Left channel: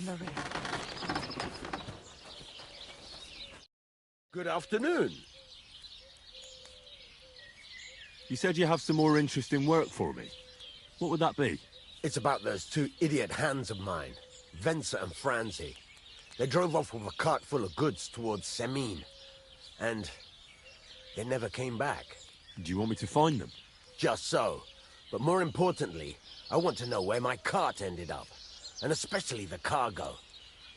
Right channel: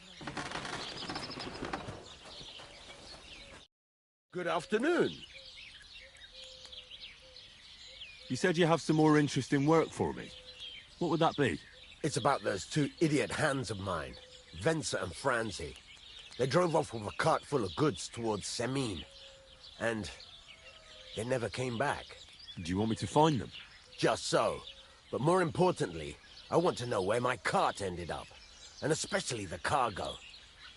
memory. Good afternoon. You said you have some more interesting work for me. What would that be? It's about those two idiot hands of mine, Venser and Franzi. They drove off with a cart full of goods towards Semine, and they never came back. Do you want me to find them? Just so. But more importantly, I want to know where my cart ended up, and especially the cargo.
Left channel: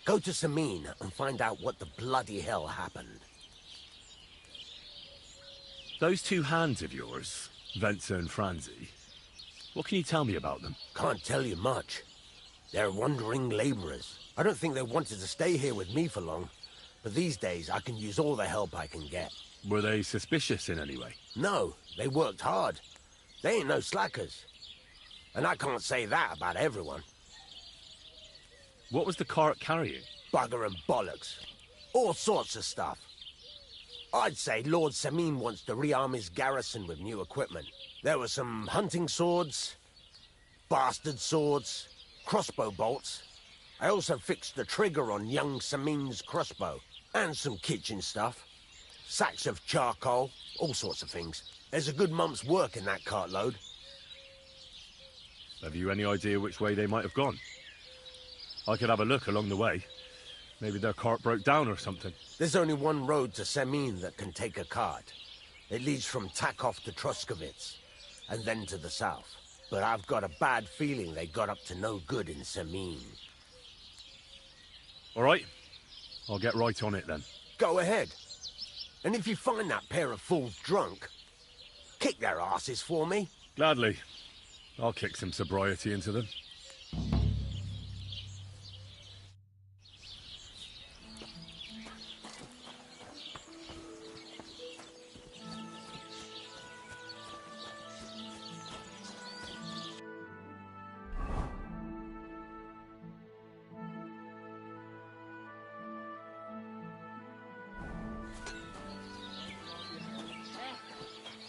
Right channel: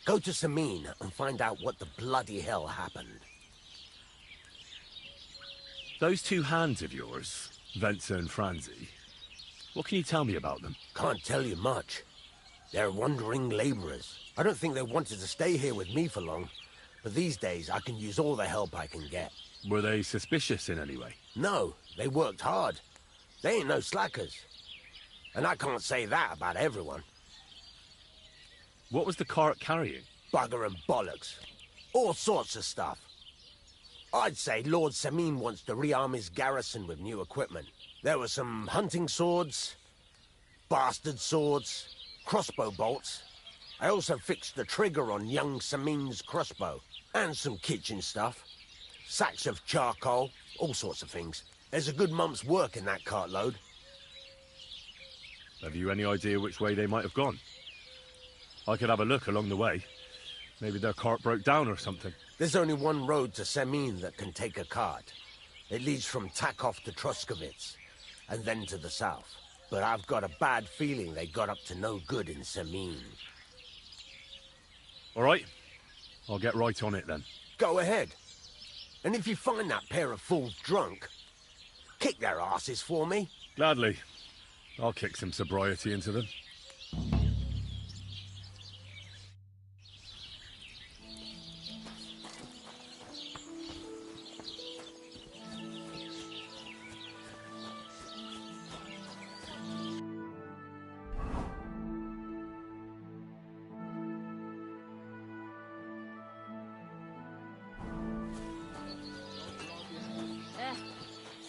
Go to Semine and find out what the bloody hell happened. Those two hands of yours, Venser and Franzi, what can you tell me about them? Can't tell you much. They're wandering laborers. I don't think they wanted to stay here with me for long, but these days I can use all the help I can get. Were they suspicious in any way? No, they worked hard. They ain't no slackers. And I can't say that about everyone. What was the cart carrying? Bugger and bollocks. All sorts of stuff. I'd say Lord Semine wants to rearm his garrison with new equipment. There were some hunting swords, bastard swords, crossbow bolts. I also fixed the trigger on young Semine's crossbow. And some kitchen stuff. Sacks of charcoal, all sorts of things. There's a good month's work in that cartload. Have you any idea which way they might have gone? I could have a look along the way. Maybe their cart broke down or something. There's only one road to Semine that can take a cart. It leads from Takov to Troskovitz, and then to the south. But I've got a bad feeling they got up to no good in Semine. All right. I'll get right on it then. Go ahead. And if you find that pair of fools drunk, kick their asses for me. Gladly. I'll kick some sobriety into them.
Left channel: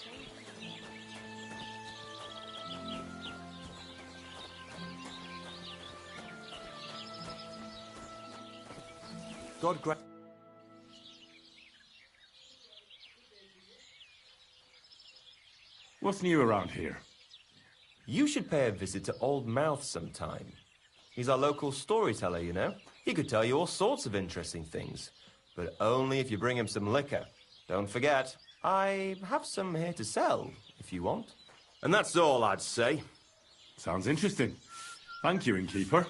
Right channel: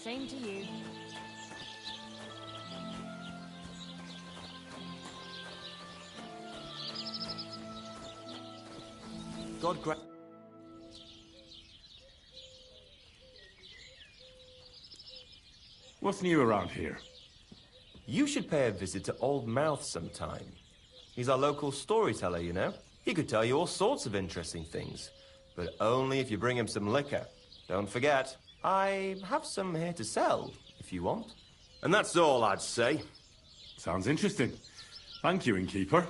Same to you. God grant. What's new around here? You should pay a visit to Old Mouth sometime. He's our local storyteller, you know. He could tell you all sorts of interesting things. But only if you bring him some liquor. Don't forget, I have some here to sell, if you want. And that's all I'd say. Sounds interesting. Thank you, innkeeper.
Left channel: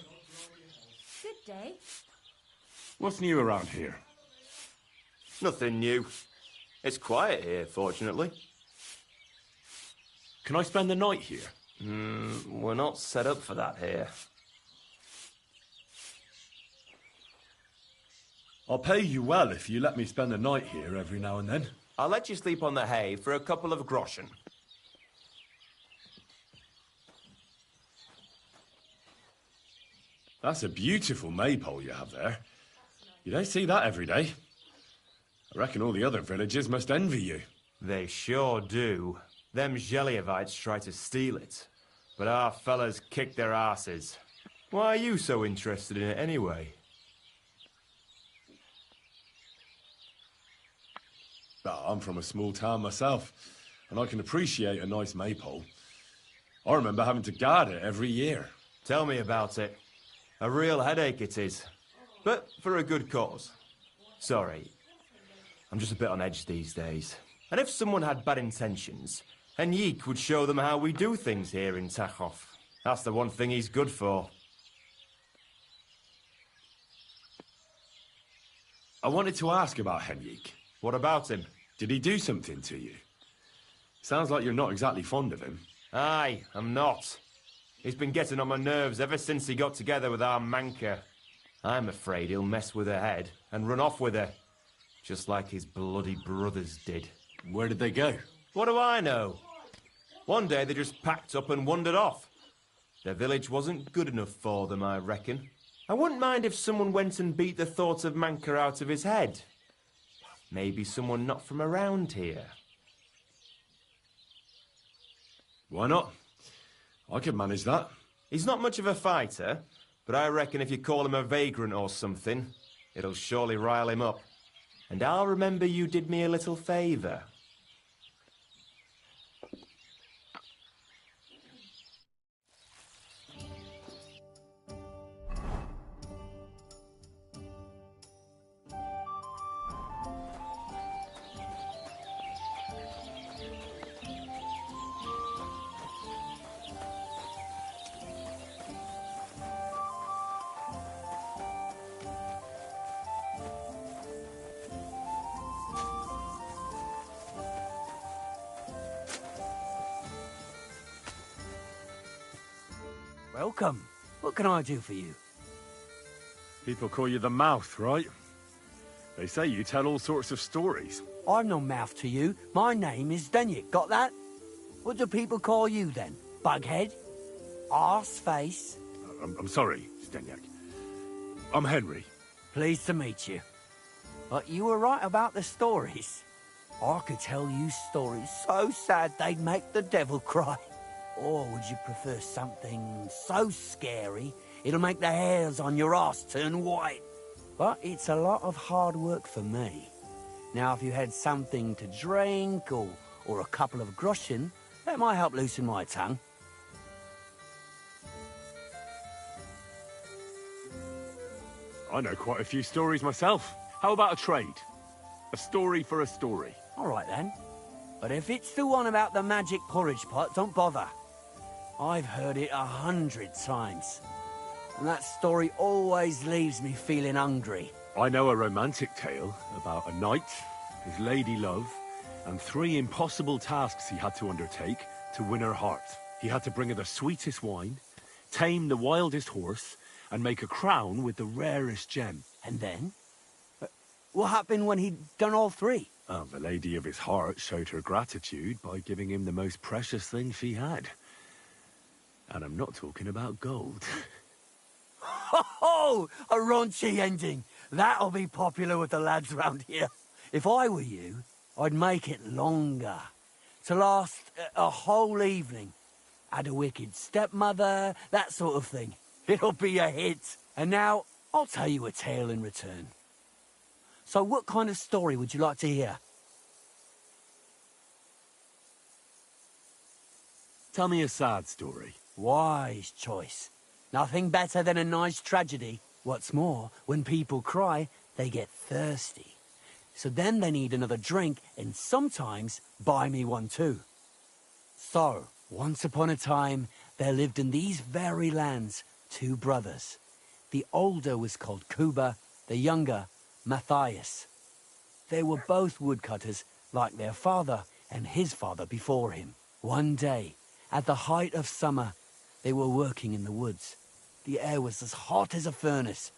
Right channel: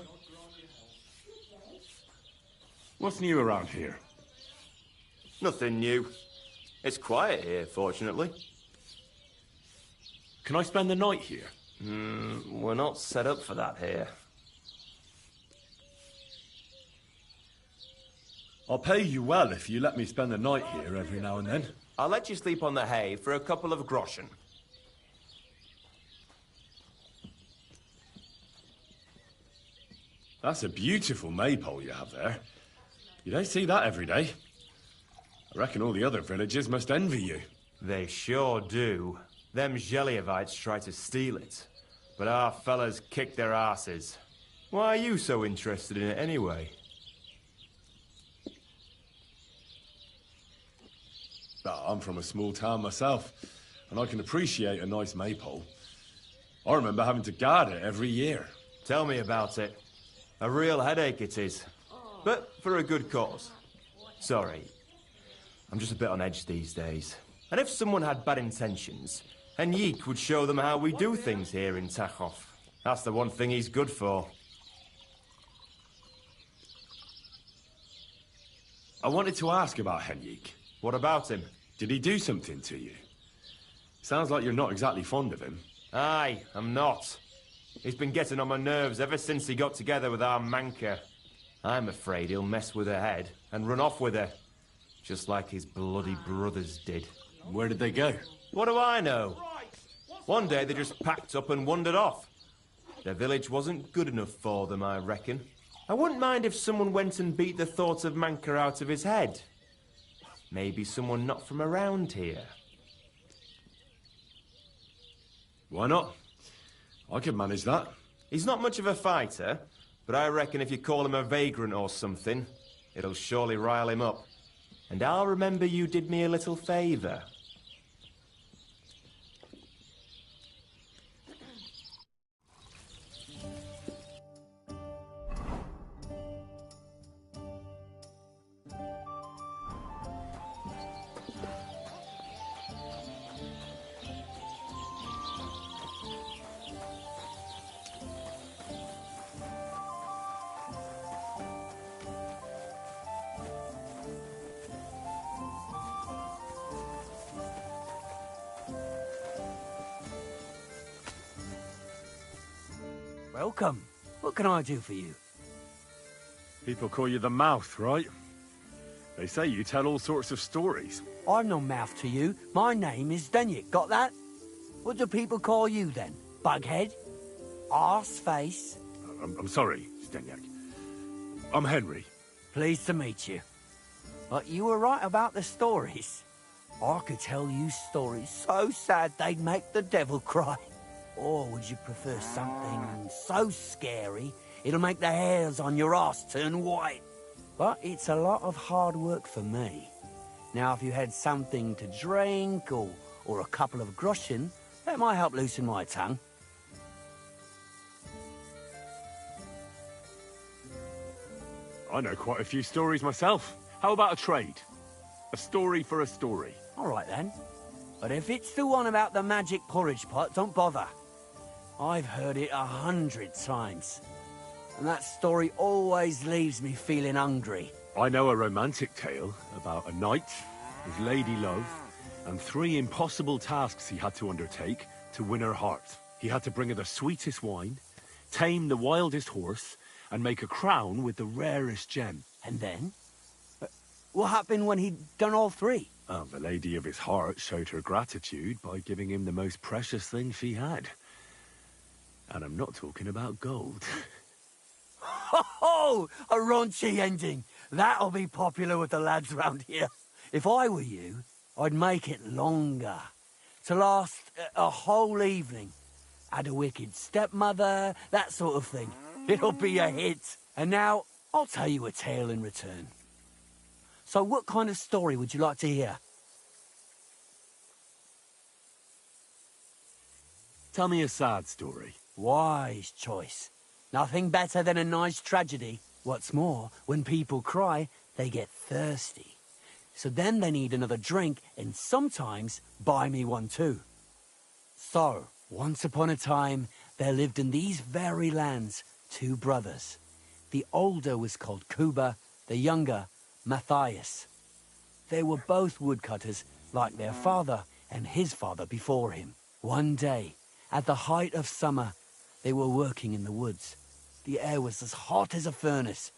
Good day. What's new around here? Nothing new. It's quiet here, fortunately. Can I spend the night here? We're not set up for that here. I'll pay you well if you let me spend the night here every now and then. I'll let you sleep on the hay for a couple of groschen. That's a beautiful maypole you have there. You don't see that every day. I reckon all the other villagers must envy you. They sure do. Them Zhelievites try to steal it, but our fellas kick their asses. Why are you so interested in it anyway? I'm from a small town myself, and I can appreciate a nice maypole. I remember having to guard it every year. Tell me about it. A real headache it is, but for a good cause. Sorry, I'm just a bit on edge these days. And if someone had bad intentions, Henrik would show them how we do things here in Takov. That's the one thing he's good for. I wanted to ask about Henrik. What about him? Did he do something to you? Sounds like you're not exactly fond of him. Aye, I'm not. He's been getting on my nerves ever since he got together with our Manka. I'm afraid he'll mess with her head and run off with her. Just like his bloody brothers did. Where did they go? What do I know? One day they just packed up and wandered off. Their village wasn't good enough for them, I reckon. I wouldn't mind if someone went and beat the thought of Manka out of his head. Maybe someone not from around here. Why not? I could manage that. He's not much of a fighter, But I reckon if you call him a vagrant or something, it'll surely rile him up. And I'll remember you did me a little favor. Welcome. What can I do for you? People call you the Mouth, right? They say you tell all sorts of stories. I'm no mouth to you. My name is Denyek. Got that? What do people call you then? Bughead? Arseface? I'm sorry, Stenyak. I'm Henry. Pleased to meet you. But you were right about the stories. I could tell you stories so sad they'd make the devil cry. Or would you prefer something so scary it'll make the hairs on your ass turn white? But it's a lot of hard work for me. Now, if you had something to drink or a couple of groschen, that might help loosen my tongue. I know quite a few stories myself. How about a trade? A story for a story. All right, then. But if it's the one about the magic porridge pot, don't bother. I've heard it 100 times. And that story always leaves me feeling hungry. I know a romantic tale about a knight, his lady love, and 3 impossible tasks he had to undertake to win her heart. He had to bring her the sweetest wine, tame the wildest horse, and make a crown with the rarest gem. And then? What happened when he'd done all 3? The lady of his heart showed her gratitude by giving him the most precious thing she had. And I'm not talking about gold. Ho! A raunchy ending. That'll be popular with the lads round here. If I were you, I'd make it longer. To last a whole evening. Add a wicked stepmother, that sort of thing. It'll be a hit. And now, I'll tell you a tale in return. So what kind of story would you like to hear? Tell me a sad story. Wise choice. Nothing better than a nice tragedy. What's more, when people cry, they get thirsty. So then they need another drink, and sometimes buy me one too. So, once upon a time, there lived in these very lands 2 brothers. The older was called Kuba, the younger, Matthias. They were both woodcutters, like their father and his father before him. One day, at the height of summer, they were working in the woods. The air was as hot as a furnace,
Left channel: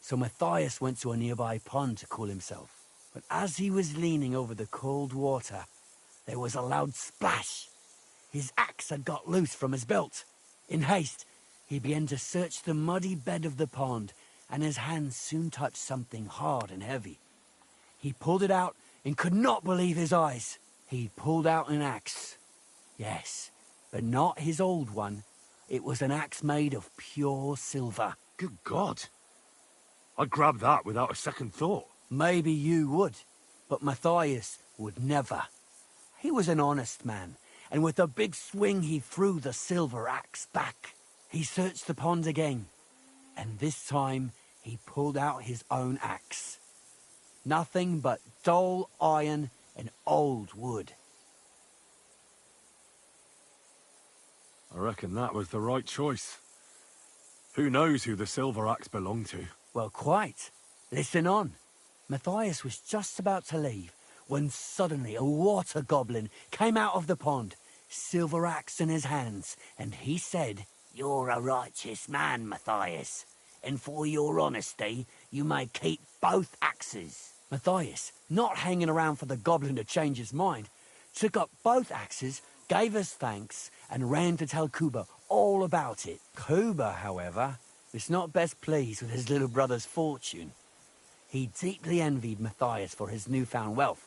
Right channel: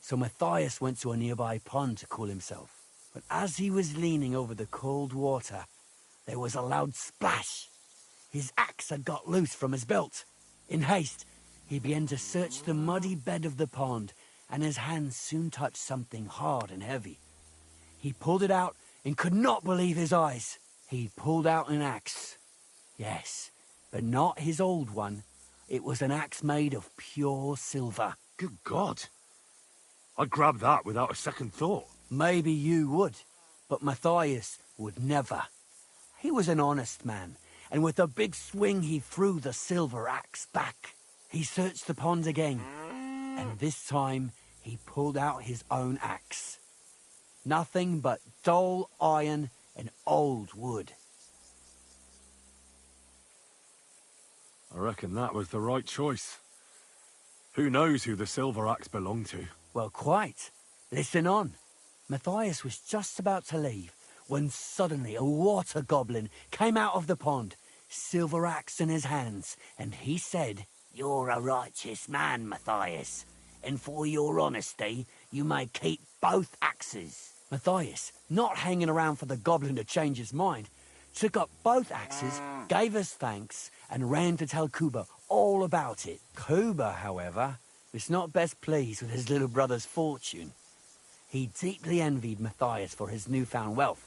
so Matthias went to a nearby pond to cool himself. But as he was leaning over the cold water, there was a loud splash. His axe had got loose from his belt. In haste, he began to search the muddy bed of the pond, and his hands soon touched something hard and heavy. He pulled it out and could not believe his eyes. He pulled out an axe. Yes, but not his old one. It was an axe made of pure silver. Good God. I'd grab that without a second thought. Maybe you would, but Matthias would never. He was an honest man, and with a big swing he threw the silver axe back. He searched the pond again, and this time he pulled out his own axe. Nothing but dull iron and old wood. I reckon that was the right choice. Who knows who the silver axe belonged to? Well, quite. Listen on. Matthias was just about to leave when suddenly a water goblin came out of the pond, silver axe in his hands, and he said, "You're a righteous man, Matthias, and for your honesty, you may keep both axes." Matthias, not hanging around for the goblin to change his mind, took up both axes, gave us thanks, and ran to tell Kuba all about it. Kuba, however, was not best pleased with his little brother's fortune. He deeply envied Matthias for his newfound wealth,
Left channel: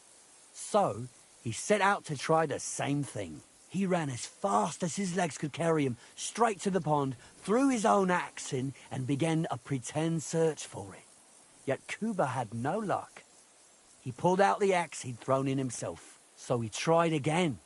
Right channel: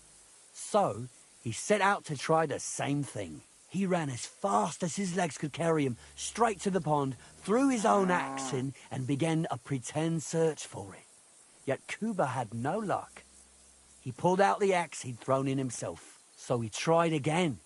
so he set out to try the same thing. He ran as fast as his legs could carry him, straight to the pond, threw his own axe in, and began a pretend search for it. Yet Kuba had no luck. He pulled out the axe he'd thrown in himself. So he tried again.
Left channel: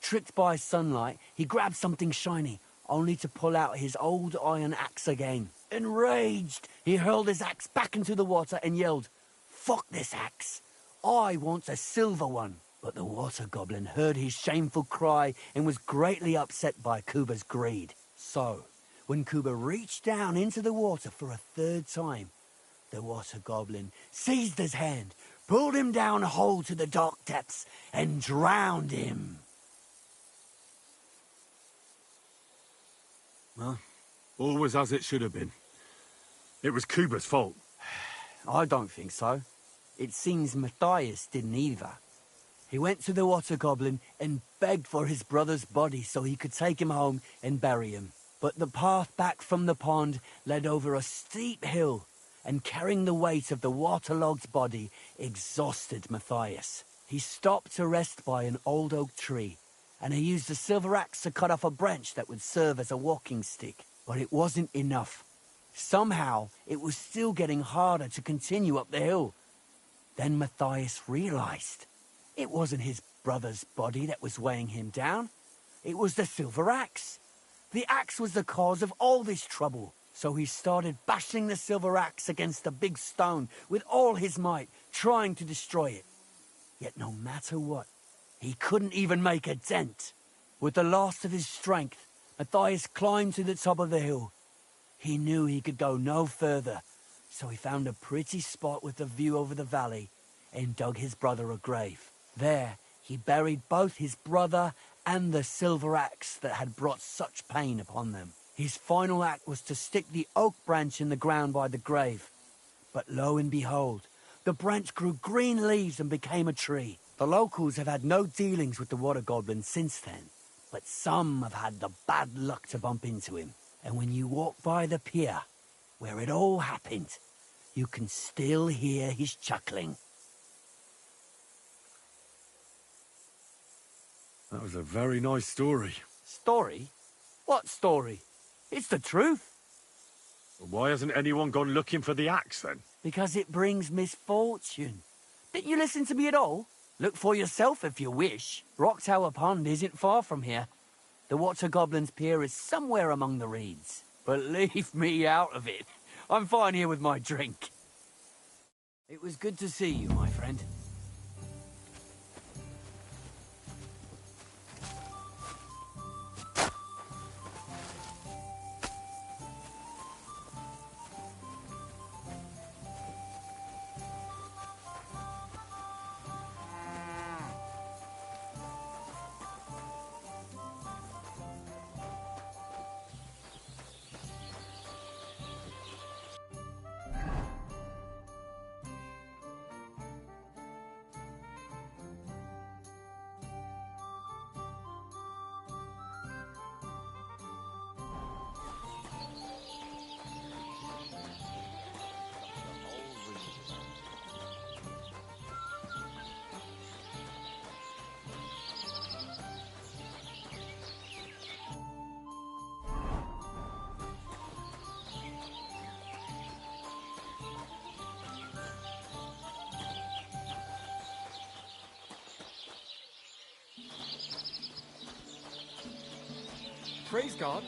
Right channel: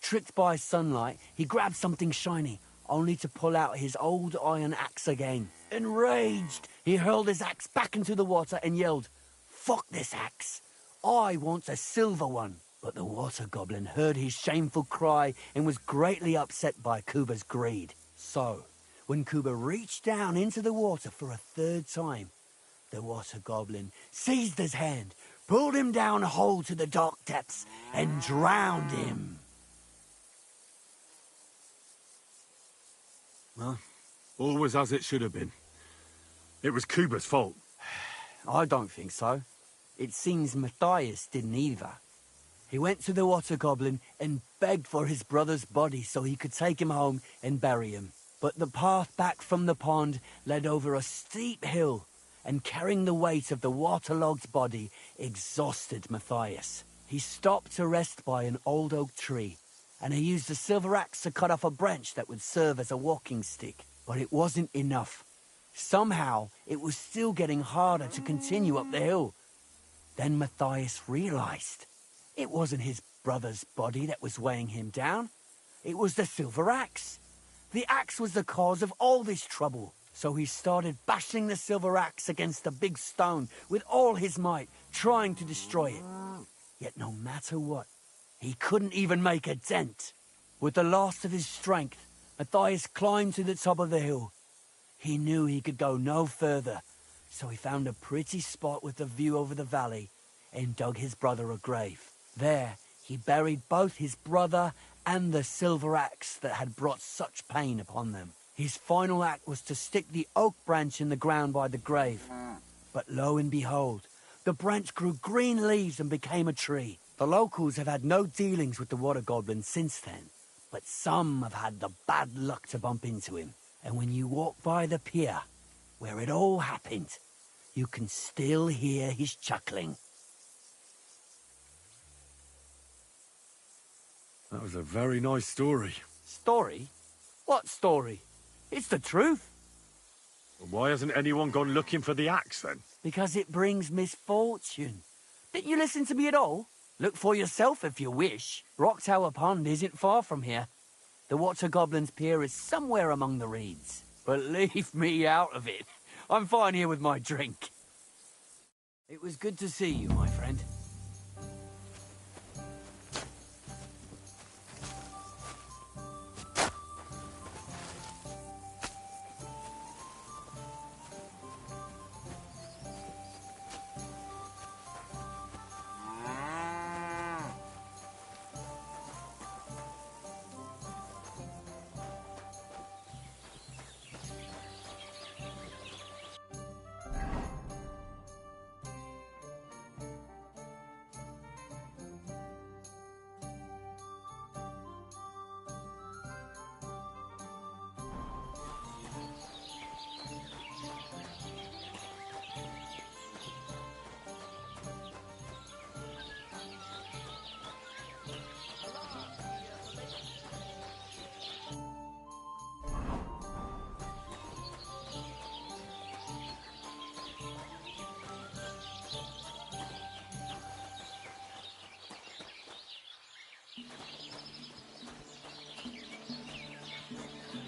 Tricked by sunlight, he grabbed something shiny, only to pull out his old iron axe again. Enraged, he hurled his axe back into the water and yelled, "Fuck this axe! I want a silver one." But the water goblin heard his shameful cry and was greatly upset by Kuba's greed. So, when Kuba reached down into the water for a third time, the water goblin seized his hand, pulled him down a hole to the dark depths, and drowned him. Well, all was as it should have been. It was Kuba's fault. I don't think so. It seems Matthias didn't either. He went to the water goblin and begged for his brother's body so he could take him home and bury him. But the path back from the pond led over a steep hill, and carrying the weight of the waterlogged body exhausted Matthias. He stopped to rest by an old oak tree, and he used a silver axe to cut off a branch that would serve as a walking stick. But it wasn't enough. Somehow, it was still getting harder to continue up the hill. Then Matthias realized it wasn't his brother's body that was weighing him down. It was the silver axe. The axe was the cause of all this trouble. So he started bashing the silver axe against a big stone with all his might, trying to destroy it. Yet no matter what, he couldn't even make a dent. With the last of his strength, Matthias climbed to the top of the hill. He knew he could go no further, so he found a pretty spot with a view over the valley and dug his brother a grave. There, he buried both his brother and the silver axe that had brought such pain upon them. His final act was to stick the oak branch in the ground by the grave. But lo and behold, the branch grew green leaves and became a tree. The locals have had no dealings with the water goblin since then, but some have had the bad luck to bump into him. And when you walk by the pier, where it all happened, you can still hear his chuckling. That was a very nice story. Story? What story? It's the truth. Why hasn't anyone gone looking for the axe, then? Because it brings misfortune. Didn't you listen to me at all? Look for yourself if you wish. Rock Tower Pond isn't far from here. The Water Goblin's pier is somewhere among the reeds. But leave me out of it. I'm fine here with my drink. It was good to see you, my friend. Praise God.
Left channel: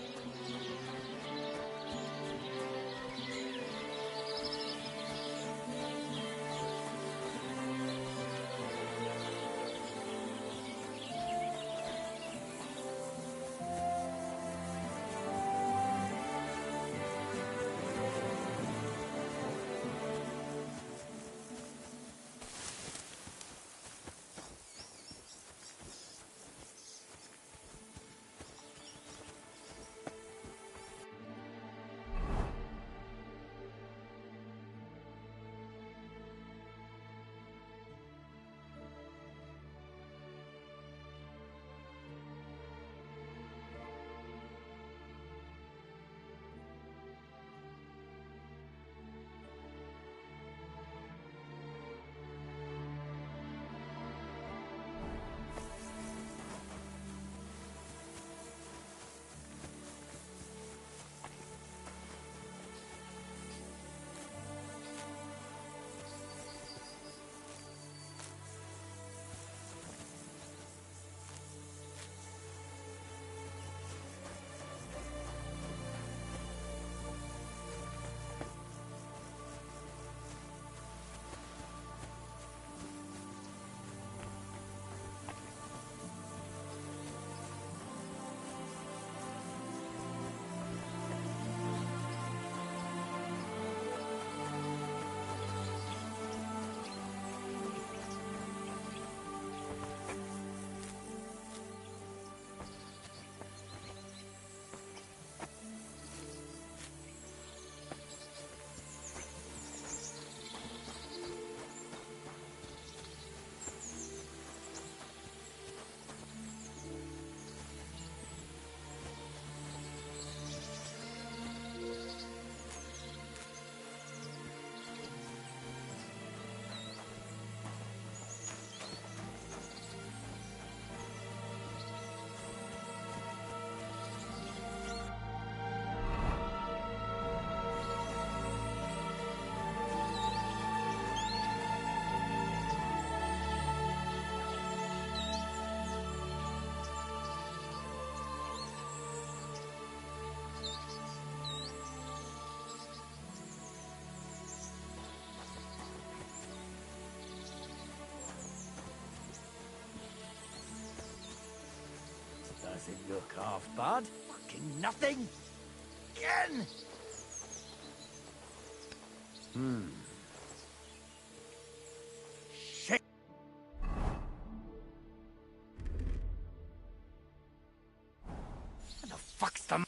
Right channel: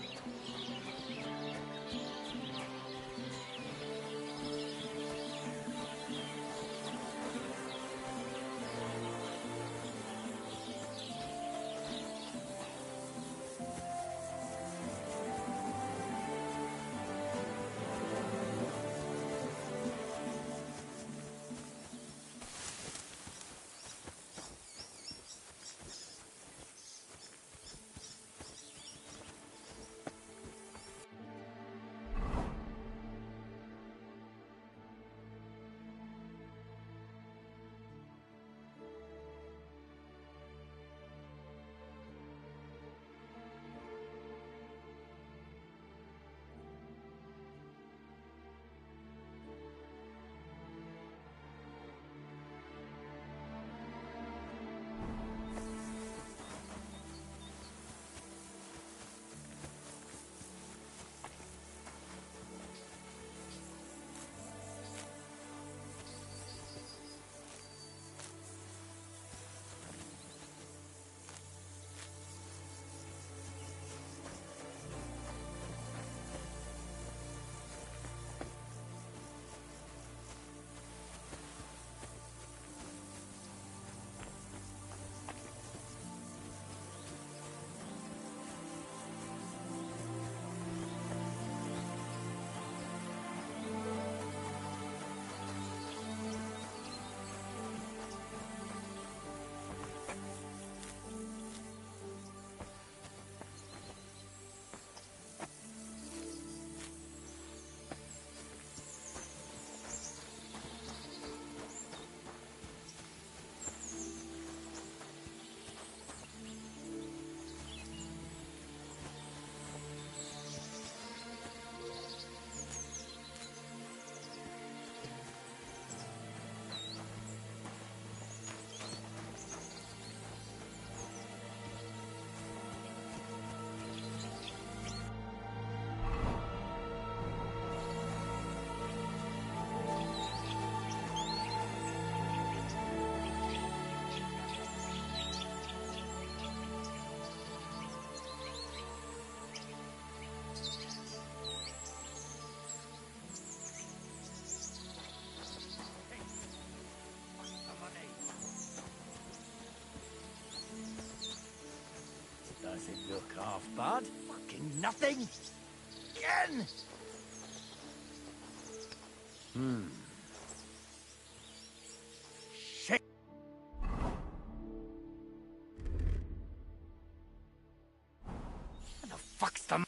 doesn't look half bad. Fucking nothing. Again. Shit. Where the fuck's the...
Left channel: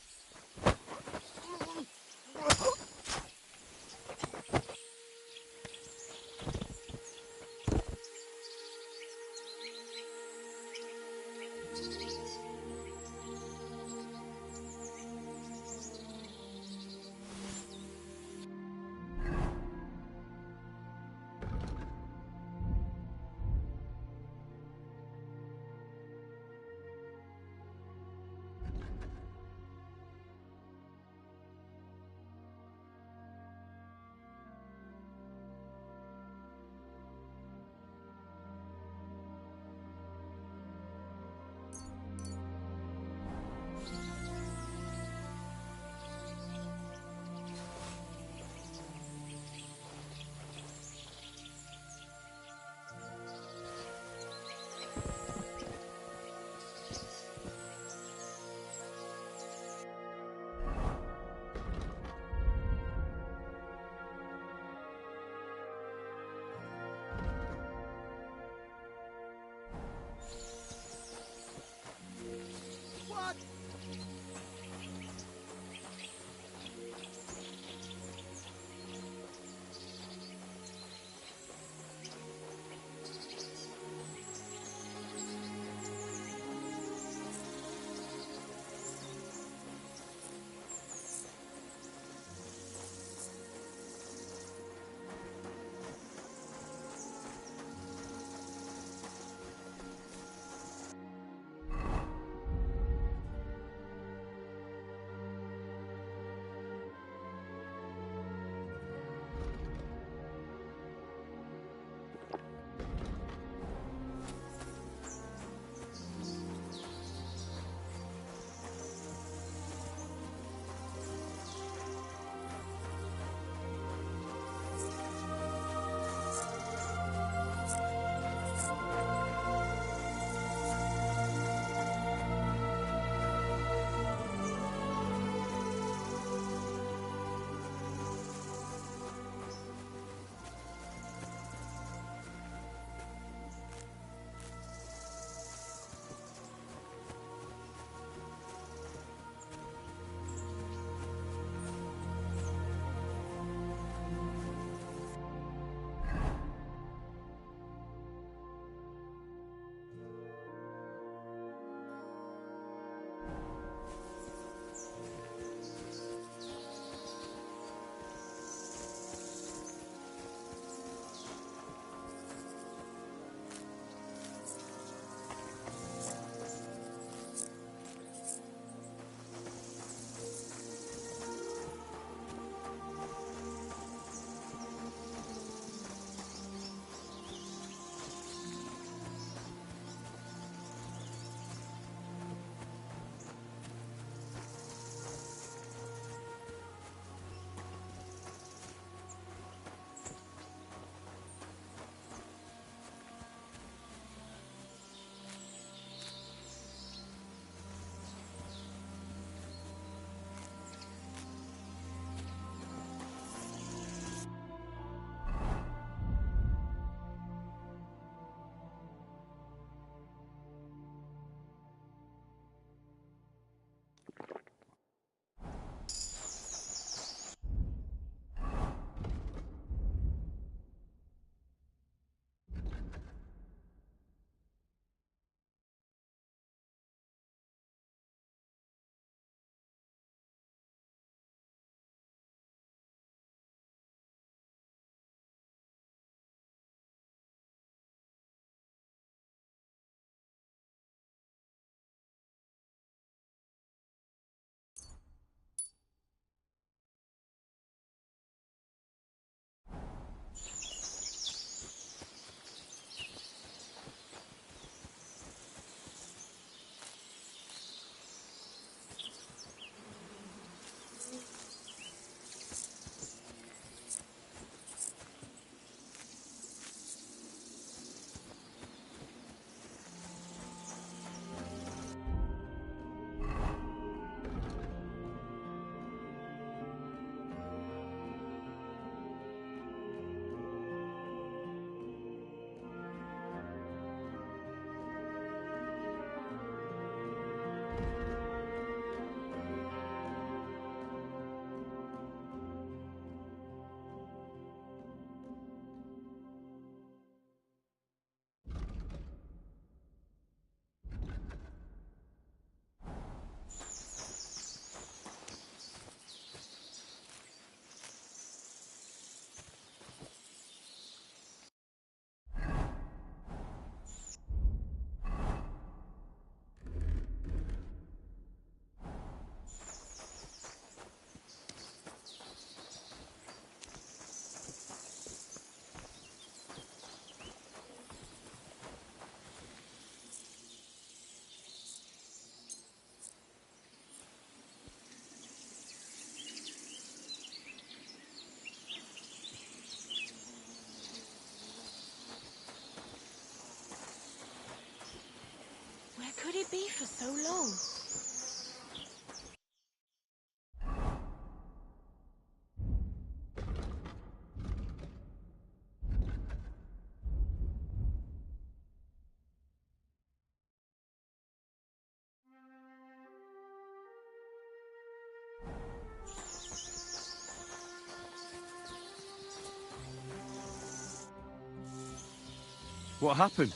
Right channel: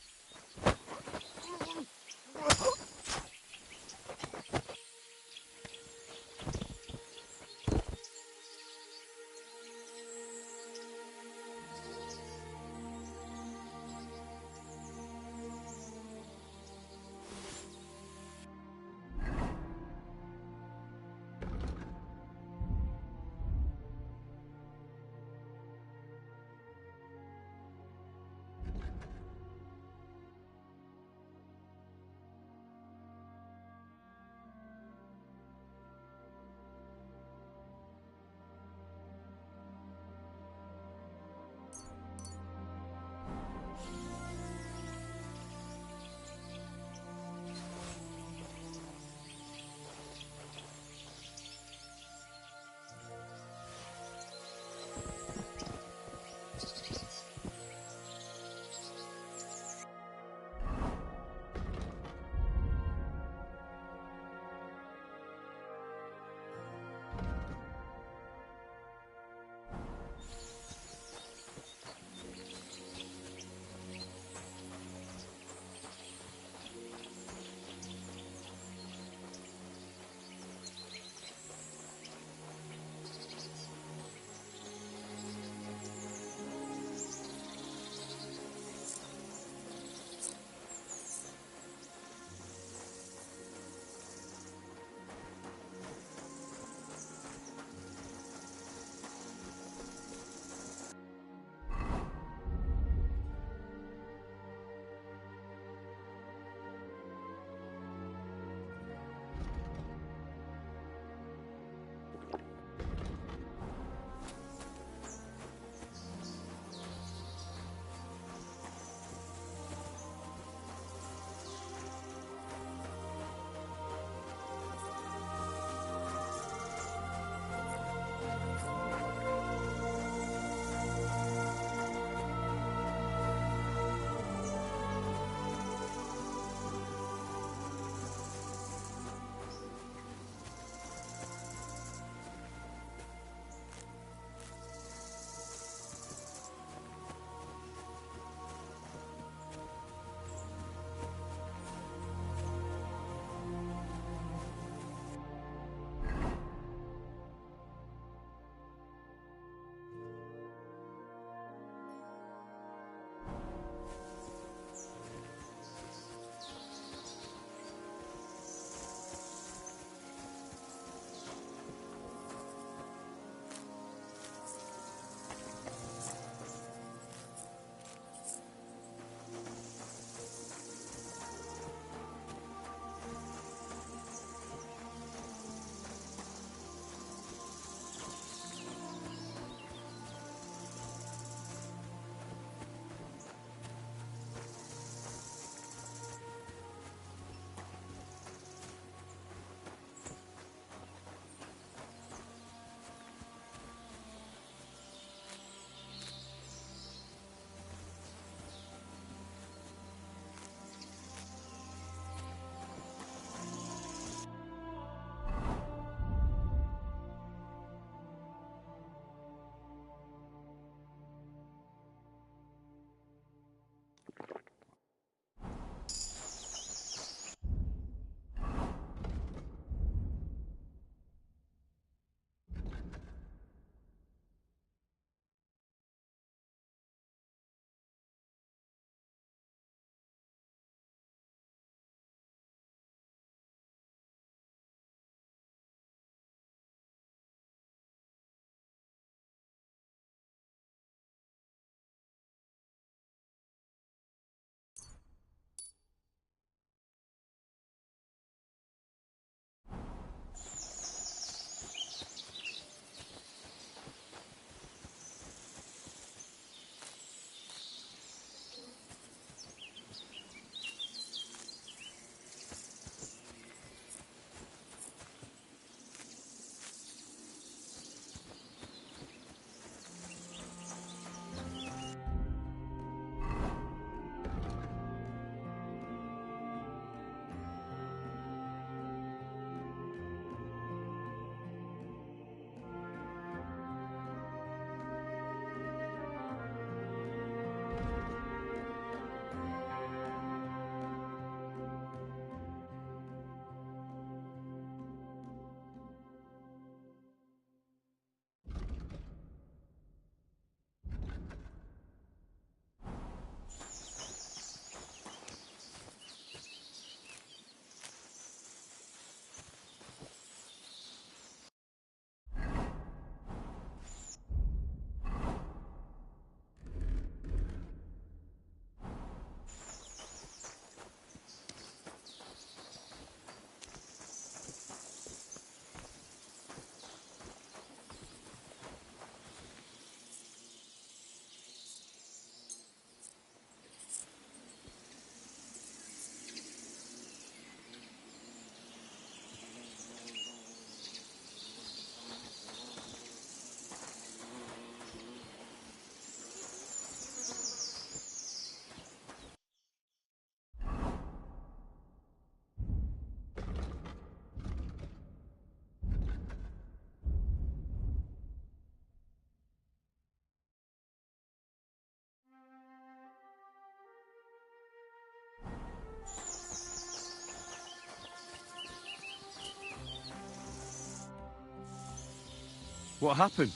What happened?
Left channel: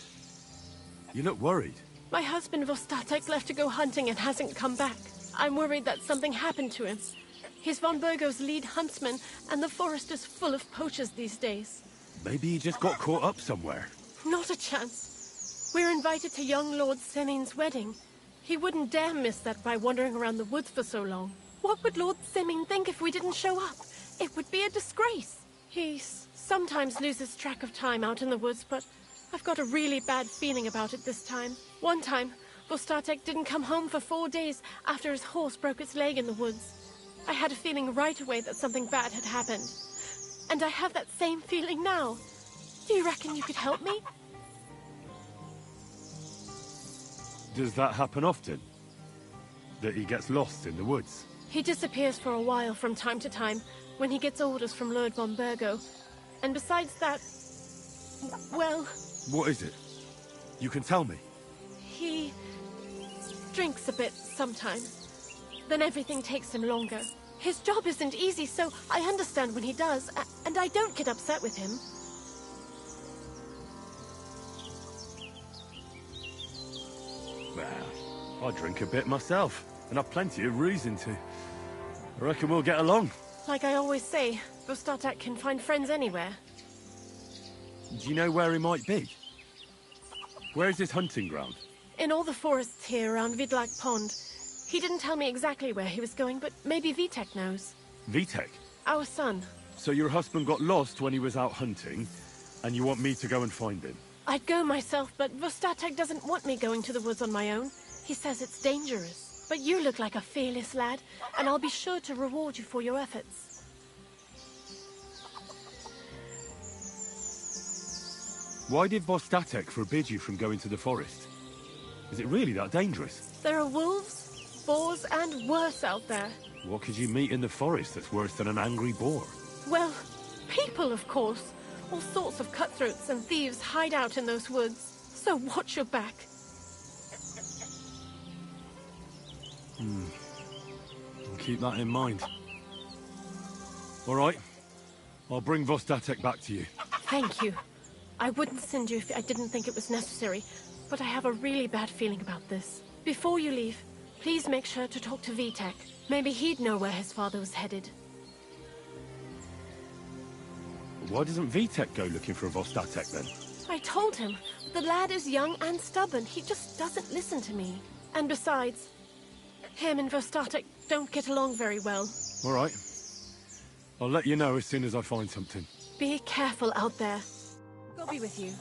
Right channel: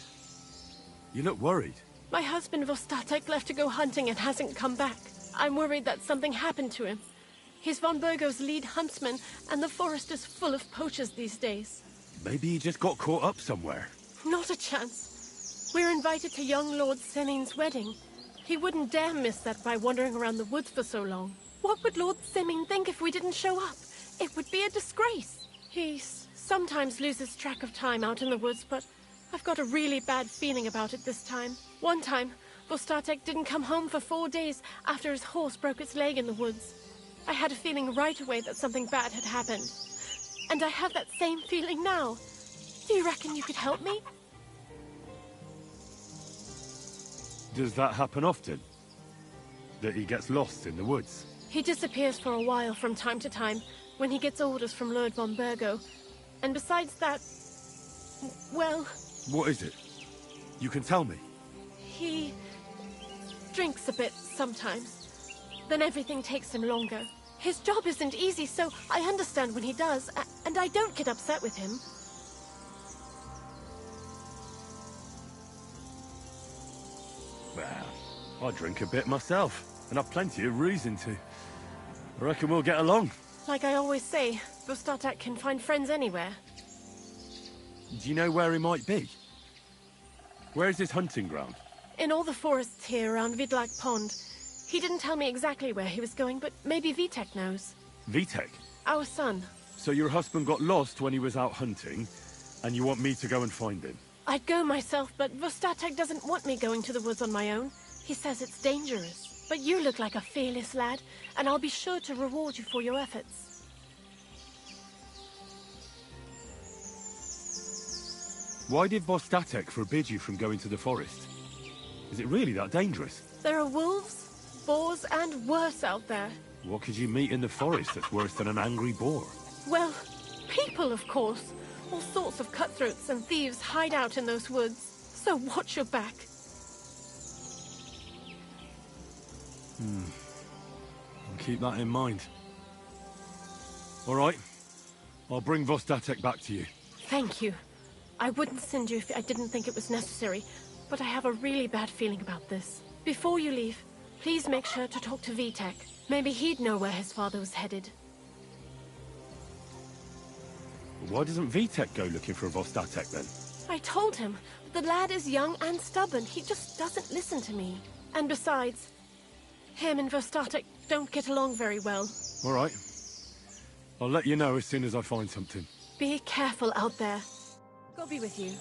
You look worried. My husband Vostatek left to go hunting and hasn't come back. I'm worried that something happened to him. He's von Burgo's lead huntsman, and the forest is full of poachers these days. Maybe he just got caught up somewhere. Not a chance. We're invited to young Lord Semin's wedding. He wouldn't dare miss that by wandering around the woods for so long. What would Lord Semin think if we didn't show up? It would be a disgrace. He sometimes loses track of time out in the woods, but I've got a really bad feeling about it this time. One time, Vostatek didn't come home for 4 days after his horse broke its leg in the woods. I had a feeling right away that something bad had happened. And I have that same feeling now. Do you reckon you could help me? Does that happen often? That he gets lost in the woods? He disappears for a while from time to time when he gets orders from Lord von Burgo. And besides that, well... What is it? You can tell me. He drinks a bit sometimes. Then everything takes him longer. His job isn't easy, so I understand when he does, and I don't get upset with him. Well, I drink a bit myself, and I've plenty of reason to. I reckon we'll get along. Like I always say, Vostatek can find friends anywhere. Do you know where he might be? Where's his hunting ground? In all the forests here around Vidlak Pond. He didn't tell me exactly where he was going, but maybe Vitek knows. Vitek? Our son. So your husband got lost when he was out hunting, and you want me to go and find him? I'd go myself, but Vostatek doesn't want me going to the woods on my own. He says it's dangerous. But you look like a fearless lad, and I'll be sure to reward you for your efforts. Why did Vostatek forbid you from going to the forest? Is it really that dangerous? There are wolves, boars, and worse out there. What could you meet in the forest that's worse than an angry boar? Well, people, of course. All sorts of cutthroats and thieves hide out in those woods. So watch your back. I'll keep that in mind. All right. I'll bring Vostatek back to you. Thank you. I wouldn't send you if I didn't think it was necessary, but I have a really bad feeling about this. Before you leave, please make sure to talk to Vitek. Maybe he'd know where his father was headed. Why doesn't Vitek go looking for Vostatek then? I told him, but the lad is young and stubborn. He just doesn't listen to me. And besides, him and Vostatek don't get along very well. All right. I'll let you know as soon as I find something. Be careful out there. God be with you.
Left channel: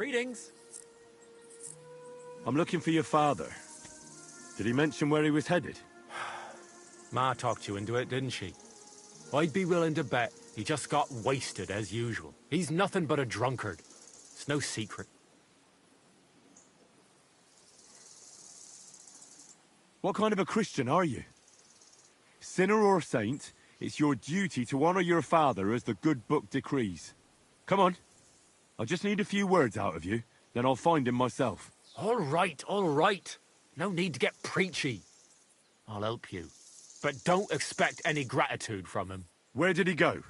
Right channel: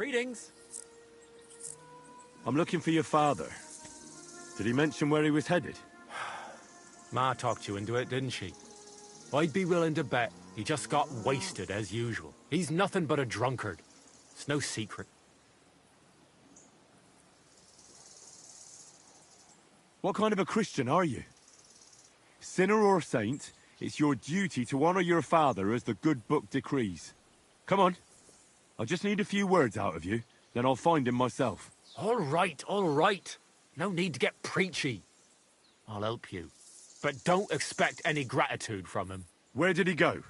Greetings. I'm looking for your father. Did he mention where he was headed? Ma talked you into it, didn't she? I'd be willing to bet he just got wasted as usual. He's nothing but a drunkard. It's no secret. What kind of a Christian are you? Sinner or saint, it's your duty to honor your father as the good book decrees. Come on. I just need a few words out of you, then I'll find him myself. All right, all right. No need to get preachy. I'll help you. But don't expect any gratitude from him. Where did he go?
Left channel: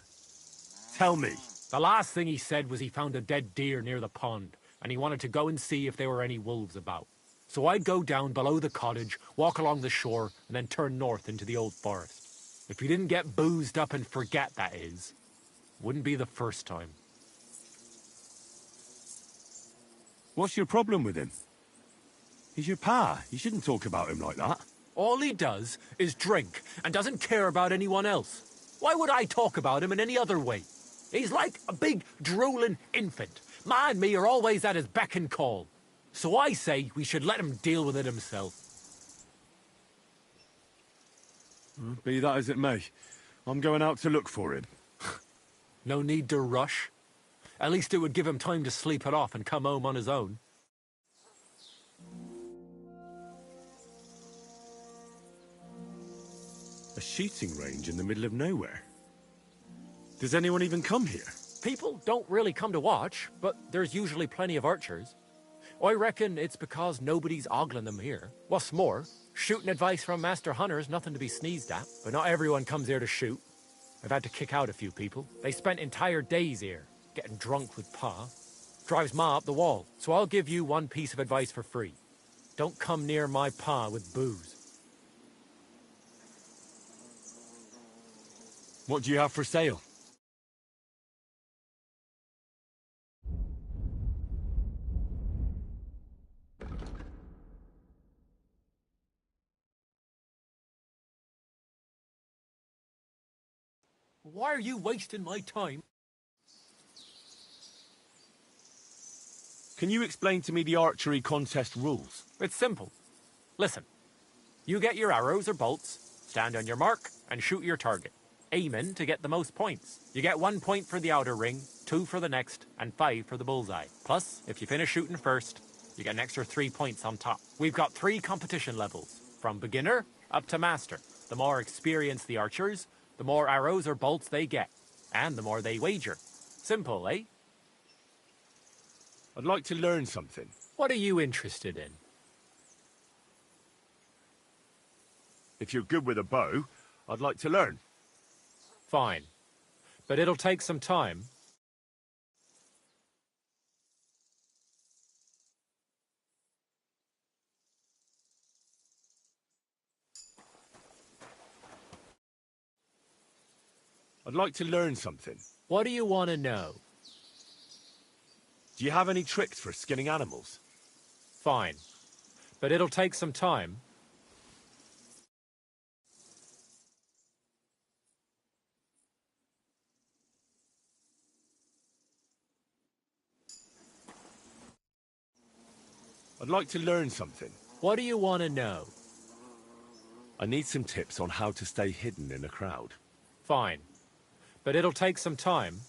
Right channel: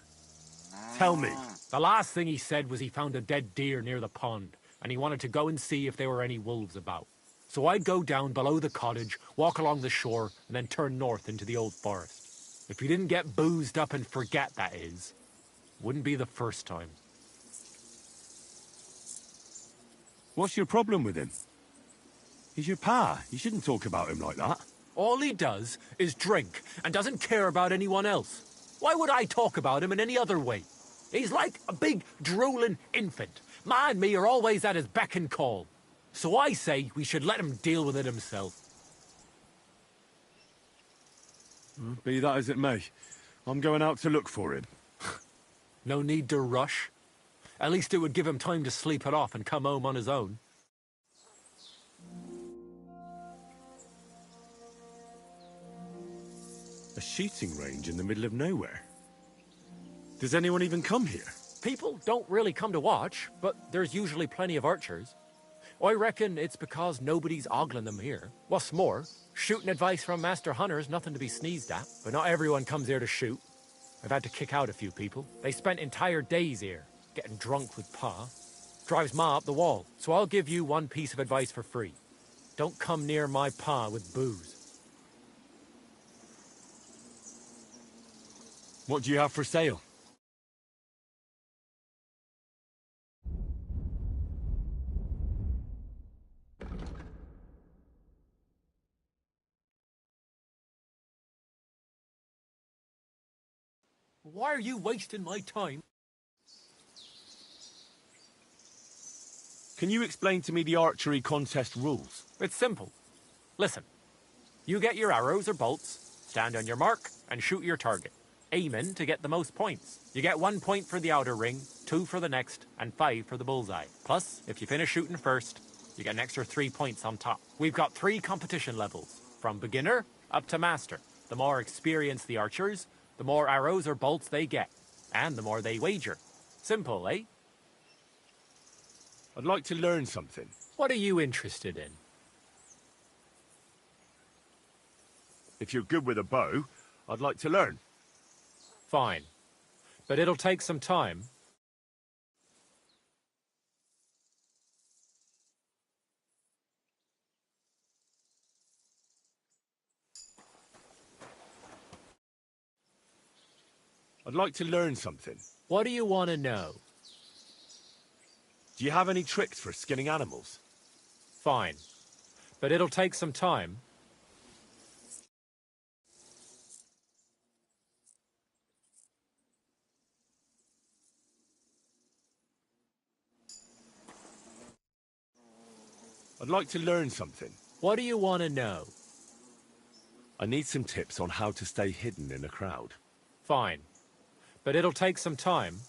Tell me. The last thing he said was he found a dead deer near the pond, and he wanted to go and see if there were any wolves about. So I'd go down below the cottage, walk along the shore, and then turn north into the old forest. If he didn't get boozed up and forget, that is. Wouldn't be the first time. What's your problem with him? He's your pa. You shouldn't talk about him like that. All he does is drink and doesn't care about anyone else. Why would I talk about him in any other way? He's like a big, drooling infant. Ma and me are always at his beck and call. So I say we should let him deal with it himself. Be that as it may, I'm going out to look for him. No need to rush. At least it would give him time to sleep it off and come home on his own. A shooting range in the middle of nowhere. Does anyone even come here? People don't really come to watch, but there's usually plenty of archers. I reckon it's because nobody's ogling them here. What's more, shooting advice from master hunters nothing to be sneezed at. But not everyone comes here to shoot. I've had to kick out a few people. They spent entire days here, getting drunk with Pa. Drives Ma up the wall. So I'll give you one piece of advice for free. Don't come near my Pa with booze. What do you have for sale? Why are you wasting my time? Can you explain to me the archery contest rules? It's simple. Listen. You get your arrows or bolts, stand on your mark, and shoot your target. Aiming to get the most points. You get 1 point for the outer ring, 2 for the next, and 5 for the bullseye. Plus, if you finish shooting first, you get an extra 3 points on top. We've got 3 competition levels, from beginner up to master. The more experienced the archers, the more arrows or bolts they get, and the more they wager. Simple, eh? I'd like to learn something. What are you interested in? If you're good with a bow, I'd like to learn. Fine. But it'll take some time. I'd like to learn something. What do you want to know? Do you have any tricks for skinning animals? Fine. But it'll take some time. I'd like to learn something. What do you want to know? I need some tips on how to stay hidden in a crowd. Fine. But it'll take some time.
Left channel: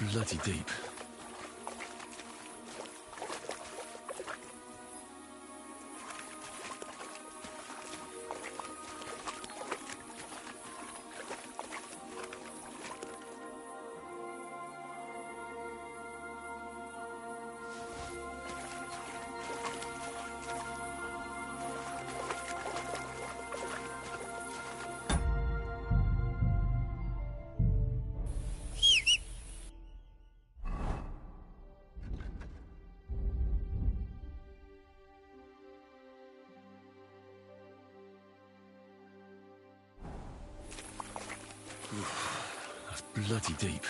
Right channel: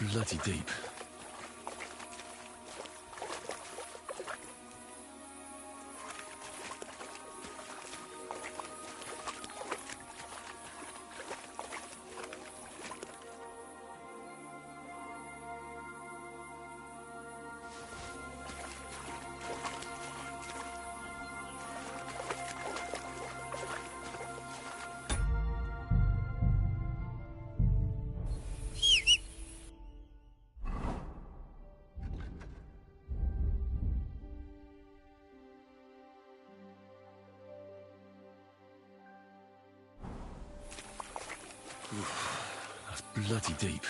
bloody deep. That's bloody deep.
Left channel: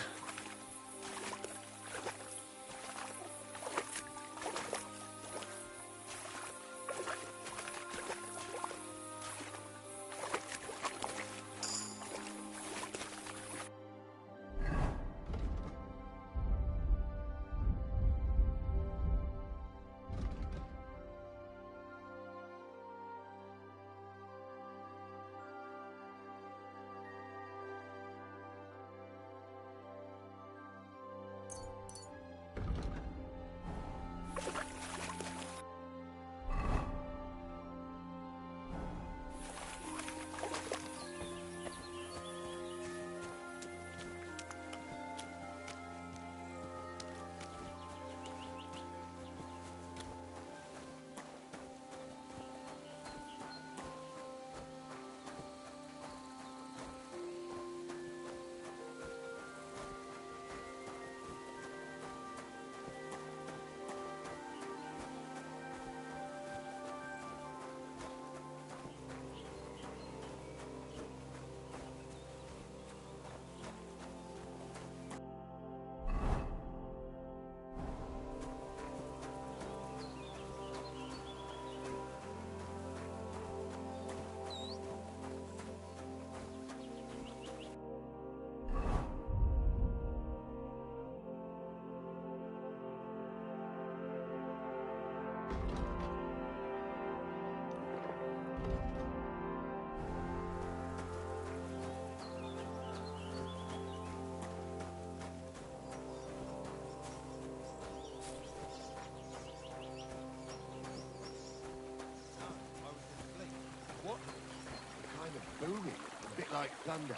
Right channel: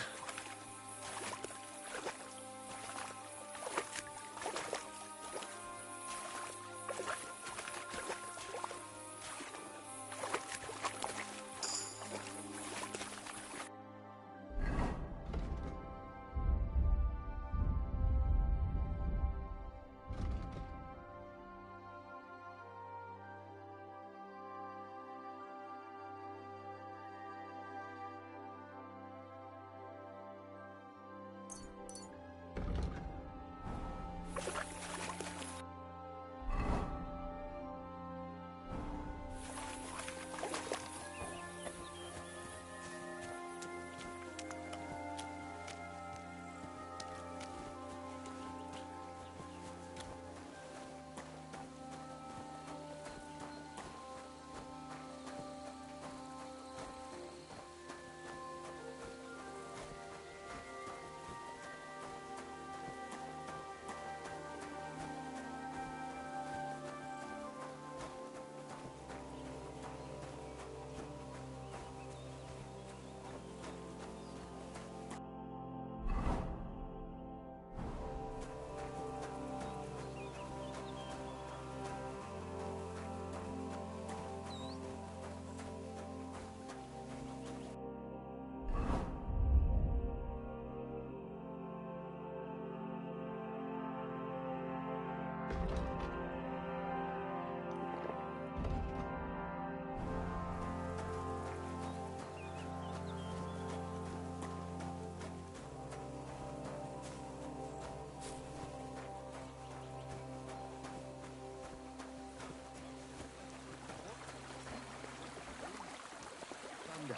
Thunder.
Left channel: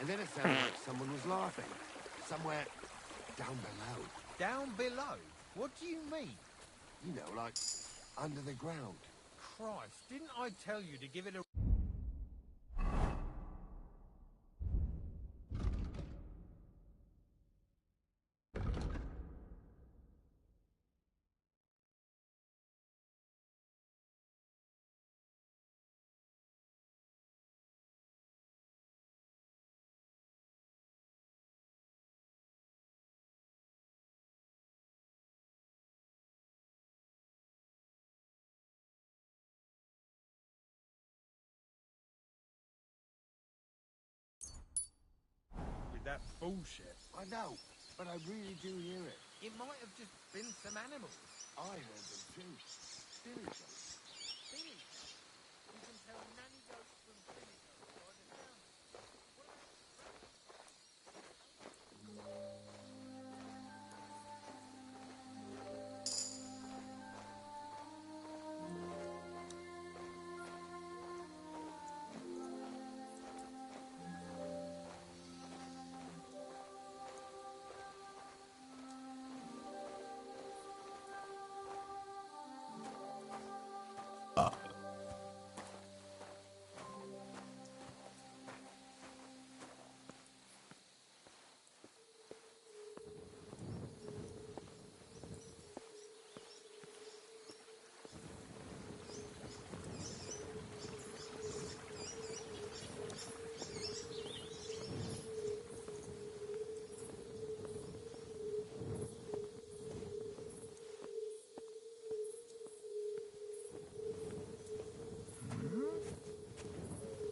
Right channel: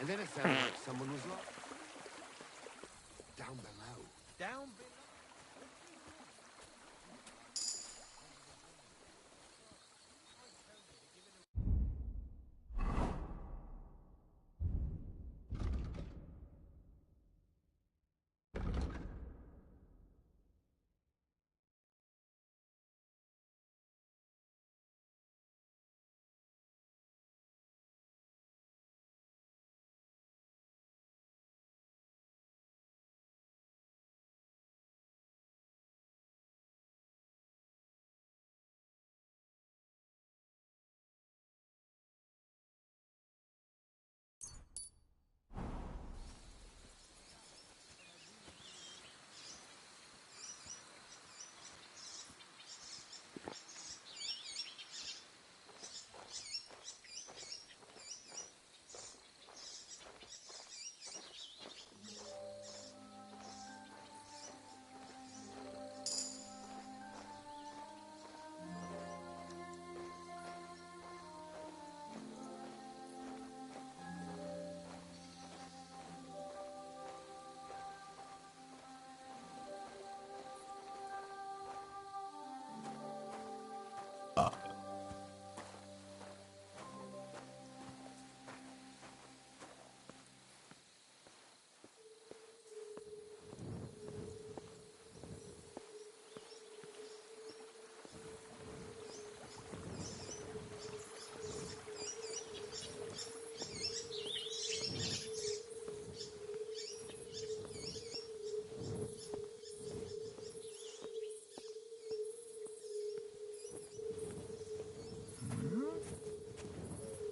And then it sounded like someone was laughing. Somewhere down below. Down below? What do you mean? You know, like under the ground. Christ, didn't I tell you to give it a... that bullshit? I know, but I really do hear it. It might have just been some animals. I heard them too. Seriously.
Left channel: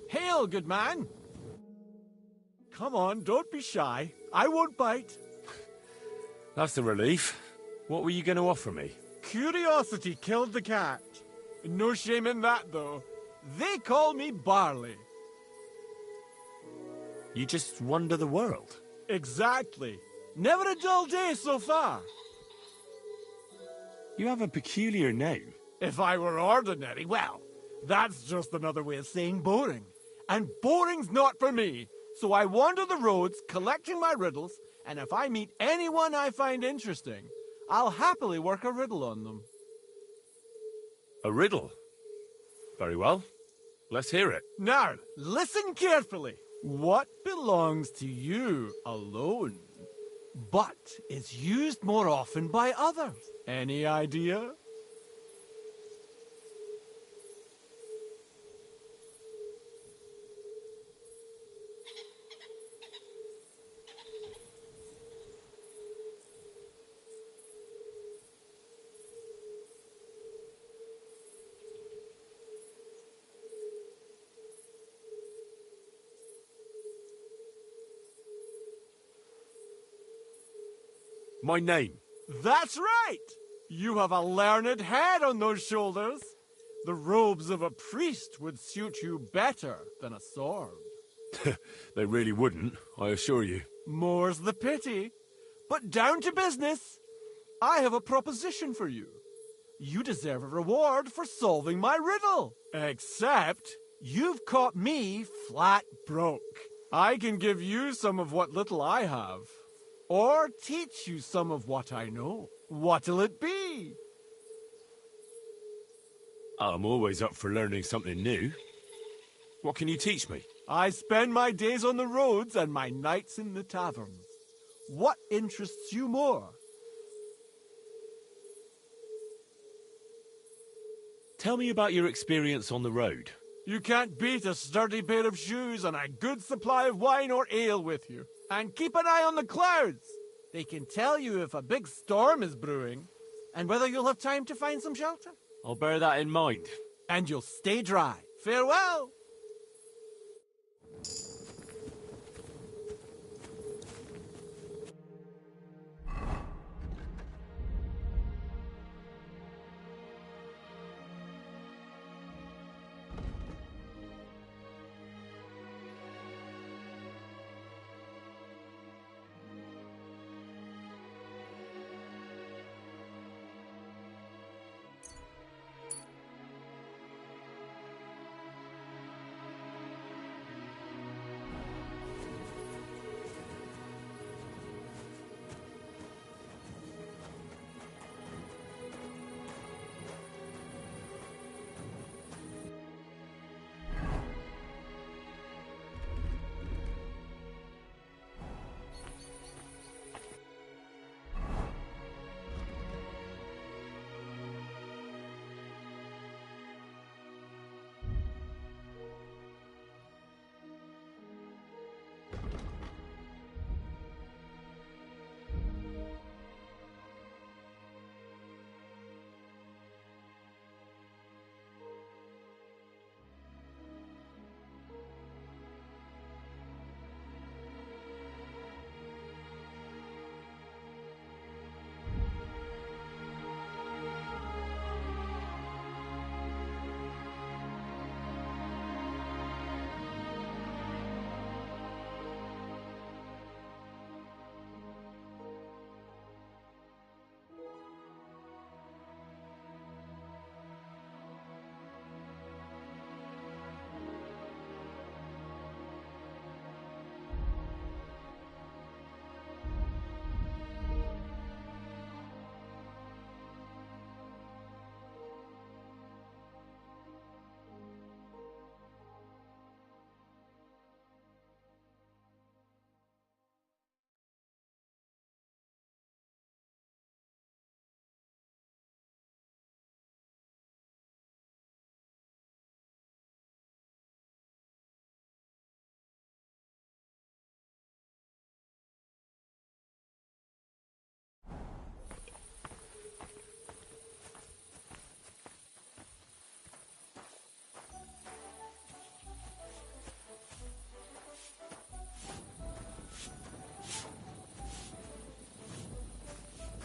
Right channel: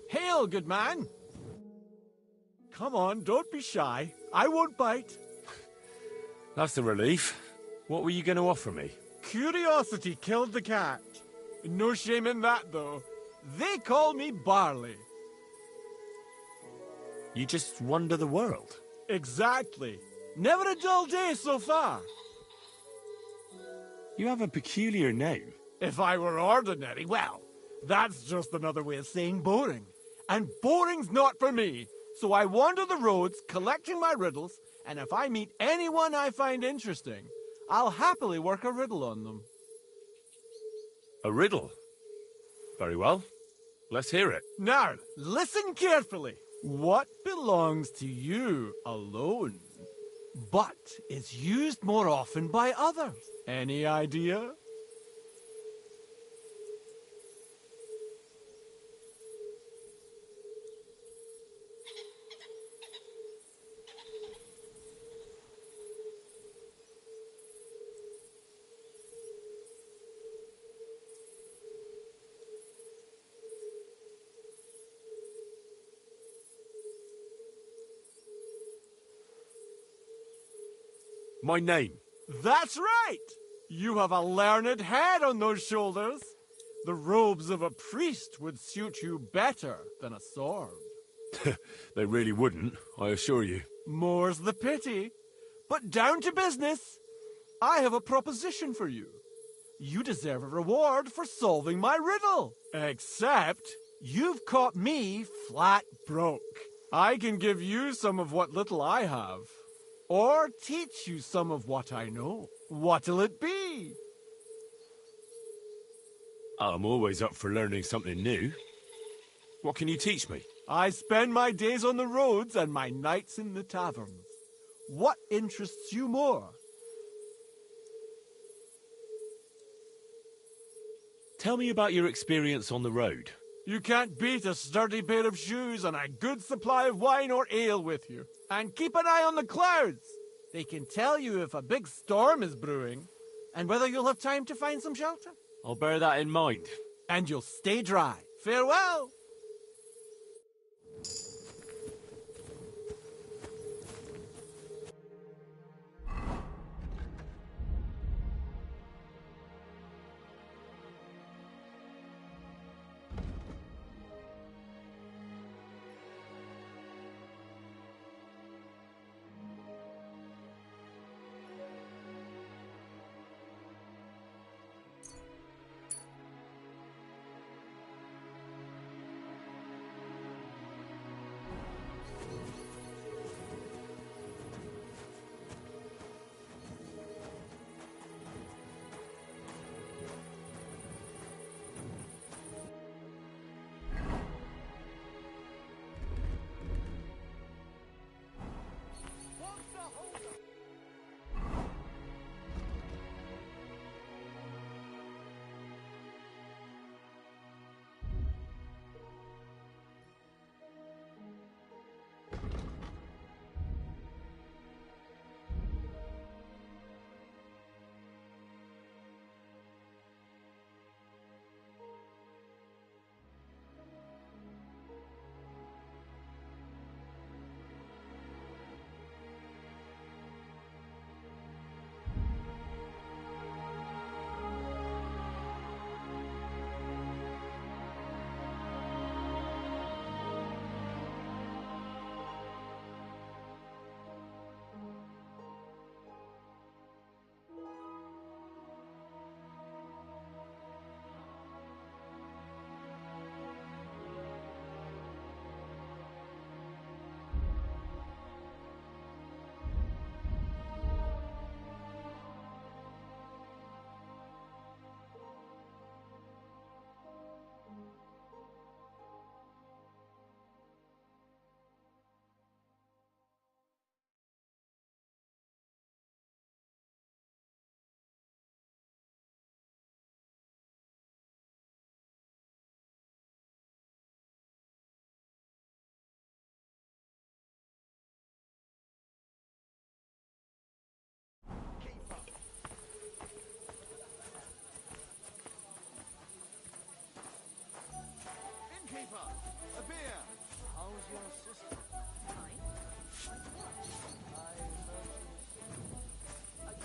Hail, good man! Come on, don't be shy. I won't bite. That's the relief. What were you going to offer me? Curiosity killed the cat. No shame in that, though. They call me Barley. You just wander the world. Exactly. Never a dull day so far. You have a peculiar name. If I were ordinary, well, that's just another way of saying boring. And boring's not for me. So I wander the roads collecting my riddles, and if I meet anyone I find interesting, I'll happily work a riddle on them. A riddle? Very well. Let's hear it. Now, listen carefully. What belongs to you alone, but is used more often by others? Any idea? My name. That's right! You have a learned head on those shoulders. The robes of a priest would suit you better than a sword. They really wouldn't, I assure you. More's the pity. But down to business. I have a proposition for you. You deserve a reward for solving my riddle. Except, you've caught me flat broke. I can give you some of what little I have. Or teach you some of what I know. What'll it be? I'm always up for learning something new. What can you teach me? I spend my days on the roads and my nights in the taverns. What interests you more? Tell me about your experience on the road. You can't beat a sturdy pair of shoes and a good supply of wine or ale with you. And keep an eye on the clouds. They can tell you if a big storm is brewing and whether you'll have time to find some shelter. I'll bear that in mind. And you'll stay dry. Farewell!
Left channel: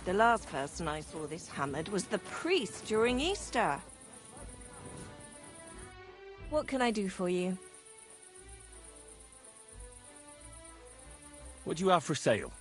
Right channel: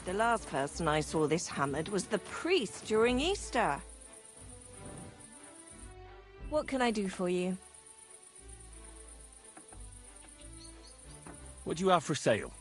The last person I saw this hammered was the priest during Easter. What can I do for you? What do you have for sale?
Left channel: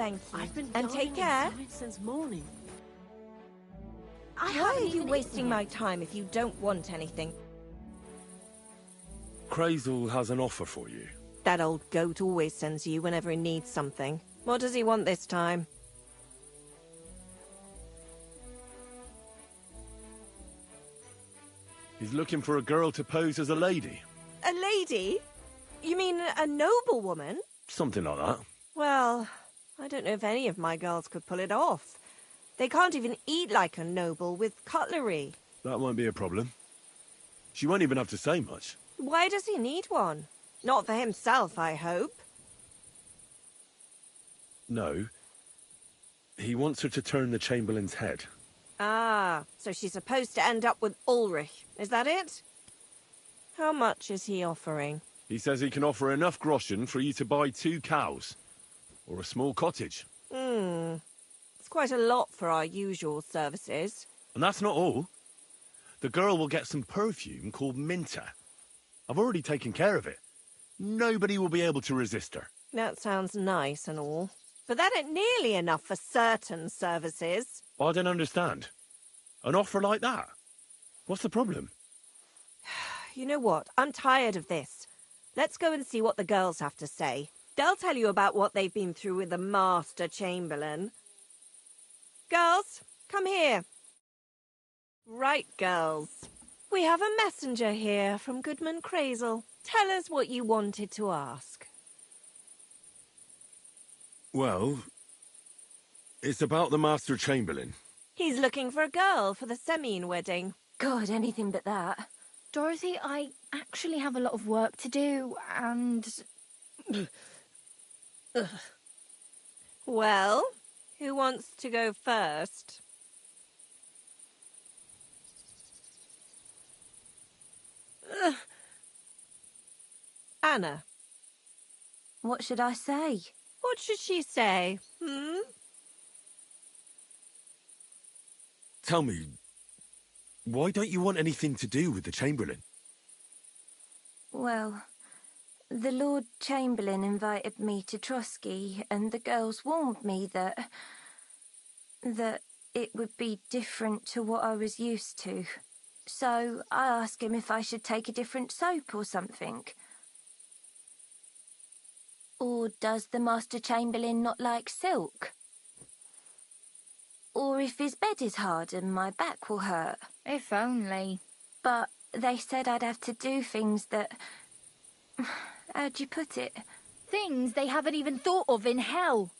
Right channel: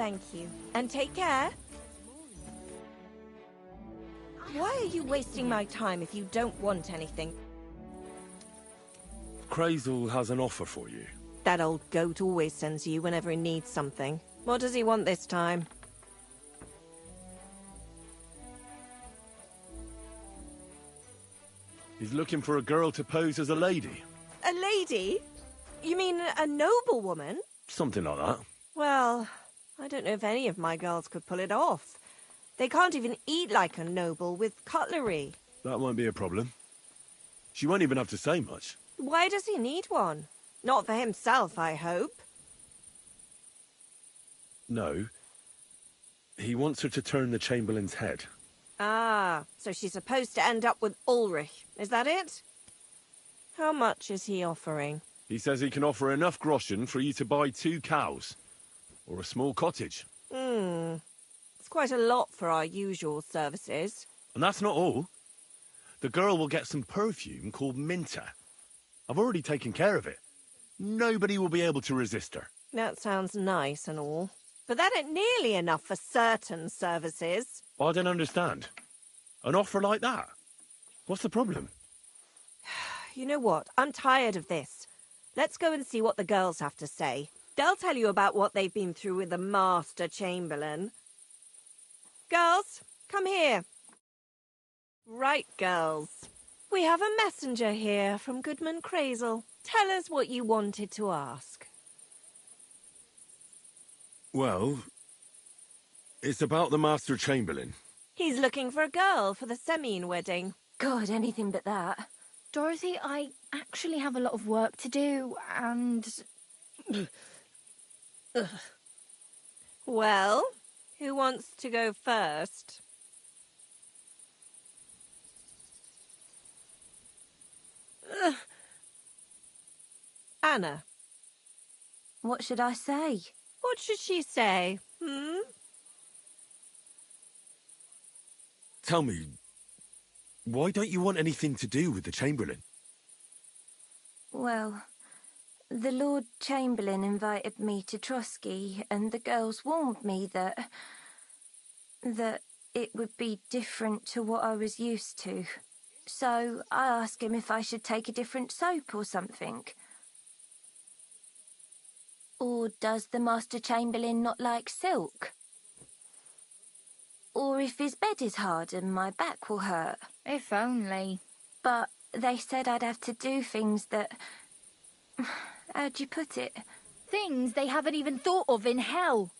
Thank you. I've been And take care. since morning. Why are you wasting my time if you don't want anything? Crazel has an offer for you. That old goat always sends you whenever he needs something. What does he want this time? He's looking for a girl to pose as a lady. A lady? You mean a noblewoman? Something like that. Well, I don't know if any of my girls could pull it off. They can't even eat like a noble with cutlery. That won't be a problem. She won't even have to say much. Why does he need one? Not for himself, I hope. No. He wants her to turn the Chamberlain's head. Ah, so she's supposed to end up with Ulrich. Is that it? How much is he offering? He says he can offer enough groschen for you to buy 2 cows. Or a small cottage. It's quite a lot for our usual services. And that's not all. The girl will get some perfume called Minter. I've already taken care of it. Nobody will be able to resist her. That sounds nice and all. But that ain't nearly enough for certain services. I don't understand. An offer like that? What's the problem? You know what? I'm tired of this. Let's go and see what the girls have to say. They'll tell you about what they've been through with the Master Chamberlain. Girls, come here. Right, girls. We have a messenger here from Goodman Crazel. Tell us what you wanted to ask. Well, it's about the Master Chamberlain. He's looking for a girl for the Semine wedding. God, anything but that. Dorothy, I actually have a lot of work to do, and... Well, who wants to go first? Anna. What should I say? What should she say? Tell me, why don't you want anything to do with the Chamberlain? Well, the Lord Chamberlain invited me to Trotsky, and the girls warned me that it would be different to what I was used to. So I asked him if I should take a different soap or something. Or does the Master Chamberlain not like silk? Or if his bed is hard and my back will hurt. If only. But they said I'd have to do things that... How'd you put it? Things they haven't even thought of in hell.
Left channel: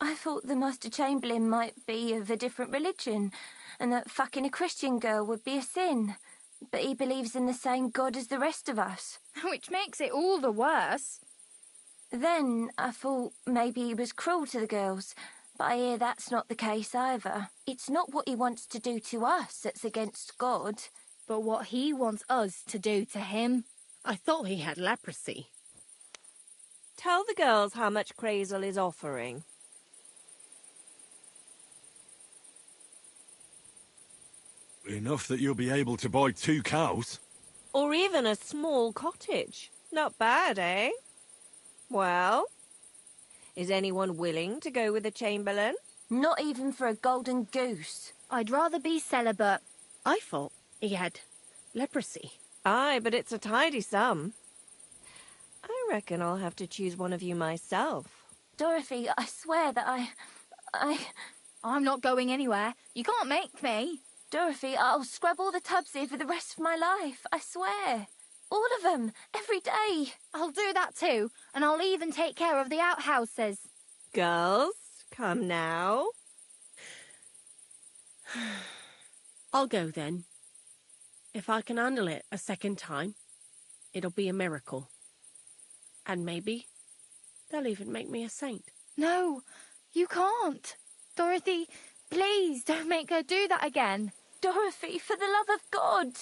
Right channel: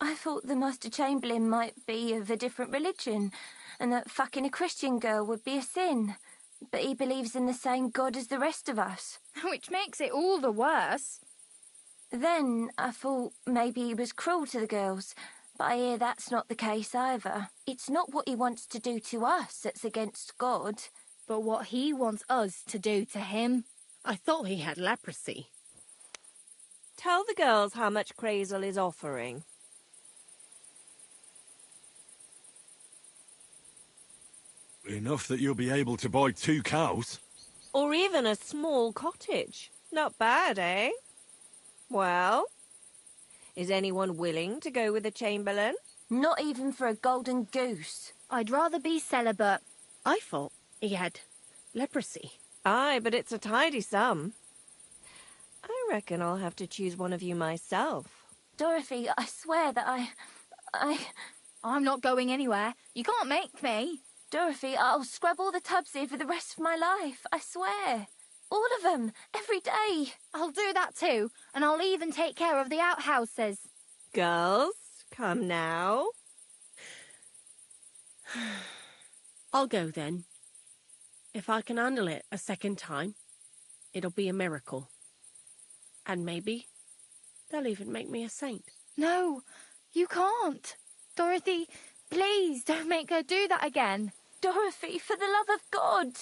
I thought the Master Chamberlain might be of a different religion, and that fucking a Christian girl would be a sin. But he believes in the same God as the rest of us. Which makes it all the worse. Then I thought maybe he was cruel to the girls, but I hear that's not the case either. It's not what he wants to do to us that's against God. But what he wants us to do to him. I thought he had leprosy. Tell the girls how much Crazel is offering. Enough that you'll be able to buy 2 cows. Or even a small cottage. Not bad, eh? Well, is anyone willing to go with the Chamberlain? Not even for a golden goose. I'd rather be celibate. I thought he had leprosy. Aye, but it's a tidy sum. I reckon I'll have to choose one of you myself. Dorothy, I swear that I'm not going anywhere. You can't make me. Dorothy, I'll scrub all the tubs here for the rest of my life, I swear. All of them, every day. I'll do that too, and I'll even take care of the outhouses. Girls, come now. I'll go then. If I can handle it a second time, it'll be a miracle. And maybe they'll even make me a saint. No, you can't. Dorothy, please don't make her do that again. Dorothy, for the love of God.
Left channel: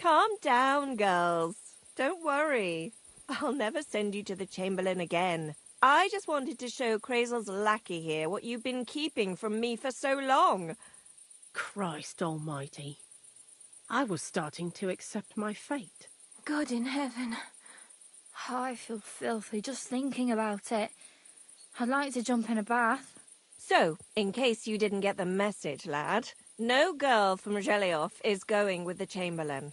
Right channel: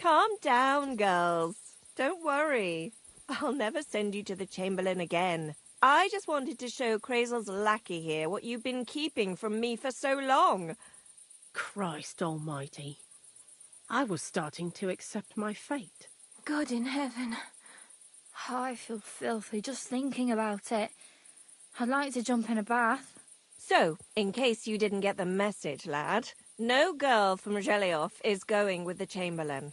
Calm down, girls. Don't worry. I'll never send you to the Chamberlain again. I just wanted to show Crazel's lackey here what you've been keeping from me for so long. Christ almighty. I was starting to accept my fate. God in heaven. I feel filthy just thinking about it. I'd like to jump in a bath. So, in case you didn't get the message, lad, no girl from Jelioff is going with the Chamberlain.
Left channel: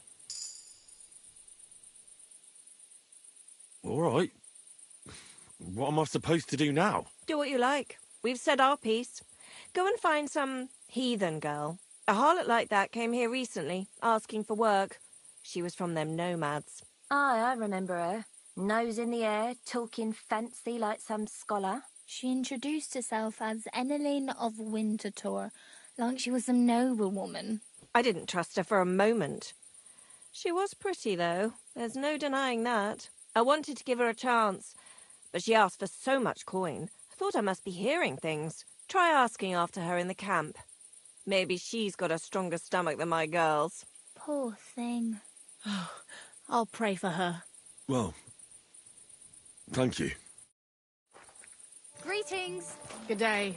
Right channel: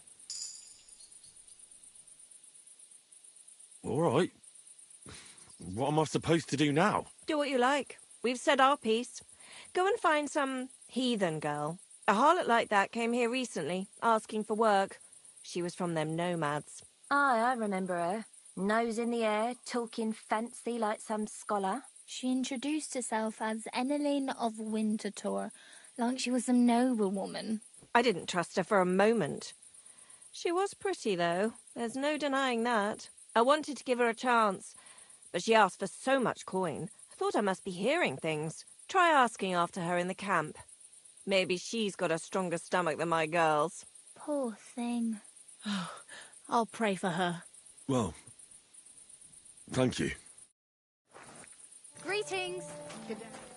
All right. What am I supposed to do now? Do what you like. We've said our piece. Go and find some heathen girl. A harlot like that came here recently, asking for work. She was from them nomads. Aye, I remember her. Nose in the air, talking fancy like some scholar. She introduced herself as Eneline of Winterthur, like she was some noble woman. I didn't trust her for a moment. She was pretty, though. There's no denying that. I wanted to give her a chance, but she asked for so much coin. I thought I must be hearing things. Try asking after her in the camp. Maybe she's got a stronger stomach than my girls. Poor thing. I'll pray for her. Well, thank you. Greetings. Good day.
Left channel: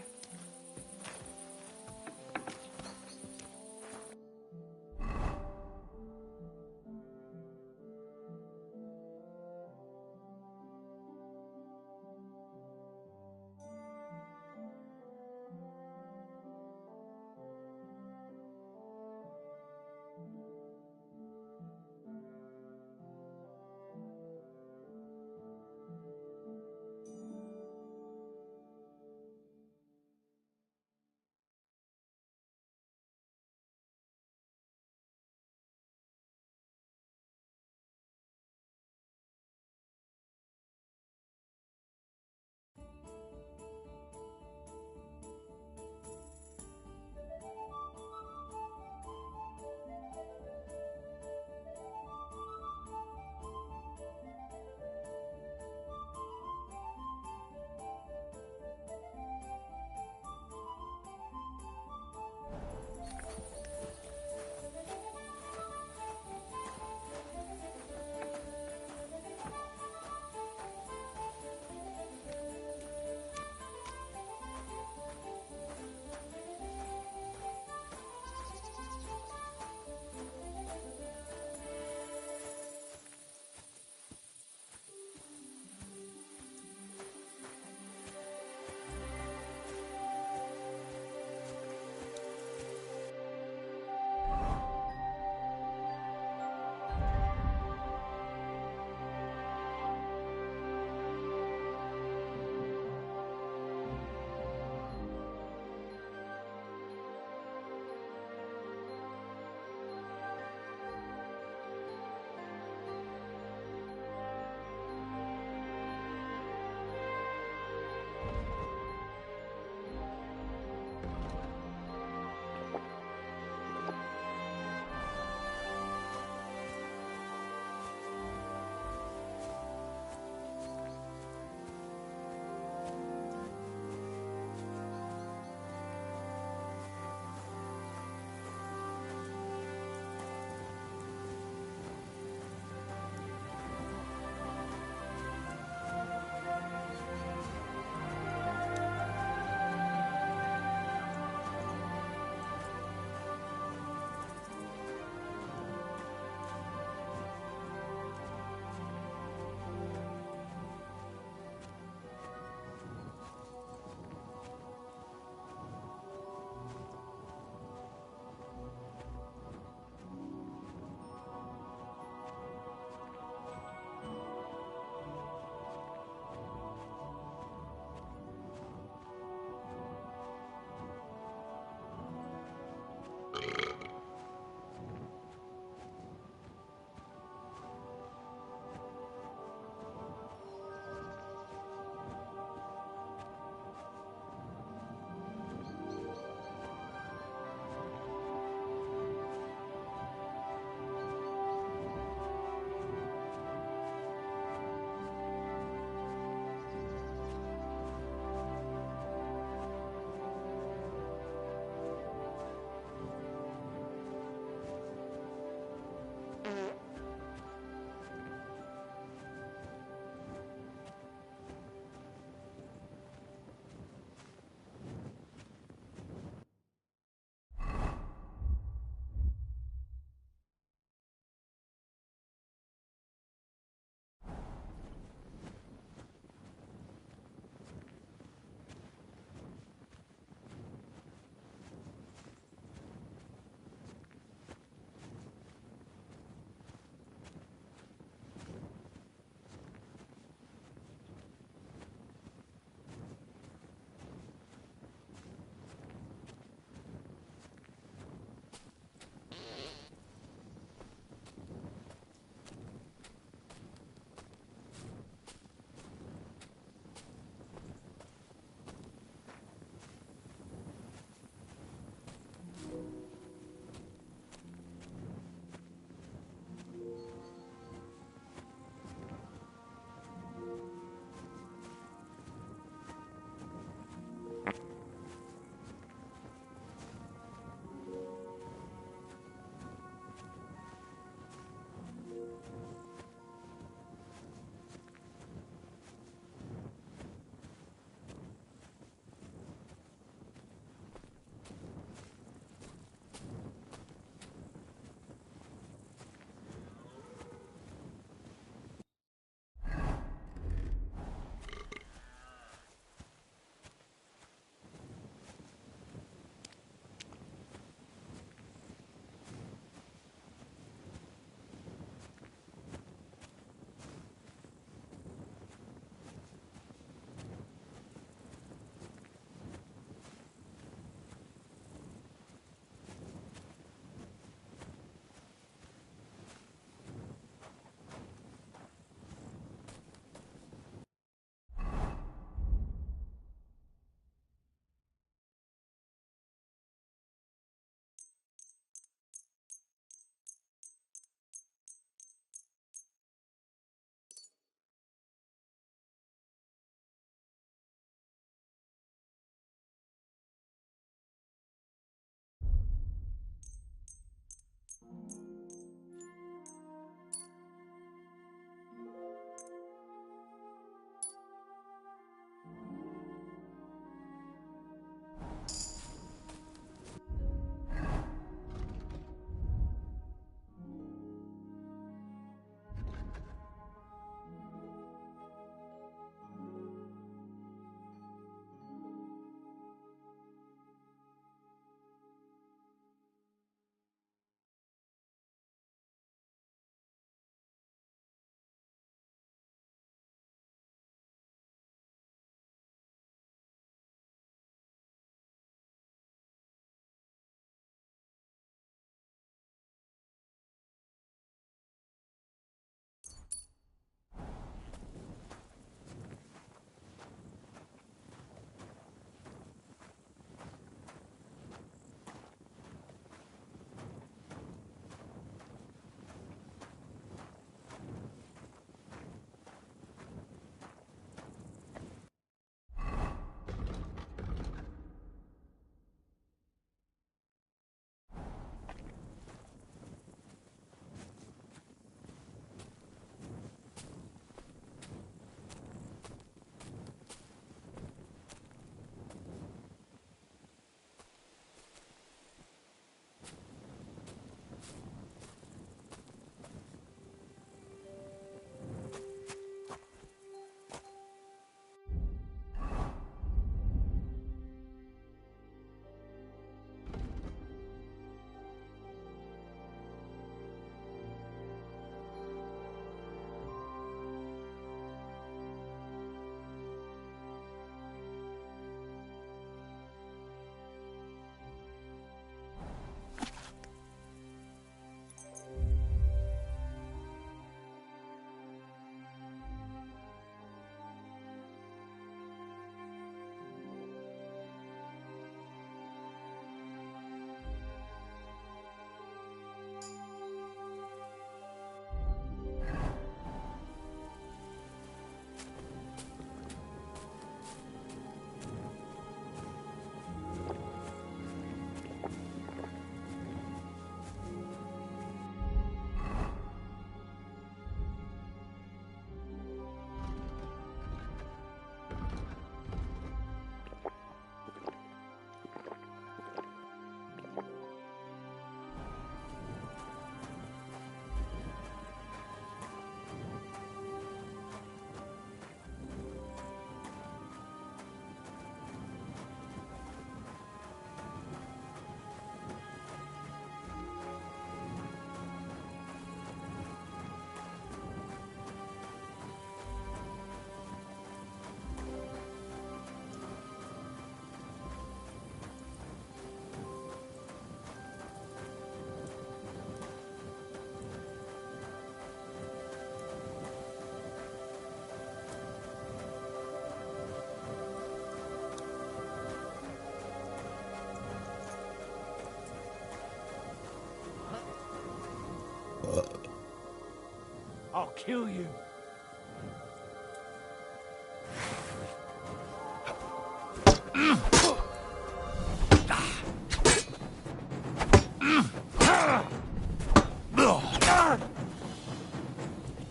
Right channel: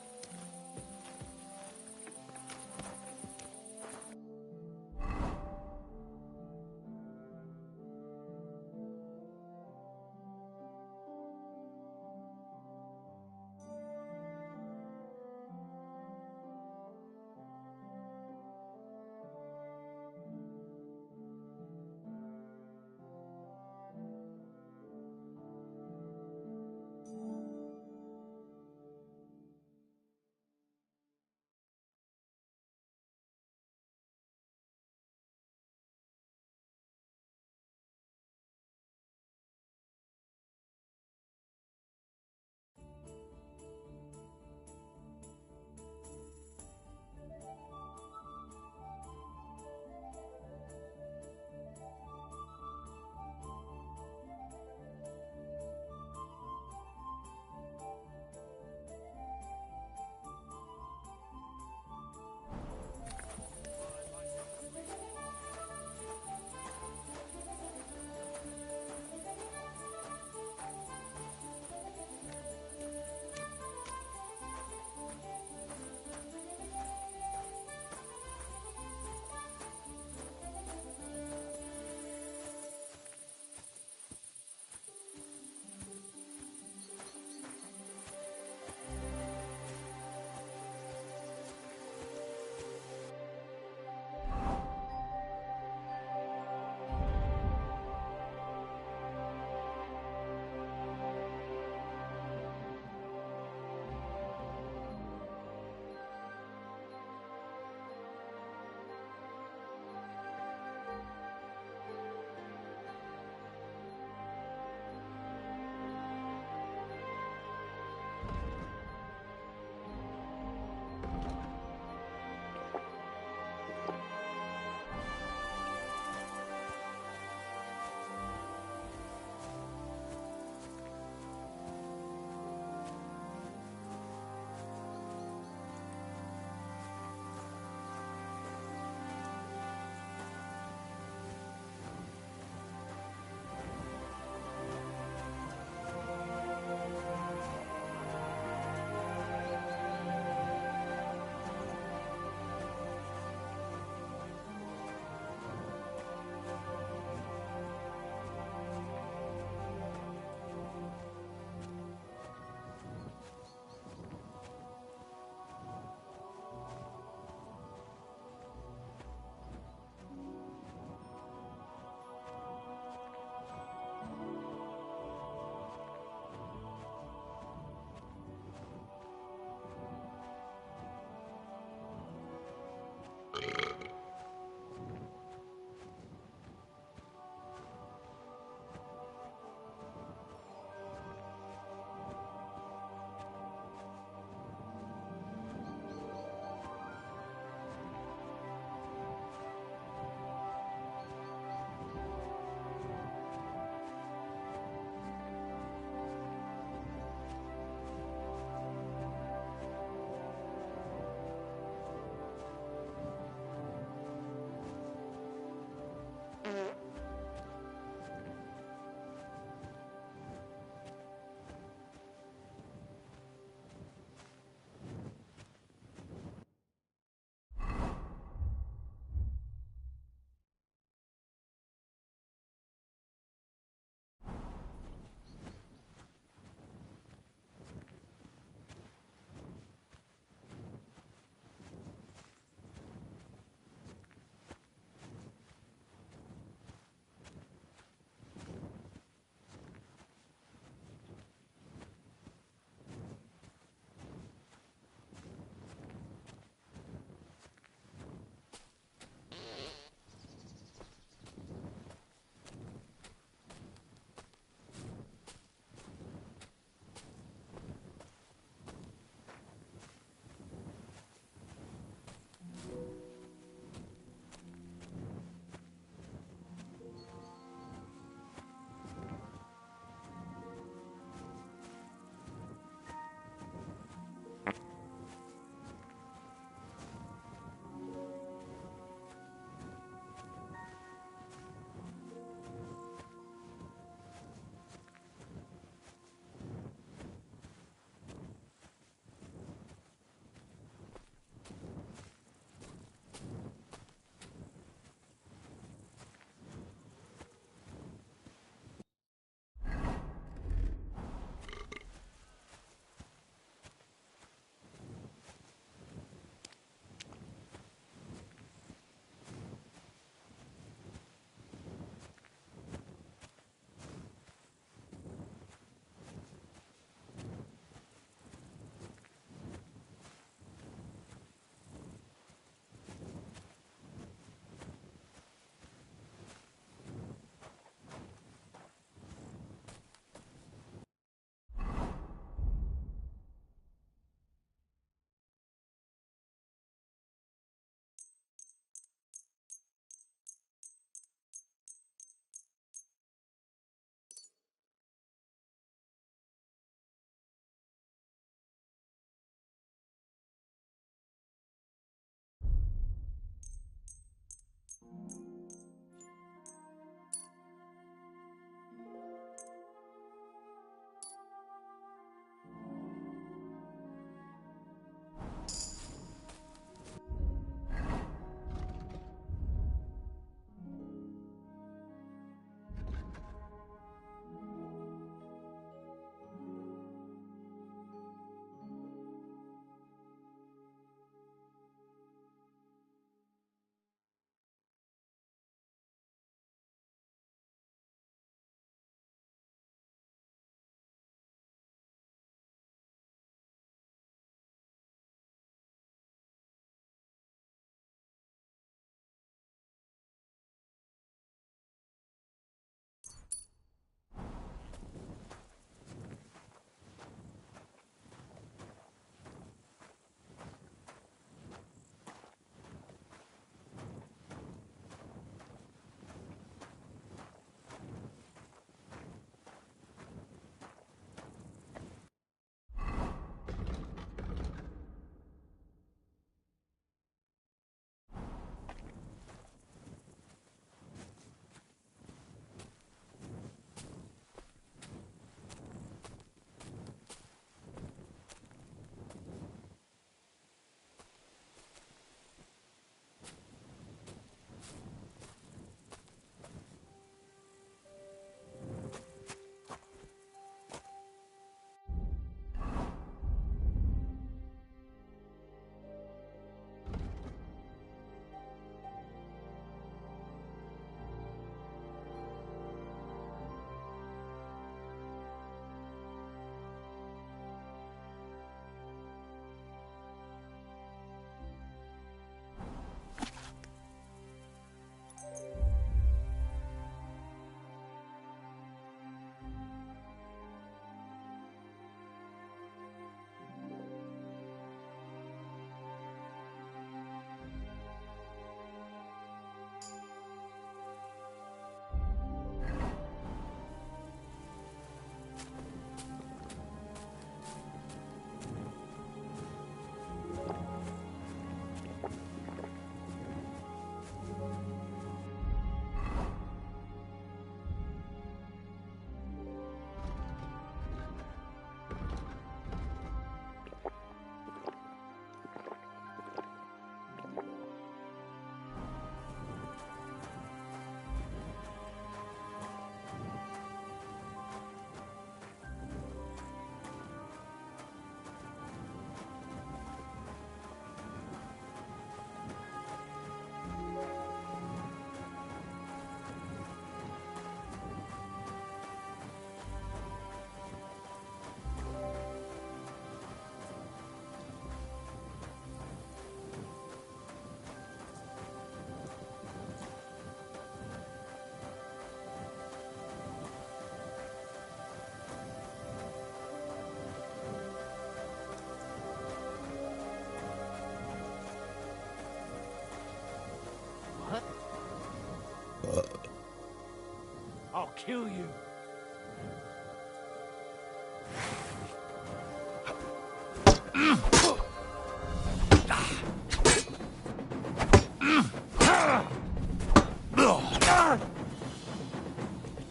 I'll kill you.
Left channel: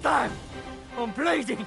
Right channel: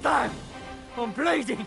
Damn! I'm bleeding!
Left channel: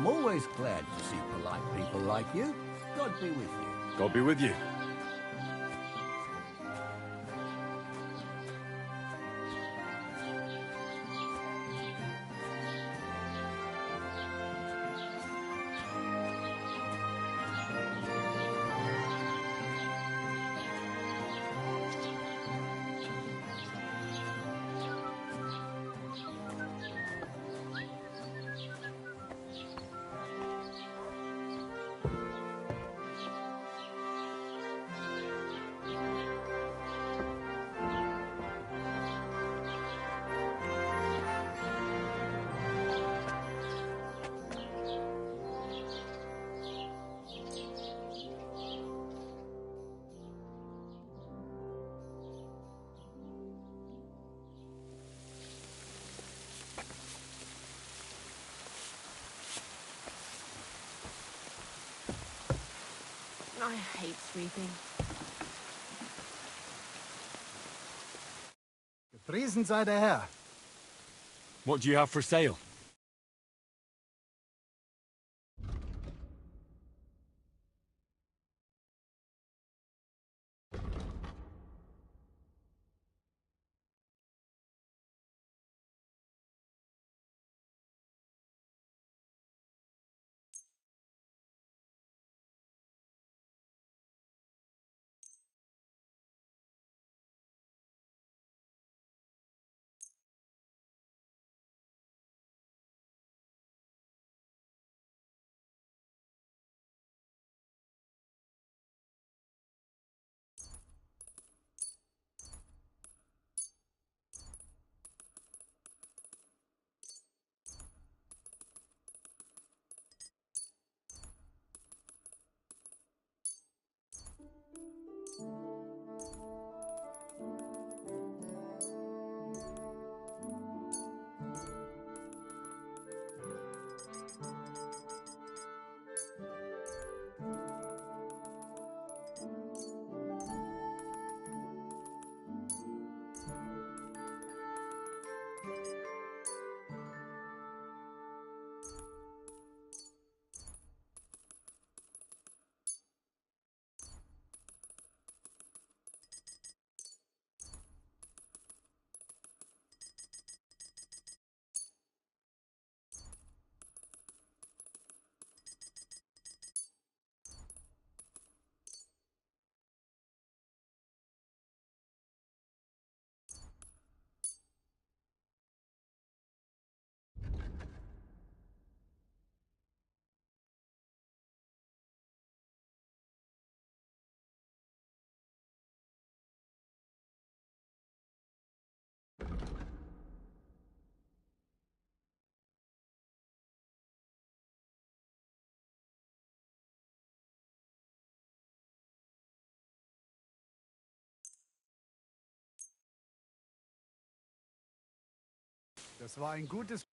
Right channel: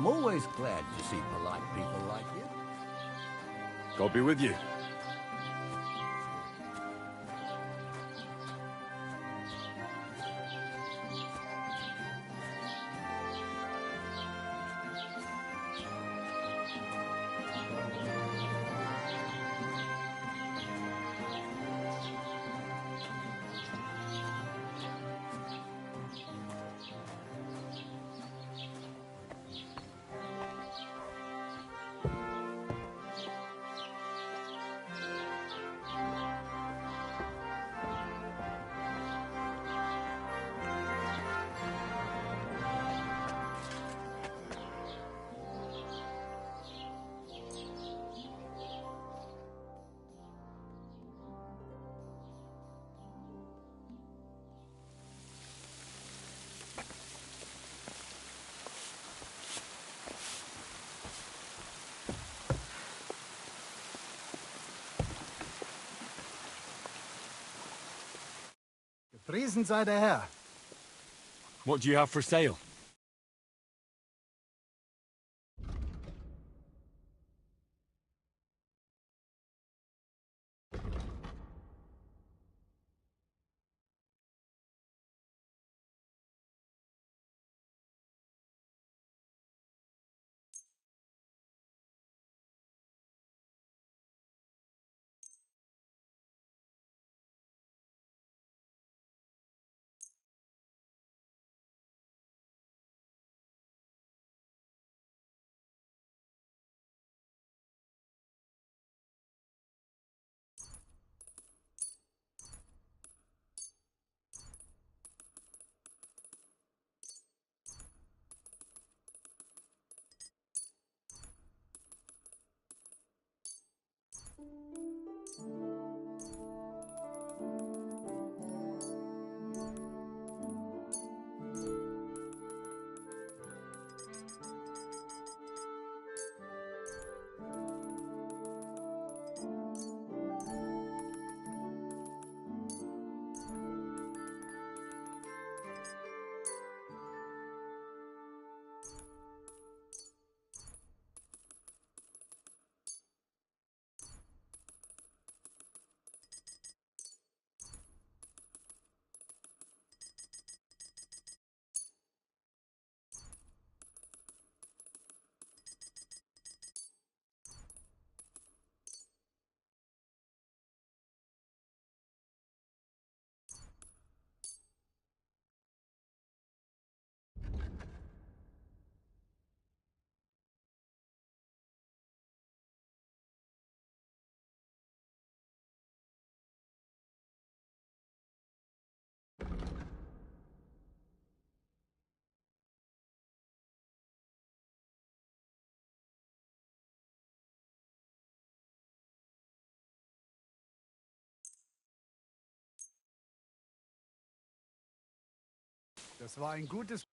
I'm always glad to see polite people like you. God be with you. God be with you. I hate sleeping. Gepriesen sei der Herr. What do you have for sale? Das war ein gutes...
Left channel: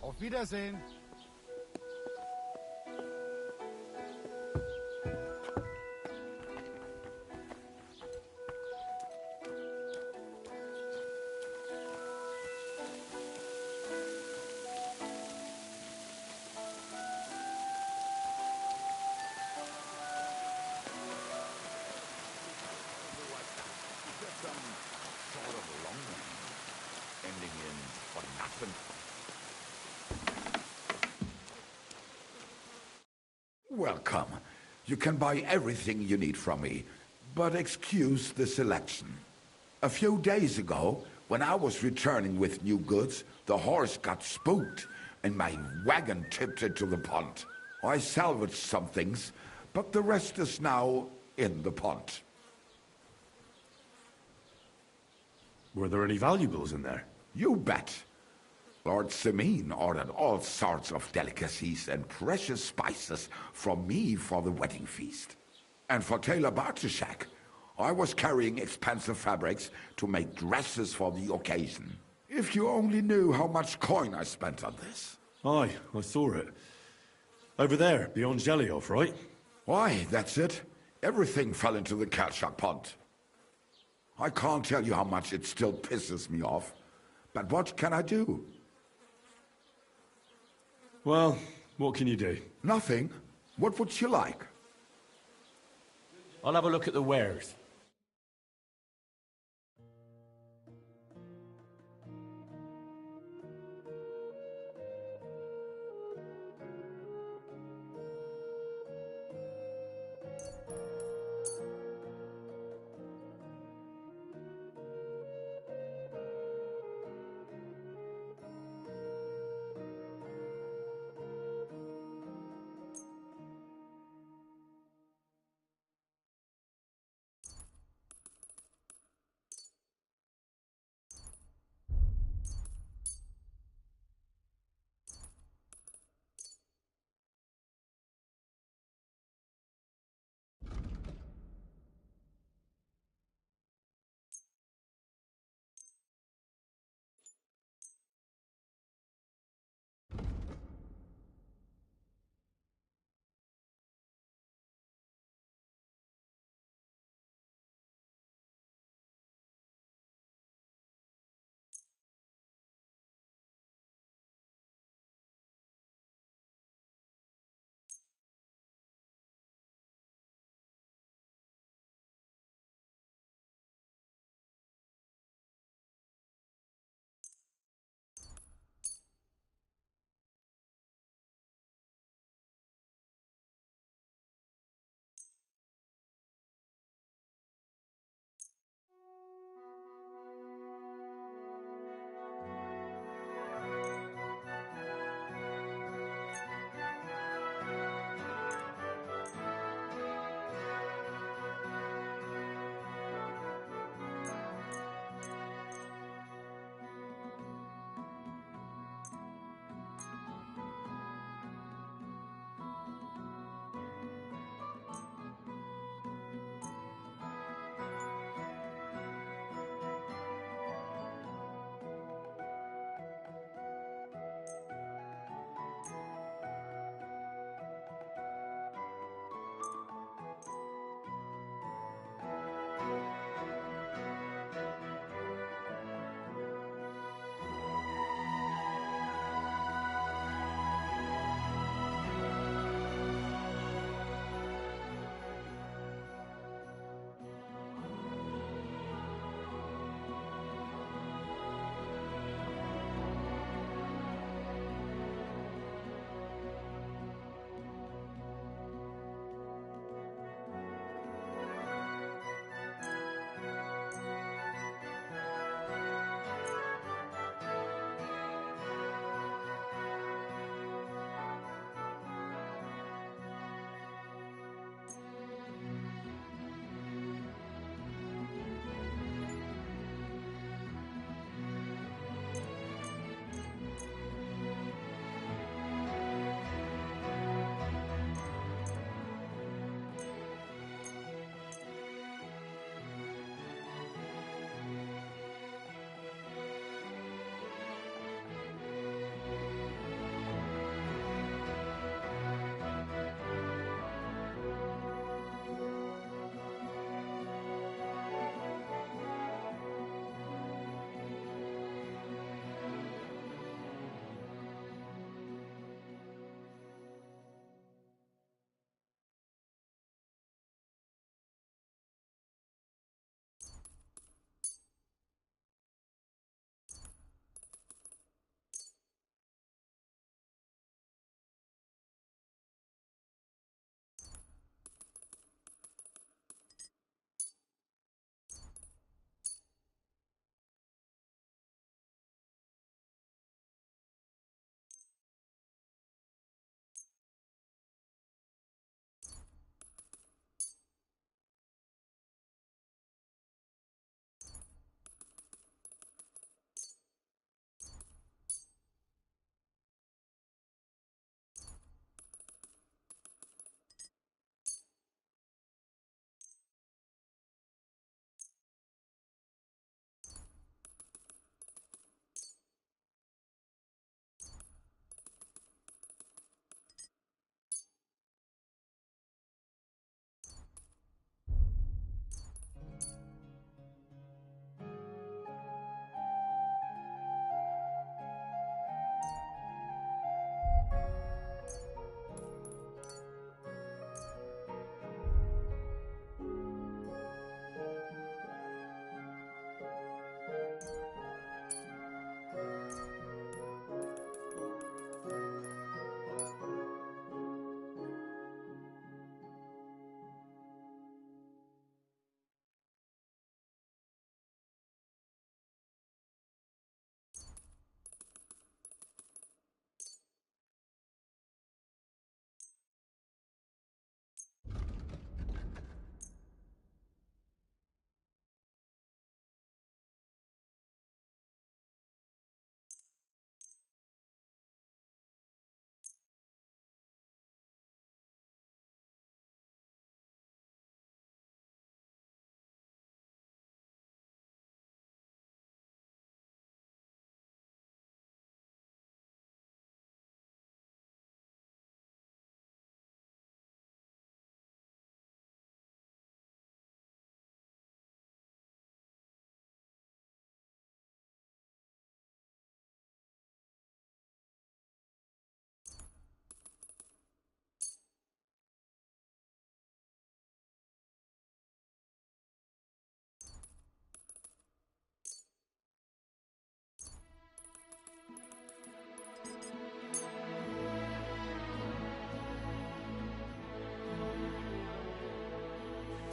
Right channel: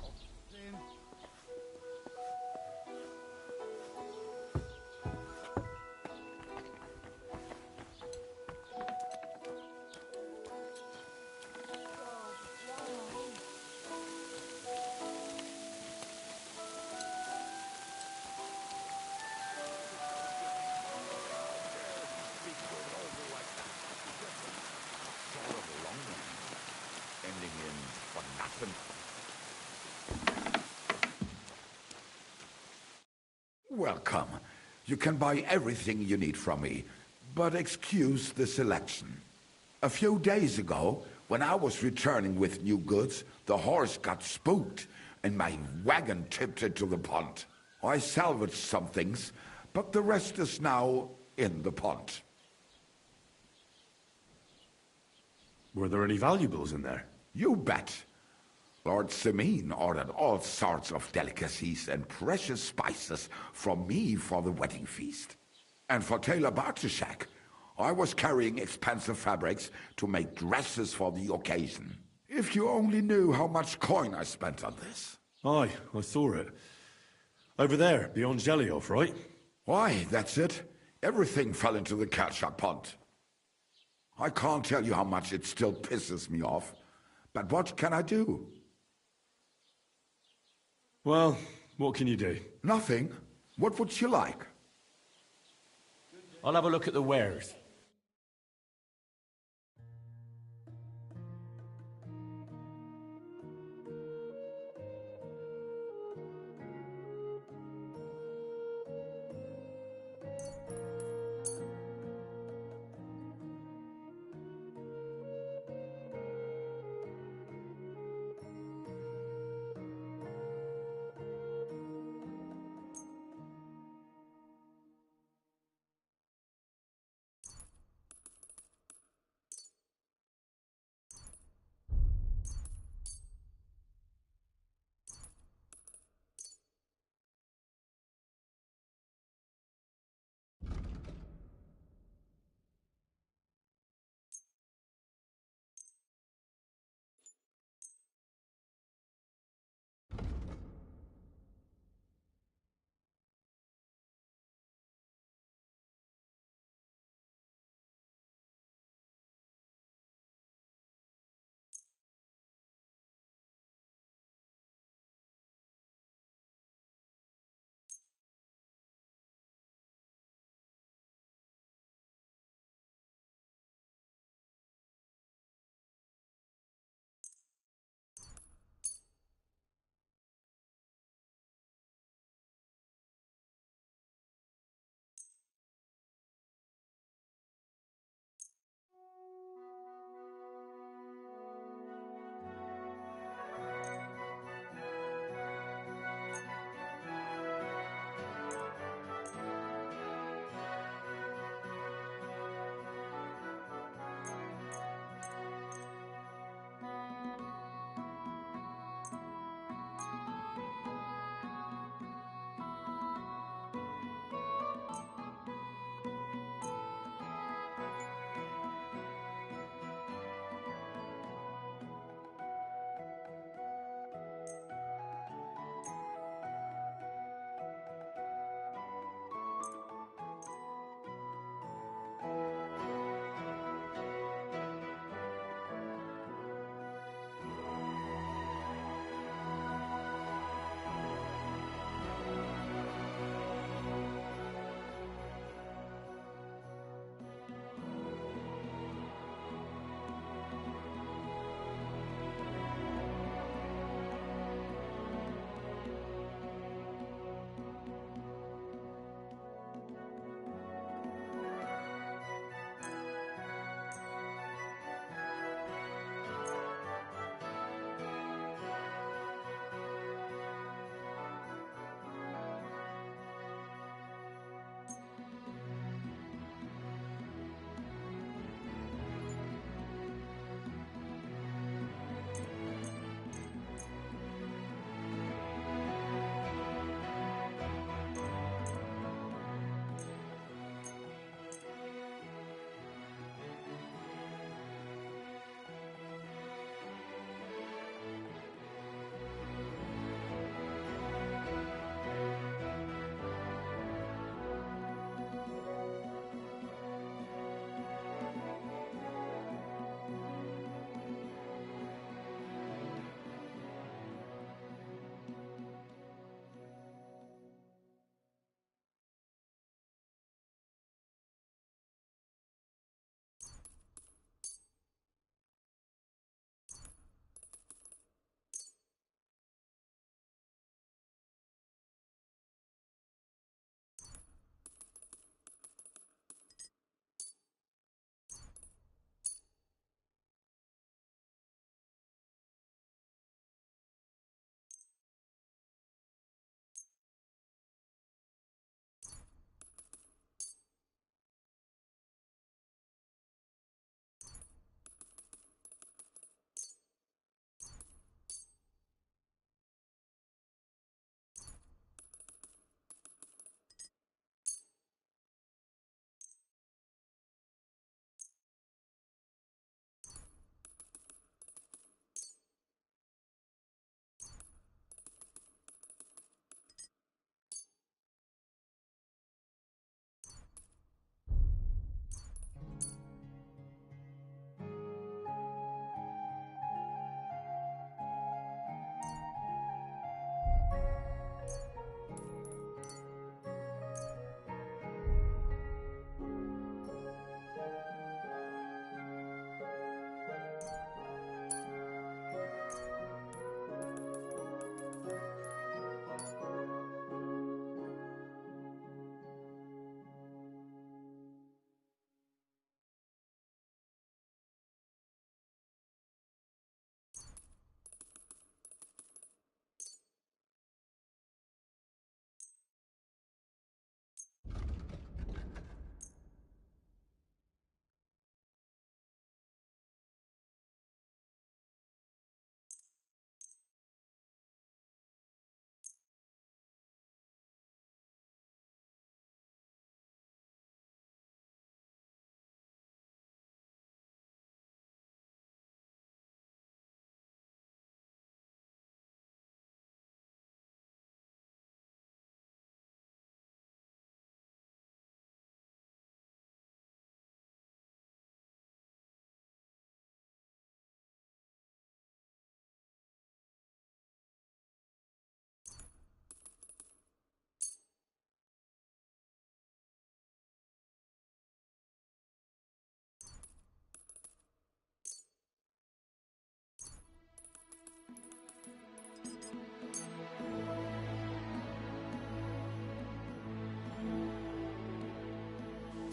Auf Wiedersehen. Ending in for nothing. Welcome. You can buy everything you need from me, but excuse the selection. A few days ago, when I was returning with new goods, the horse got spooked and my wagon tipped into the pond. I salvaged some things, but the rest is now in the pond. Were there any valuables in there? You bet. Lord Semin ordered all sorts of delicacies and precious spices from me for the wedding feast. And for Taylor Bartishak, I was carrying expensive fabrics to make dresses for the occasion. If you only knew how much coin I spent on this. Aye, I saw it. Over there, beyond Jelioff, right? Why, that's it. Everything fell into the Kalchak pond. I can't tell you how much it still pisses me off. But what can I do? Well, what can you do? Nothing. What would you like? I'll have a look at the wares.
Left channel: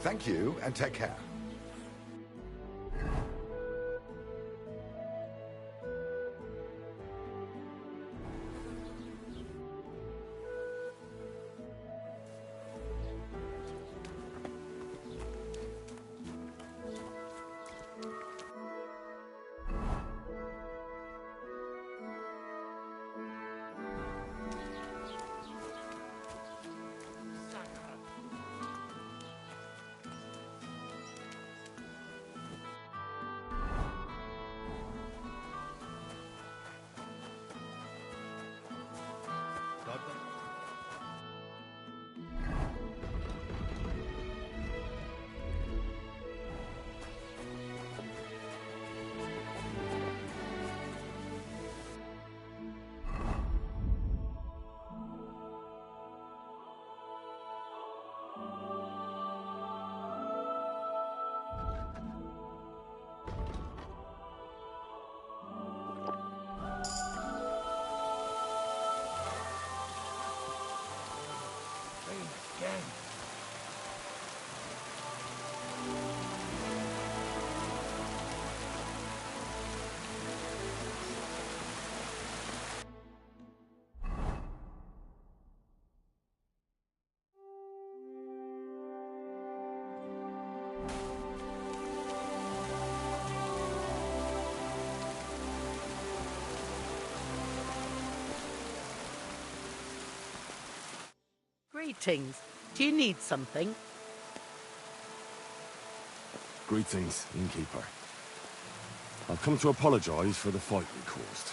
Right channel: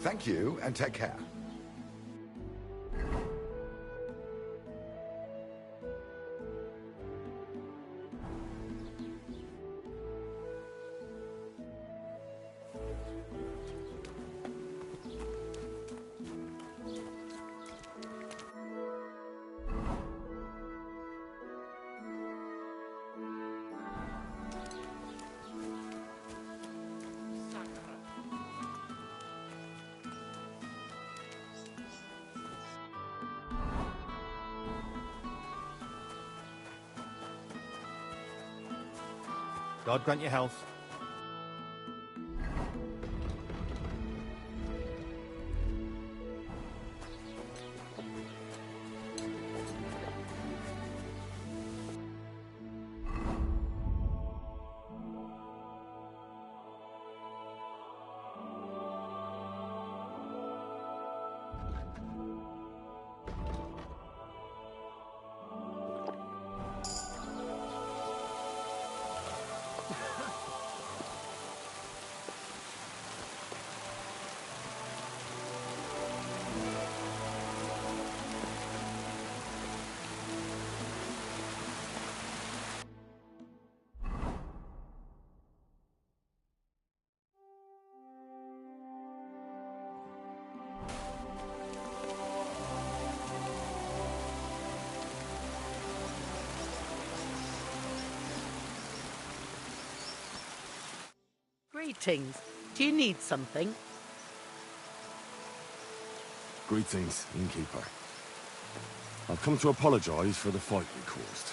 Thank you, and take care. God grant you health. Greetings. Do you need something? Greetings, innkeeper. I've come to apologize for the fight we caused.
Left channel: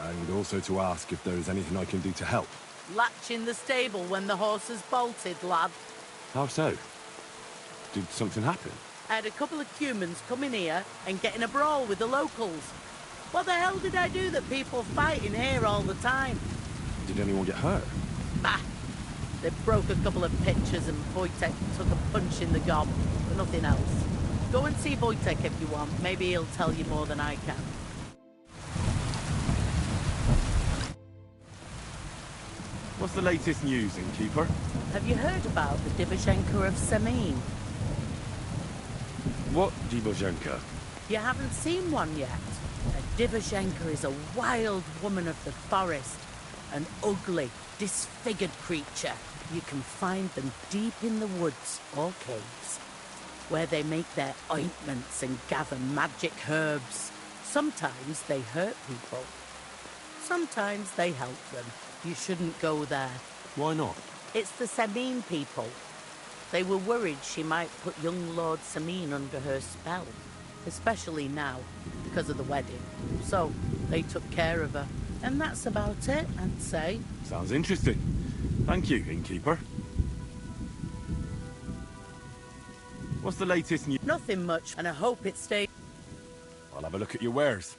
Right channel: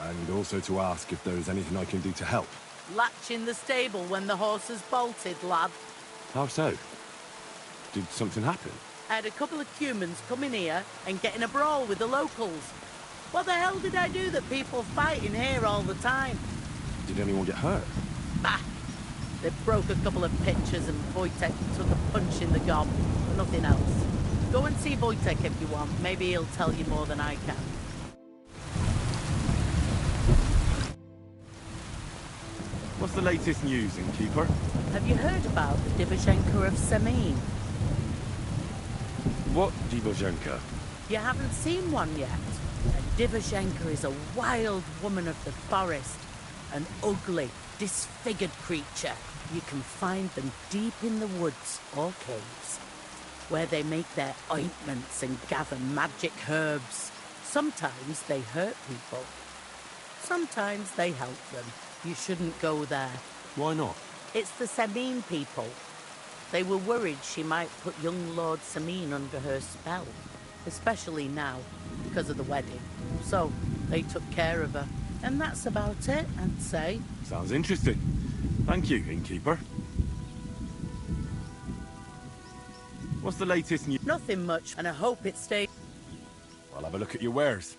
And also to ask if there is anything I can do to help. Latch in the stable when the horses bolted, lad. How so? Did something happen? I had a couple of humans come in here and get in a brawl with the locals. What the hell did I do that people fight in here all the time? Did anyone get hurt? Bah! They broke a couple of pitchers and Wojtek took a punch in the gob, but nothing else. Go and see Wojtek if you want. Maybe he'll tell you more than I can. What's the latest news, innkeeper? Have you heard about the Divashenka of Semin? What Divashenka? You haven't seen one yet. A Divashenka is a wild woman of the forest. An ugly, disfigured creature. You can find them deep in the woods or caves, where they make their ointments and gather magic herbs. Sometimes they hurt people. Sometimes they help them. You shouldn't go there. Why not? It's the Semin people. They were worried she might put young Lord Semin under her spell, especially now, because of the wedding. So, they took care of her. And that's about it, I'd say. Sounds interesting. Thank you, innkeeper. What's the latest news? Nothing much, and I hope it stays. I'll have a look at your wares.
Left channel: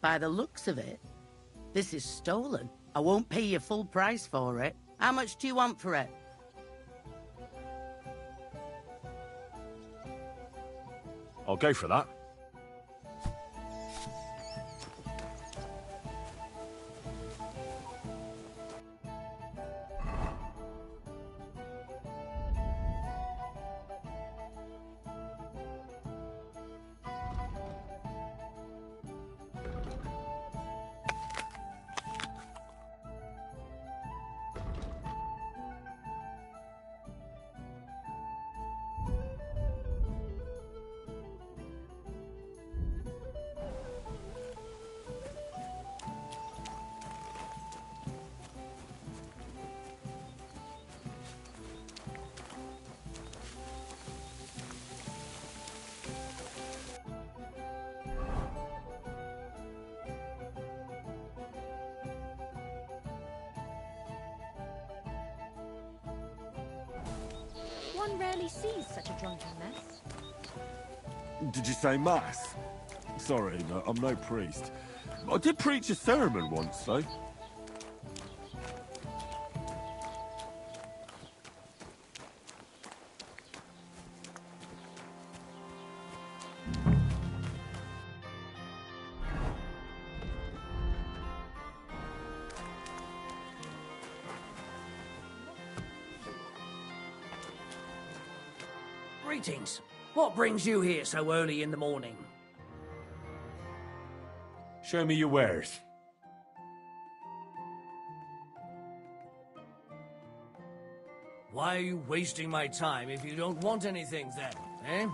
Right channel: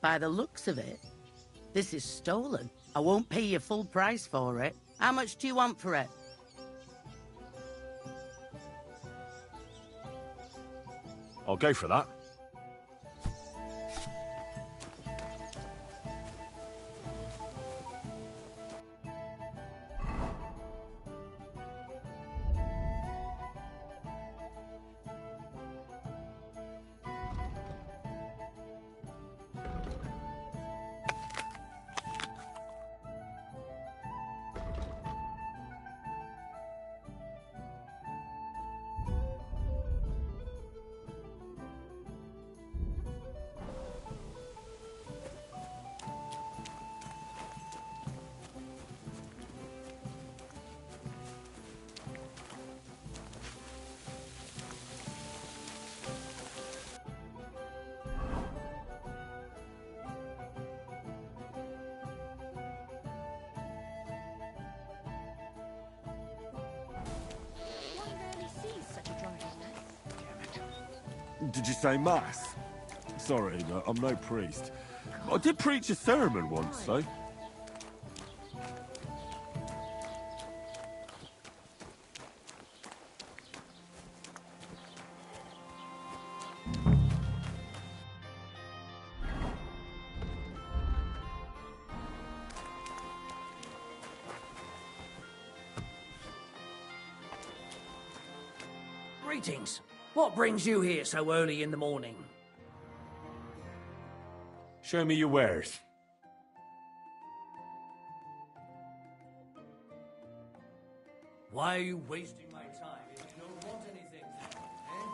By the looks of it, this is stolen. I won't pay you full price for it. How much do you want for it? I'll go for that. sees such a drunken mess? Did you say mass? Sorry, no, I'm no priest. I did preach a sermon once, though. Greetings. What brings you here so early in the morning? Show me your wares. Why are you wasting my time if you don't want anything then, eh?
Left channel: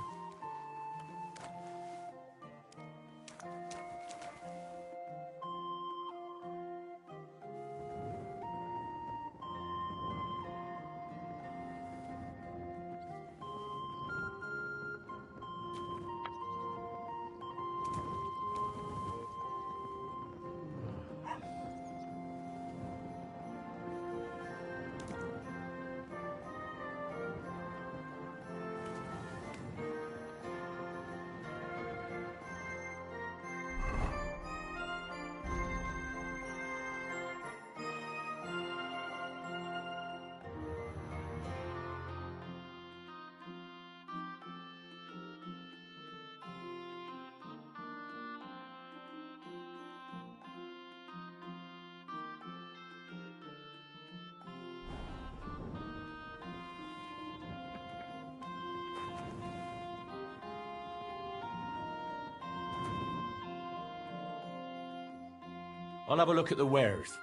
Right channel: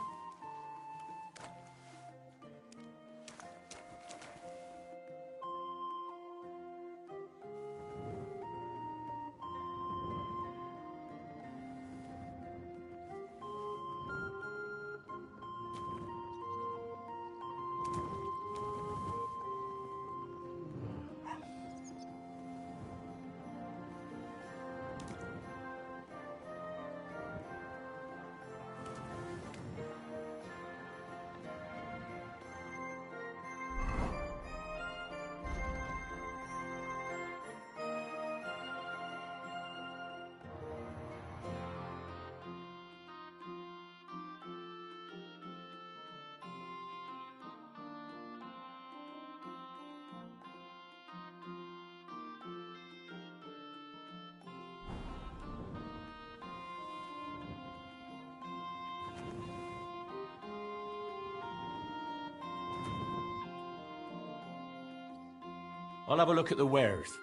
I'll have a look at the wares.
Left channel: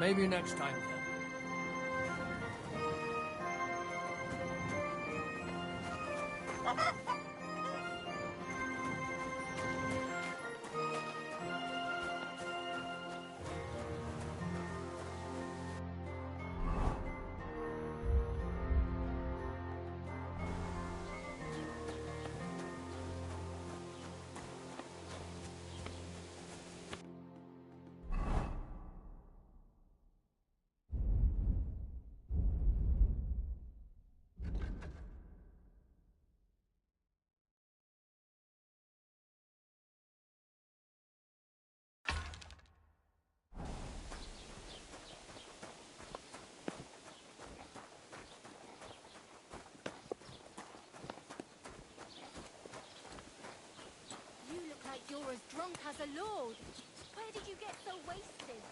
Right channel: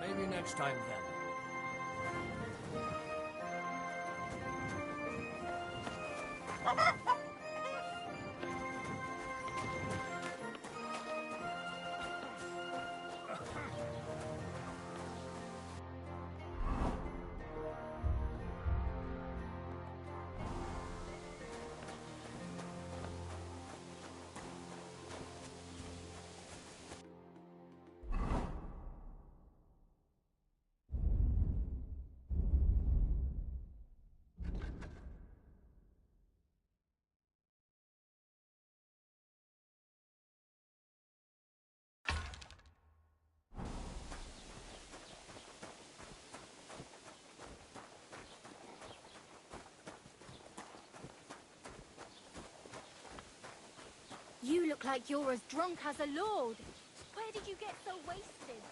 Maybe next time then. You look like you're as drunk as a lord. Where did you get so wasted?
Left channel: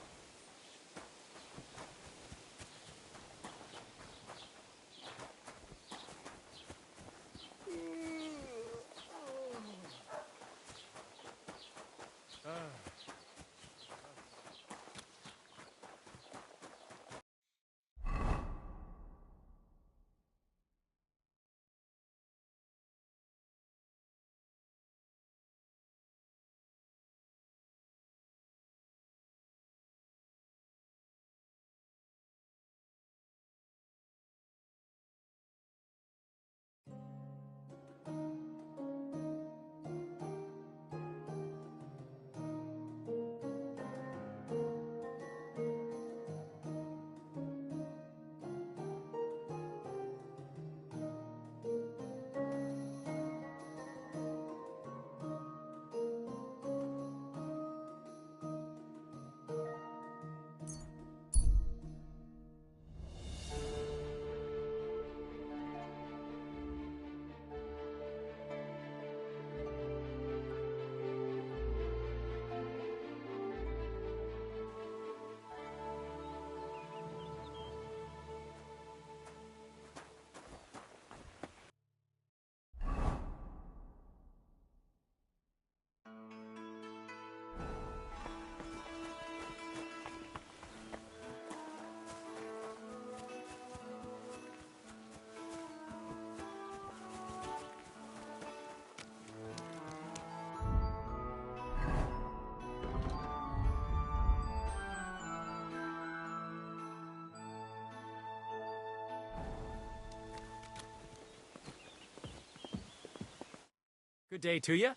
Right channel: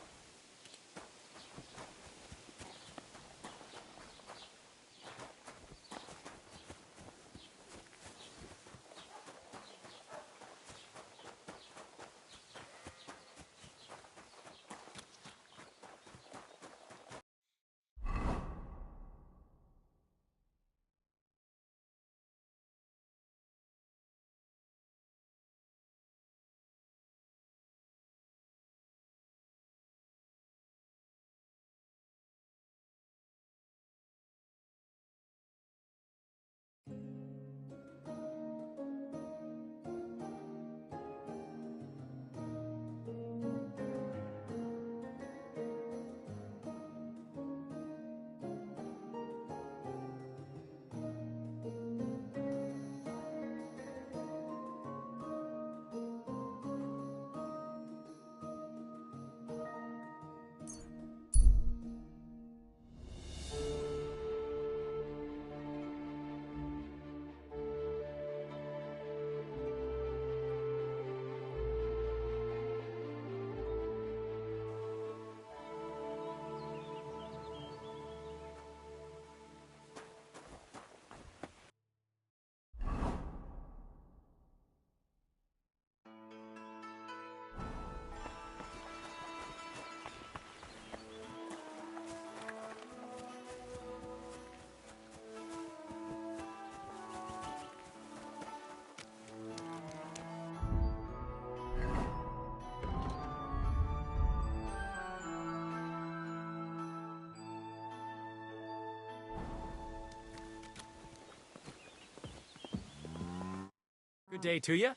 Good day to you.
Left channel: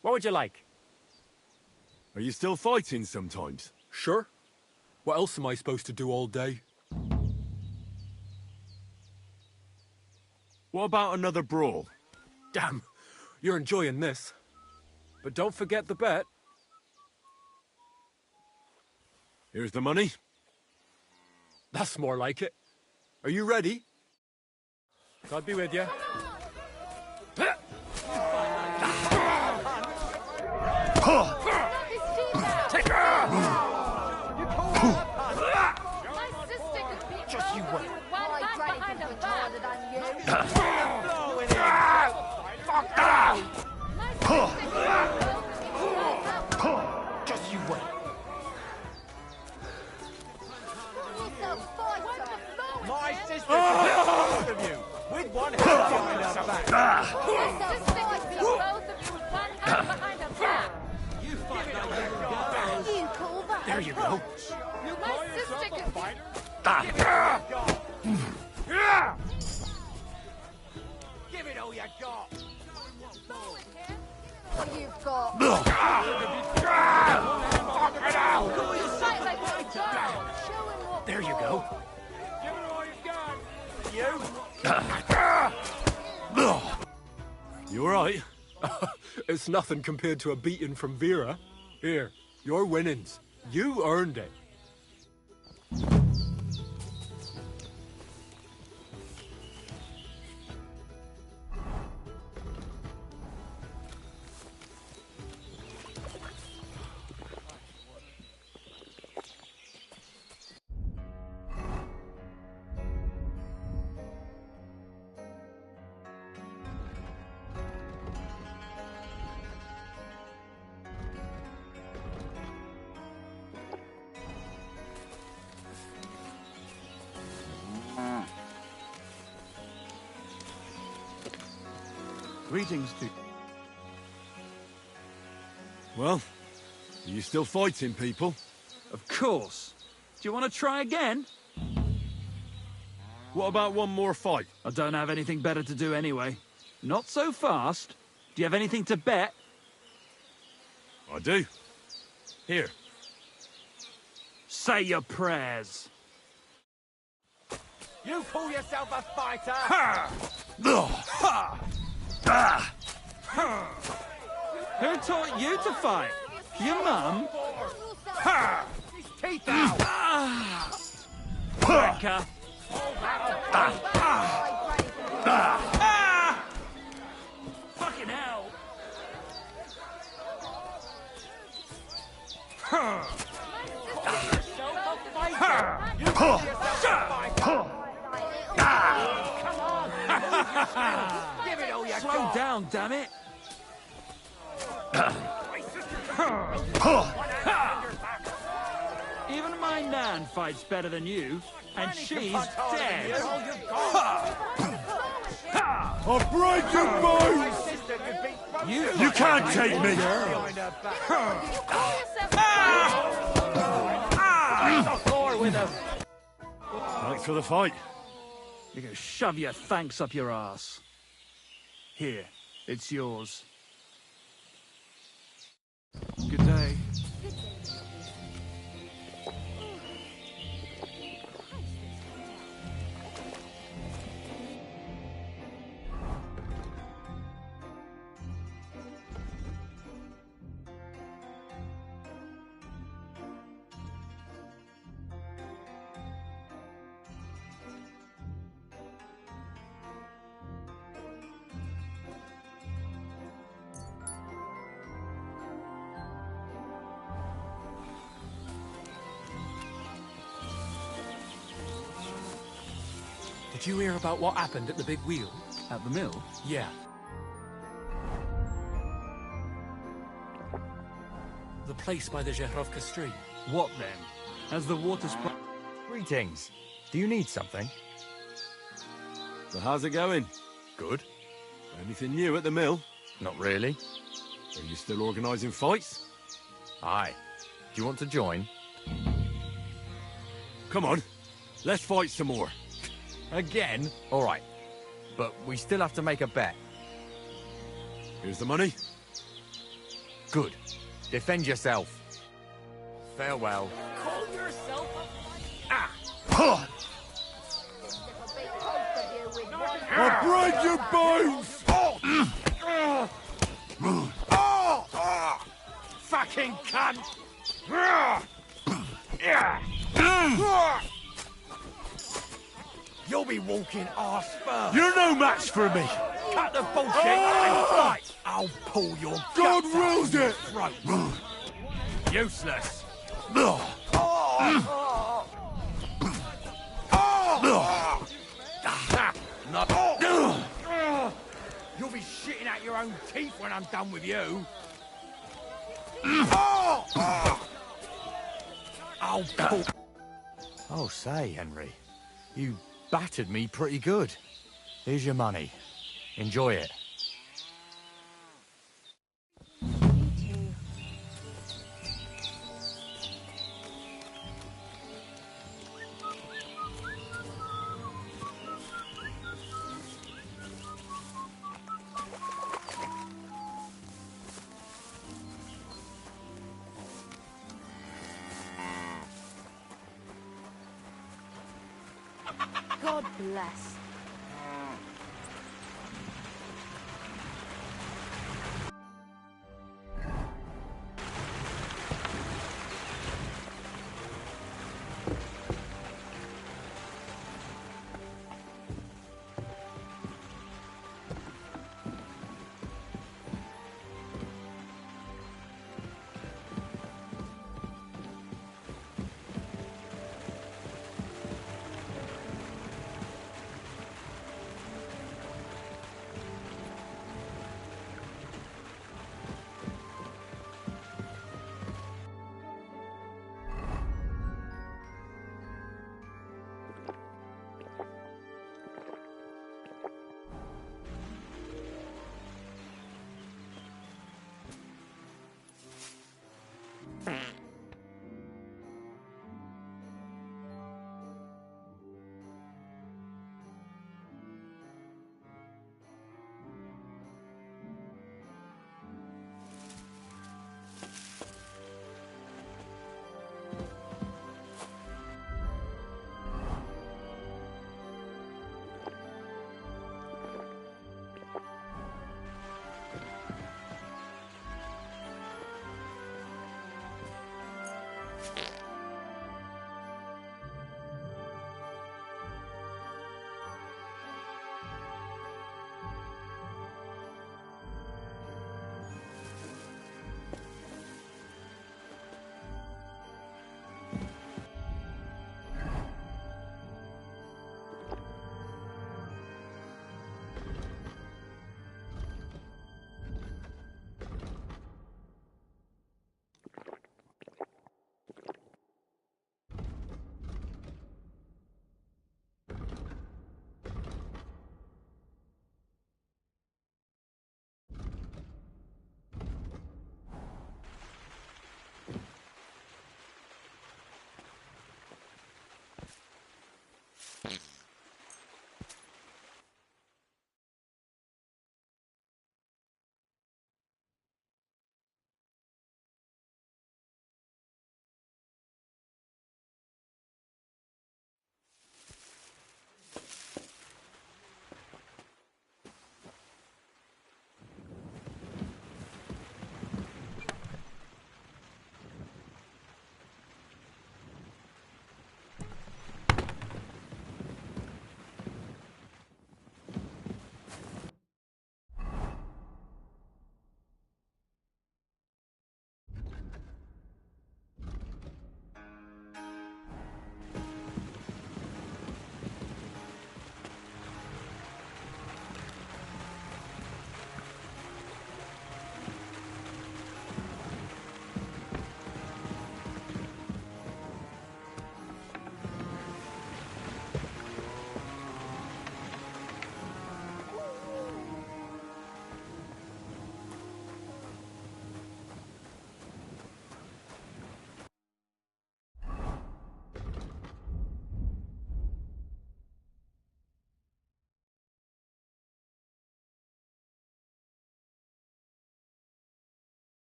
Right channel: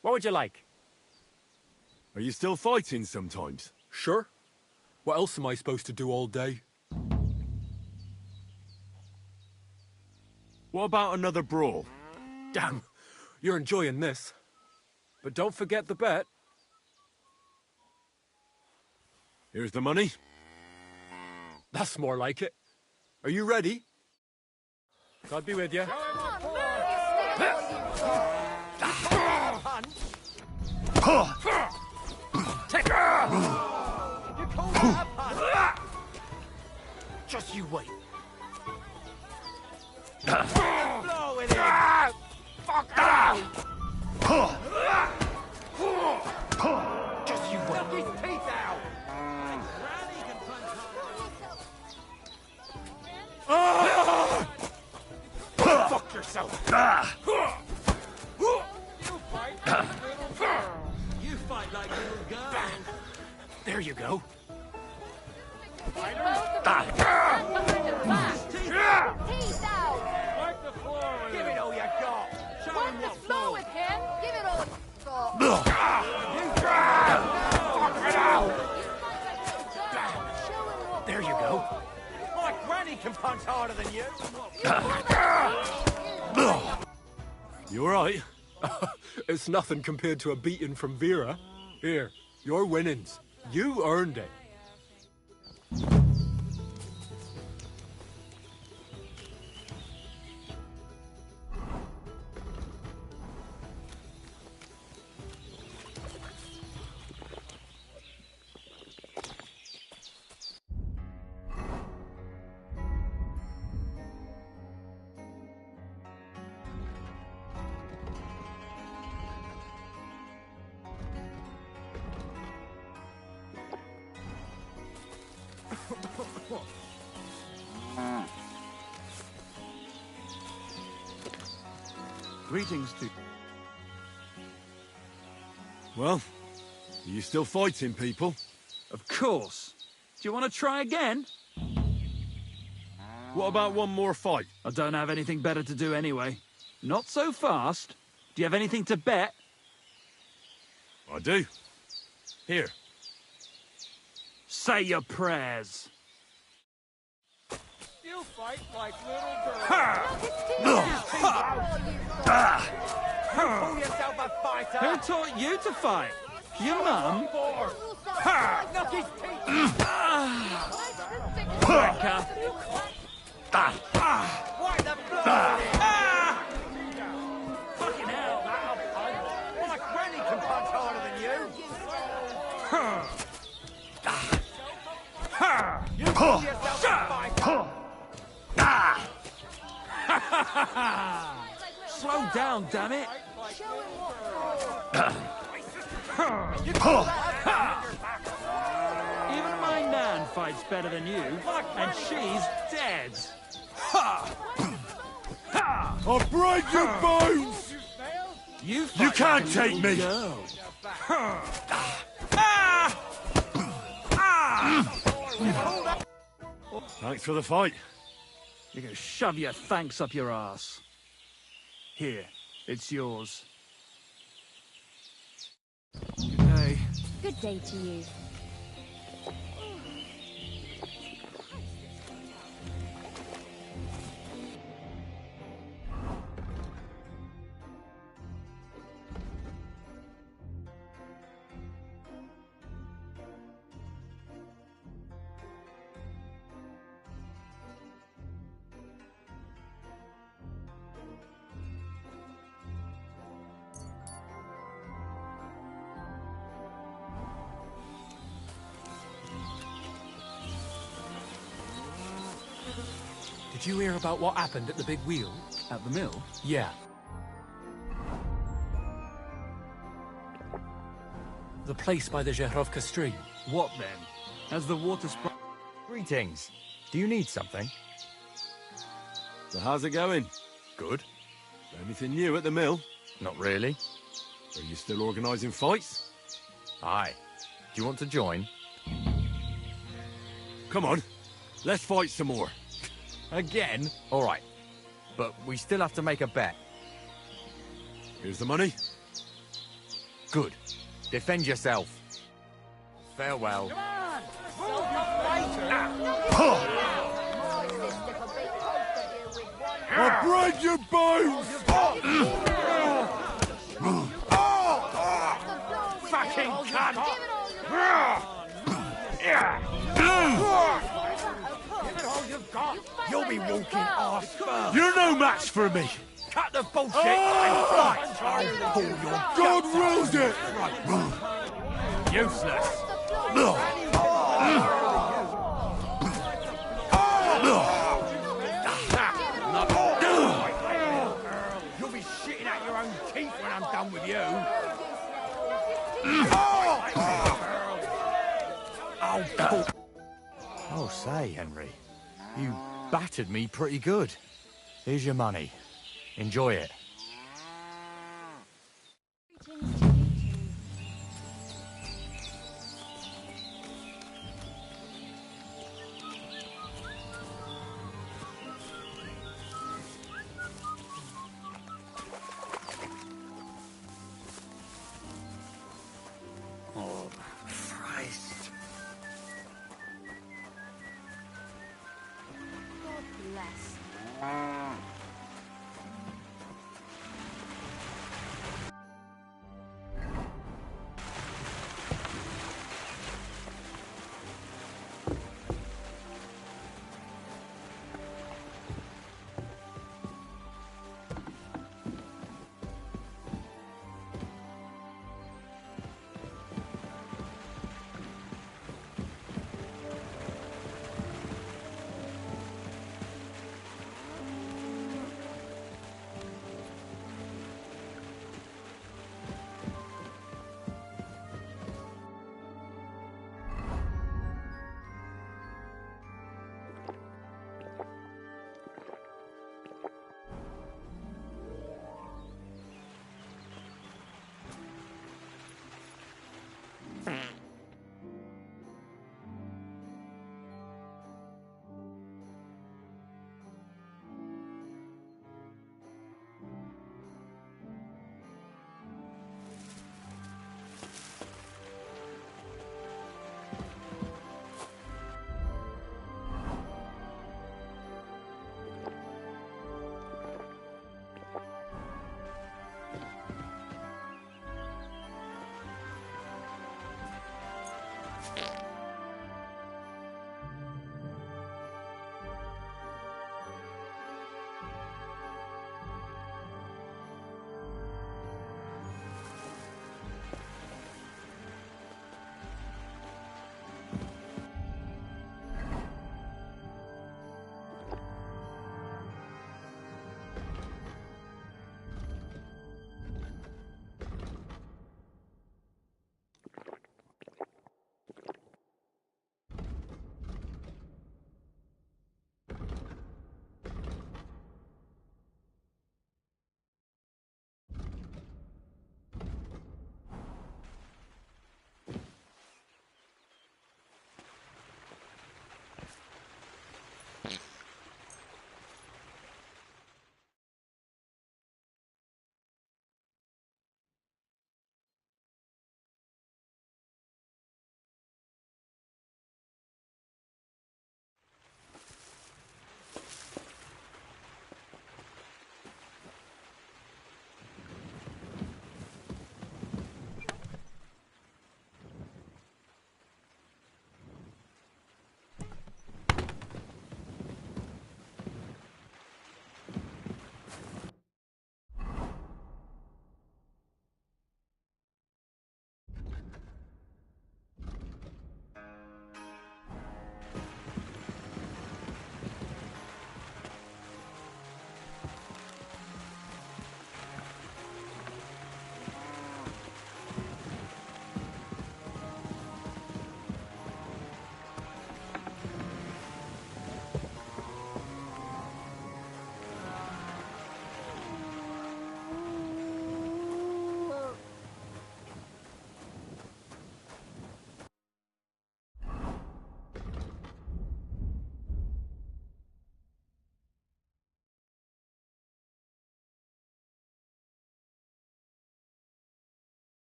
What would you like? Are you still fighting sometimes? Sure. What else am I supposed to do all day? What about another brawl? Damn, you're enjoying this. But don't forget the bet. Here's the money. That's more like it. Are you ready? God be with you. Just you wait. Just you wait. Fuck yourself. You fight like little girls. There you go. Give it all you got. Wipe the floor with him. Give it all you've got. Fuck it out. Fight like little girls. Show him what There you go. Your granny can punch harder than you. You alright? It's nothing compared to a beating from Vera. Here, your winnings. You earned it. Greetings to... Well, are you still fighting people? Of course. Do you want to try again? What about one more fight? I don't have anything better to do anyway. Not so fast. Do you have anything to bet? I do. Here. Say your prayers. You call yourself a fighter. Who taught you to fight? Your mum? Knock his teeth out. Wanker. Fucking hell. My granny can punch harder than you. You call yourself a fighter. Slow down, damn it. Even my nan fights better than you, and she's dead. I'll break your bones! You can't take me! Thanks for the fight. You can shove your thanks up your ass. Here, it's yours. Good day. Good day to you. Did you hear about what happened at the big wheel? At the mill? Yeah. The place by the Zherovka stream. What then? Has the water sprung? Greetings. Do you need something? So how's it going? Good. Anything new at the mill? Not really. Are you still organising fights? Aye. Do you want to join? Come on, let's fight some more. Again? All right. But we still have to make a bet. Here's the money. Good. Defend yourself. Farewell. I'll break your bones! Fucking cunt! You'll be walking arse first. You're no match for me! Cut the bullshit and fight! I'll pull your God guts wills out it! your throat. Useless. You'll be shitting out your own teeth when I'm done with you. I'll pull... Oh, say, Henry. You battered me pretty good. Here's your money. Enjoy it. God bless.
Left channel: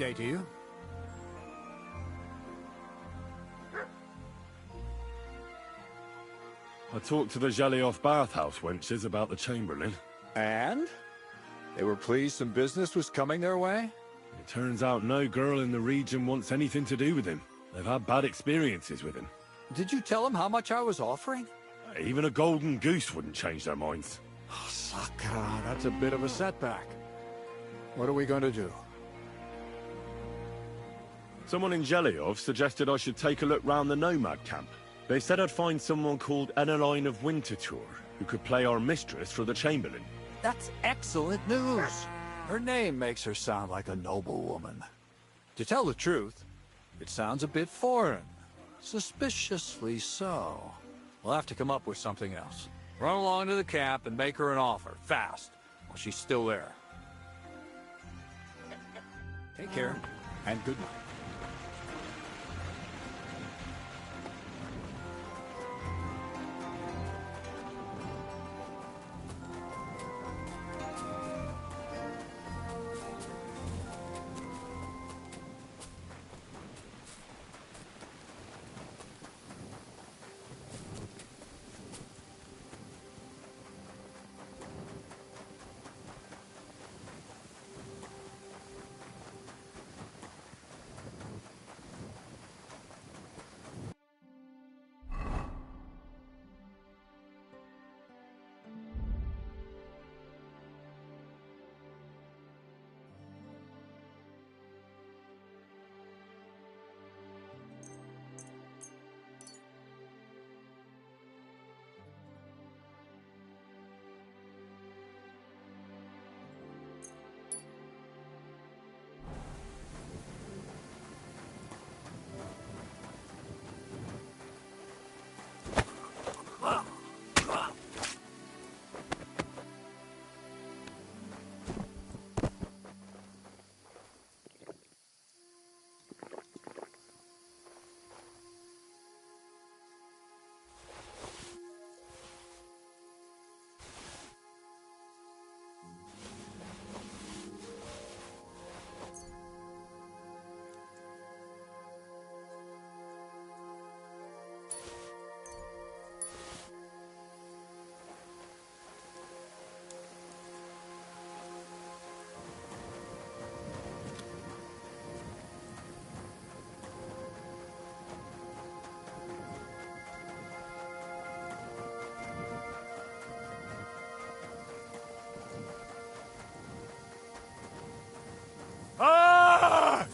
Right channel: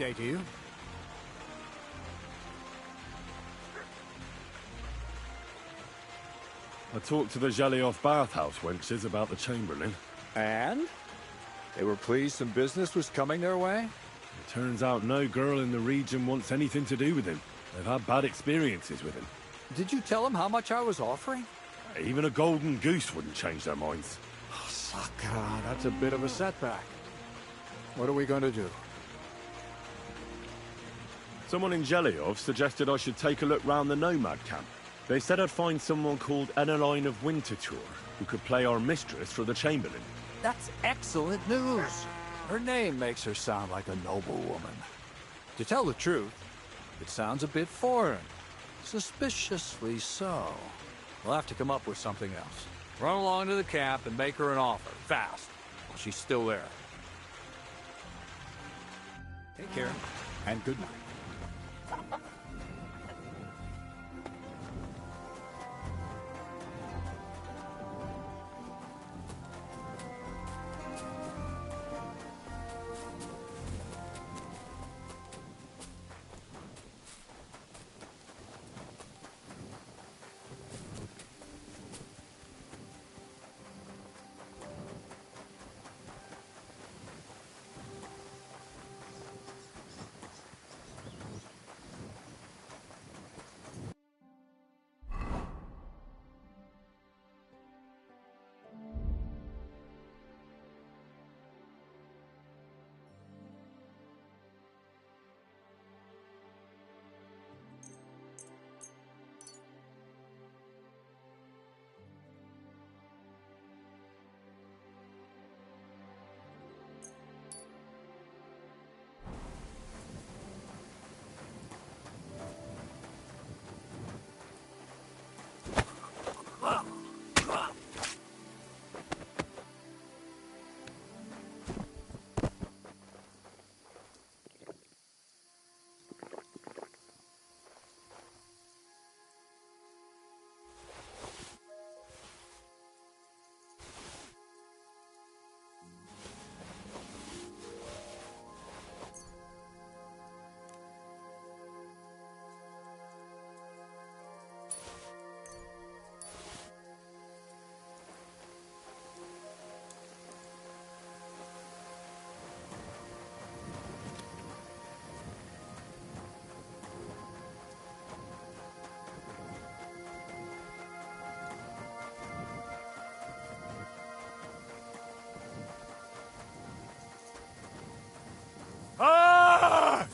day to you. I talked to the Jalioth bathhouse wenches about the Chamberlain. And? They were pleased some business was coming their way? It turns out no girl in the region wants anything to do with him. They've had bad experiences with him. Did you tell them how much I was offering? Even a golden goose wouldn't change their minds. Saka, that's a bit of a setback. What are we going to do? Someone in Jelioth suggested I should take a look round the nomad camp. They said I'd find someone called Eneline of Winterthur who could play our mistress for the Chamberlain. That's excellent news. Her name makes her sound like a noble woman. To tell the truth, it sounds a bit foreign. Suspiciously so. We'll have to come up with something else. Run along to the camp and make her an offer, fast, while she's still there. Take care, and good night. Ah!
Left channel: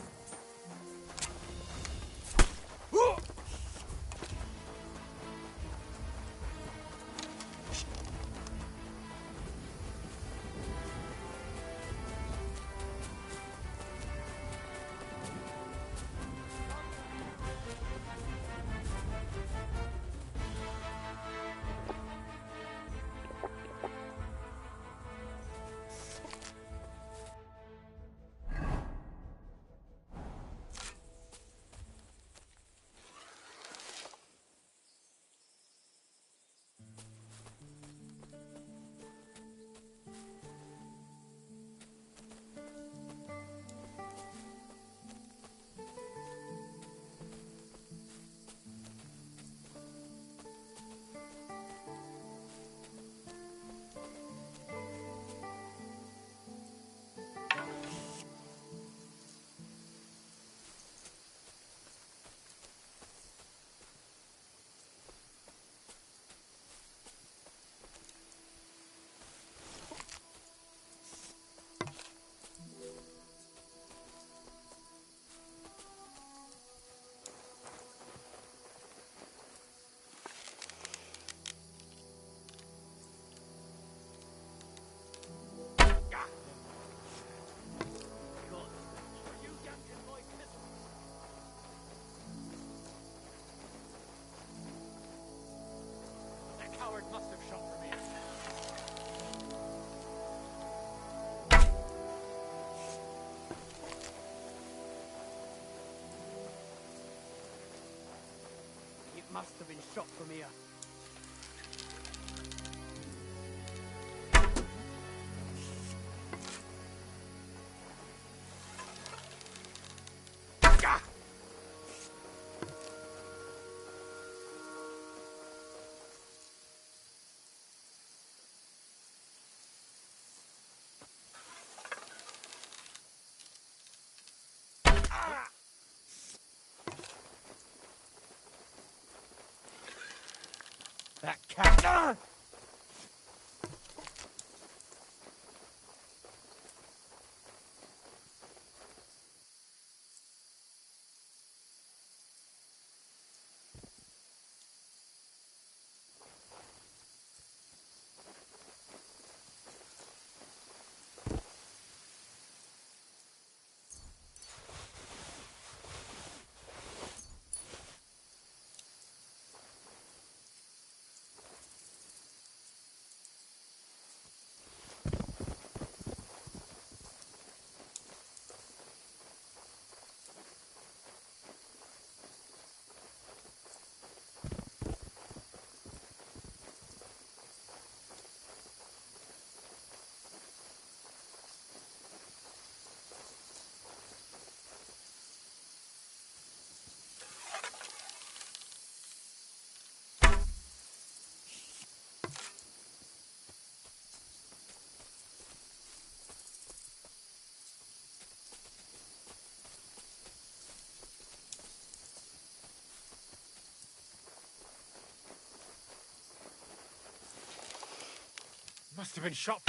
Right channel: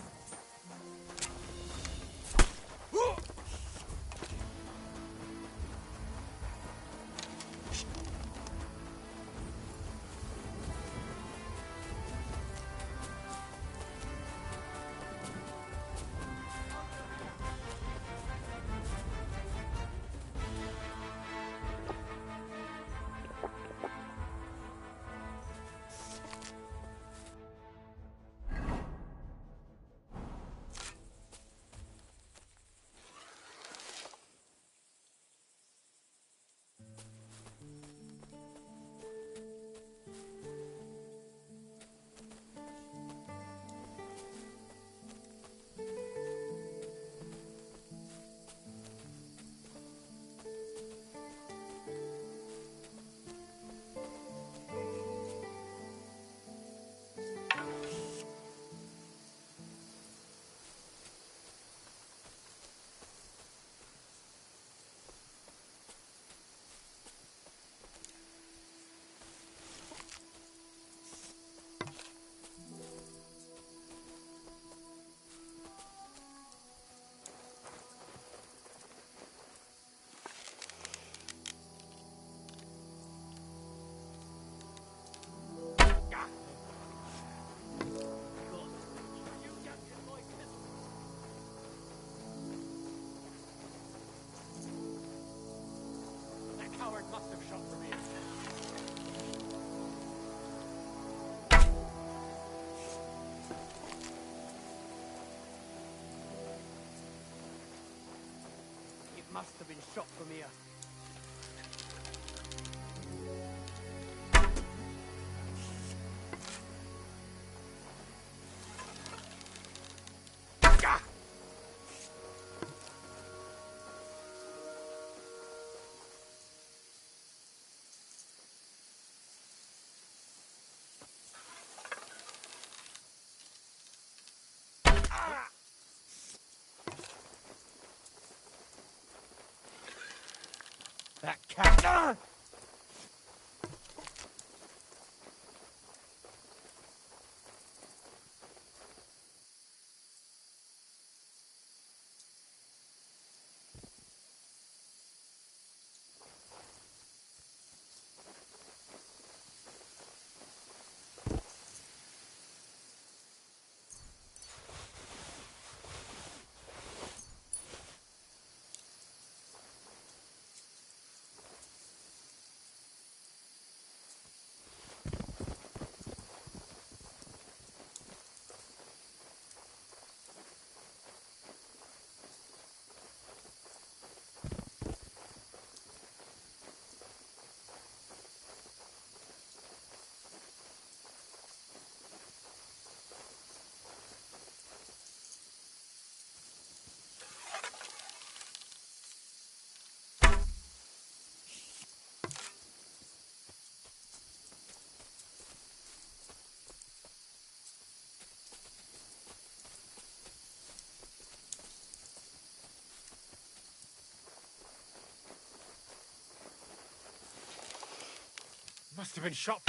Coward must have shot for me. It must have been shot from here. cat. Must have been shot.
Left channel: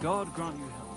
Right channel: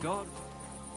God grant me help.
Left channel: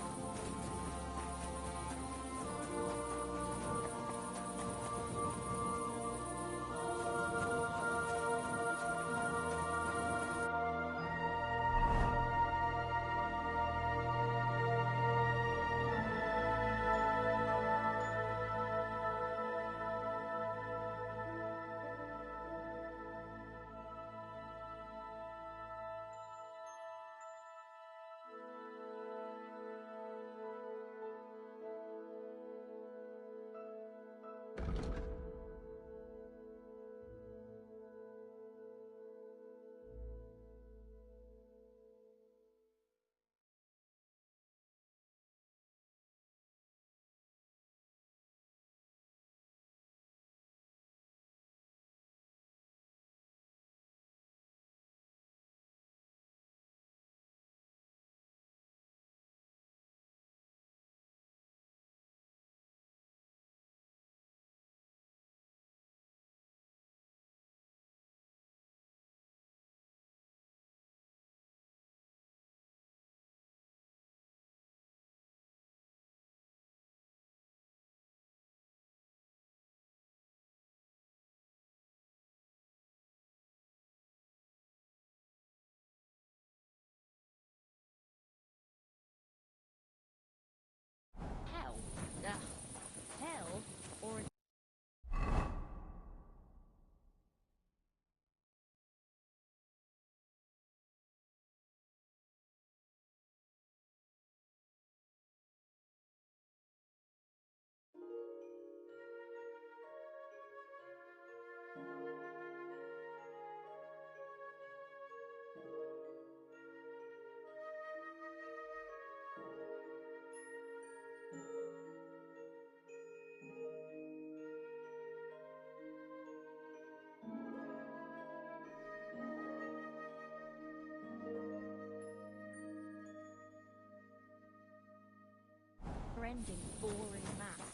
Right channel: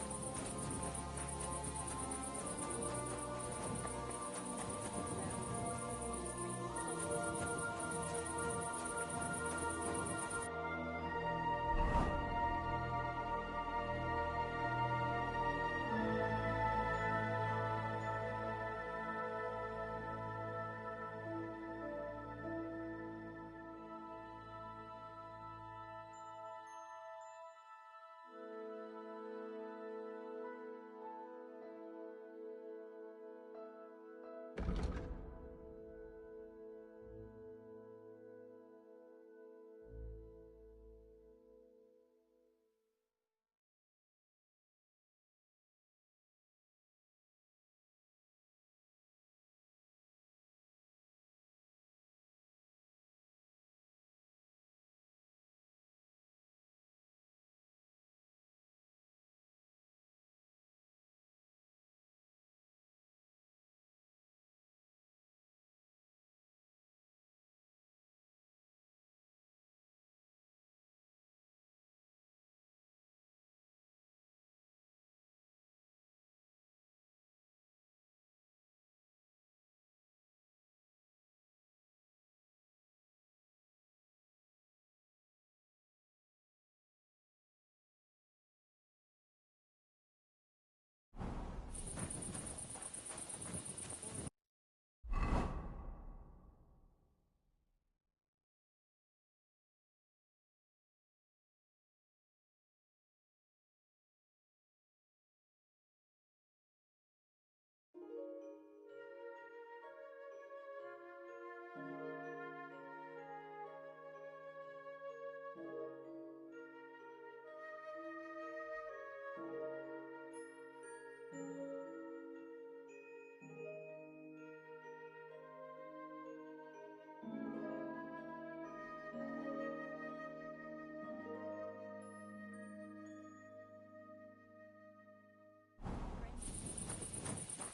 Brendan, boring man.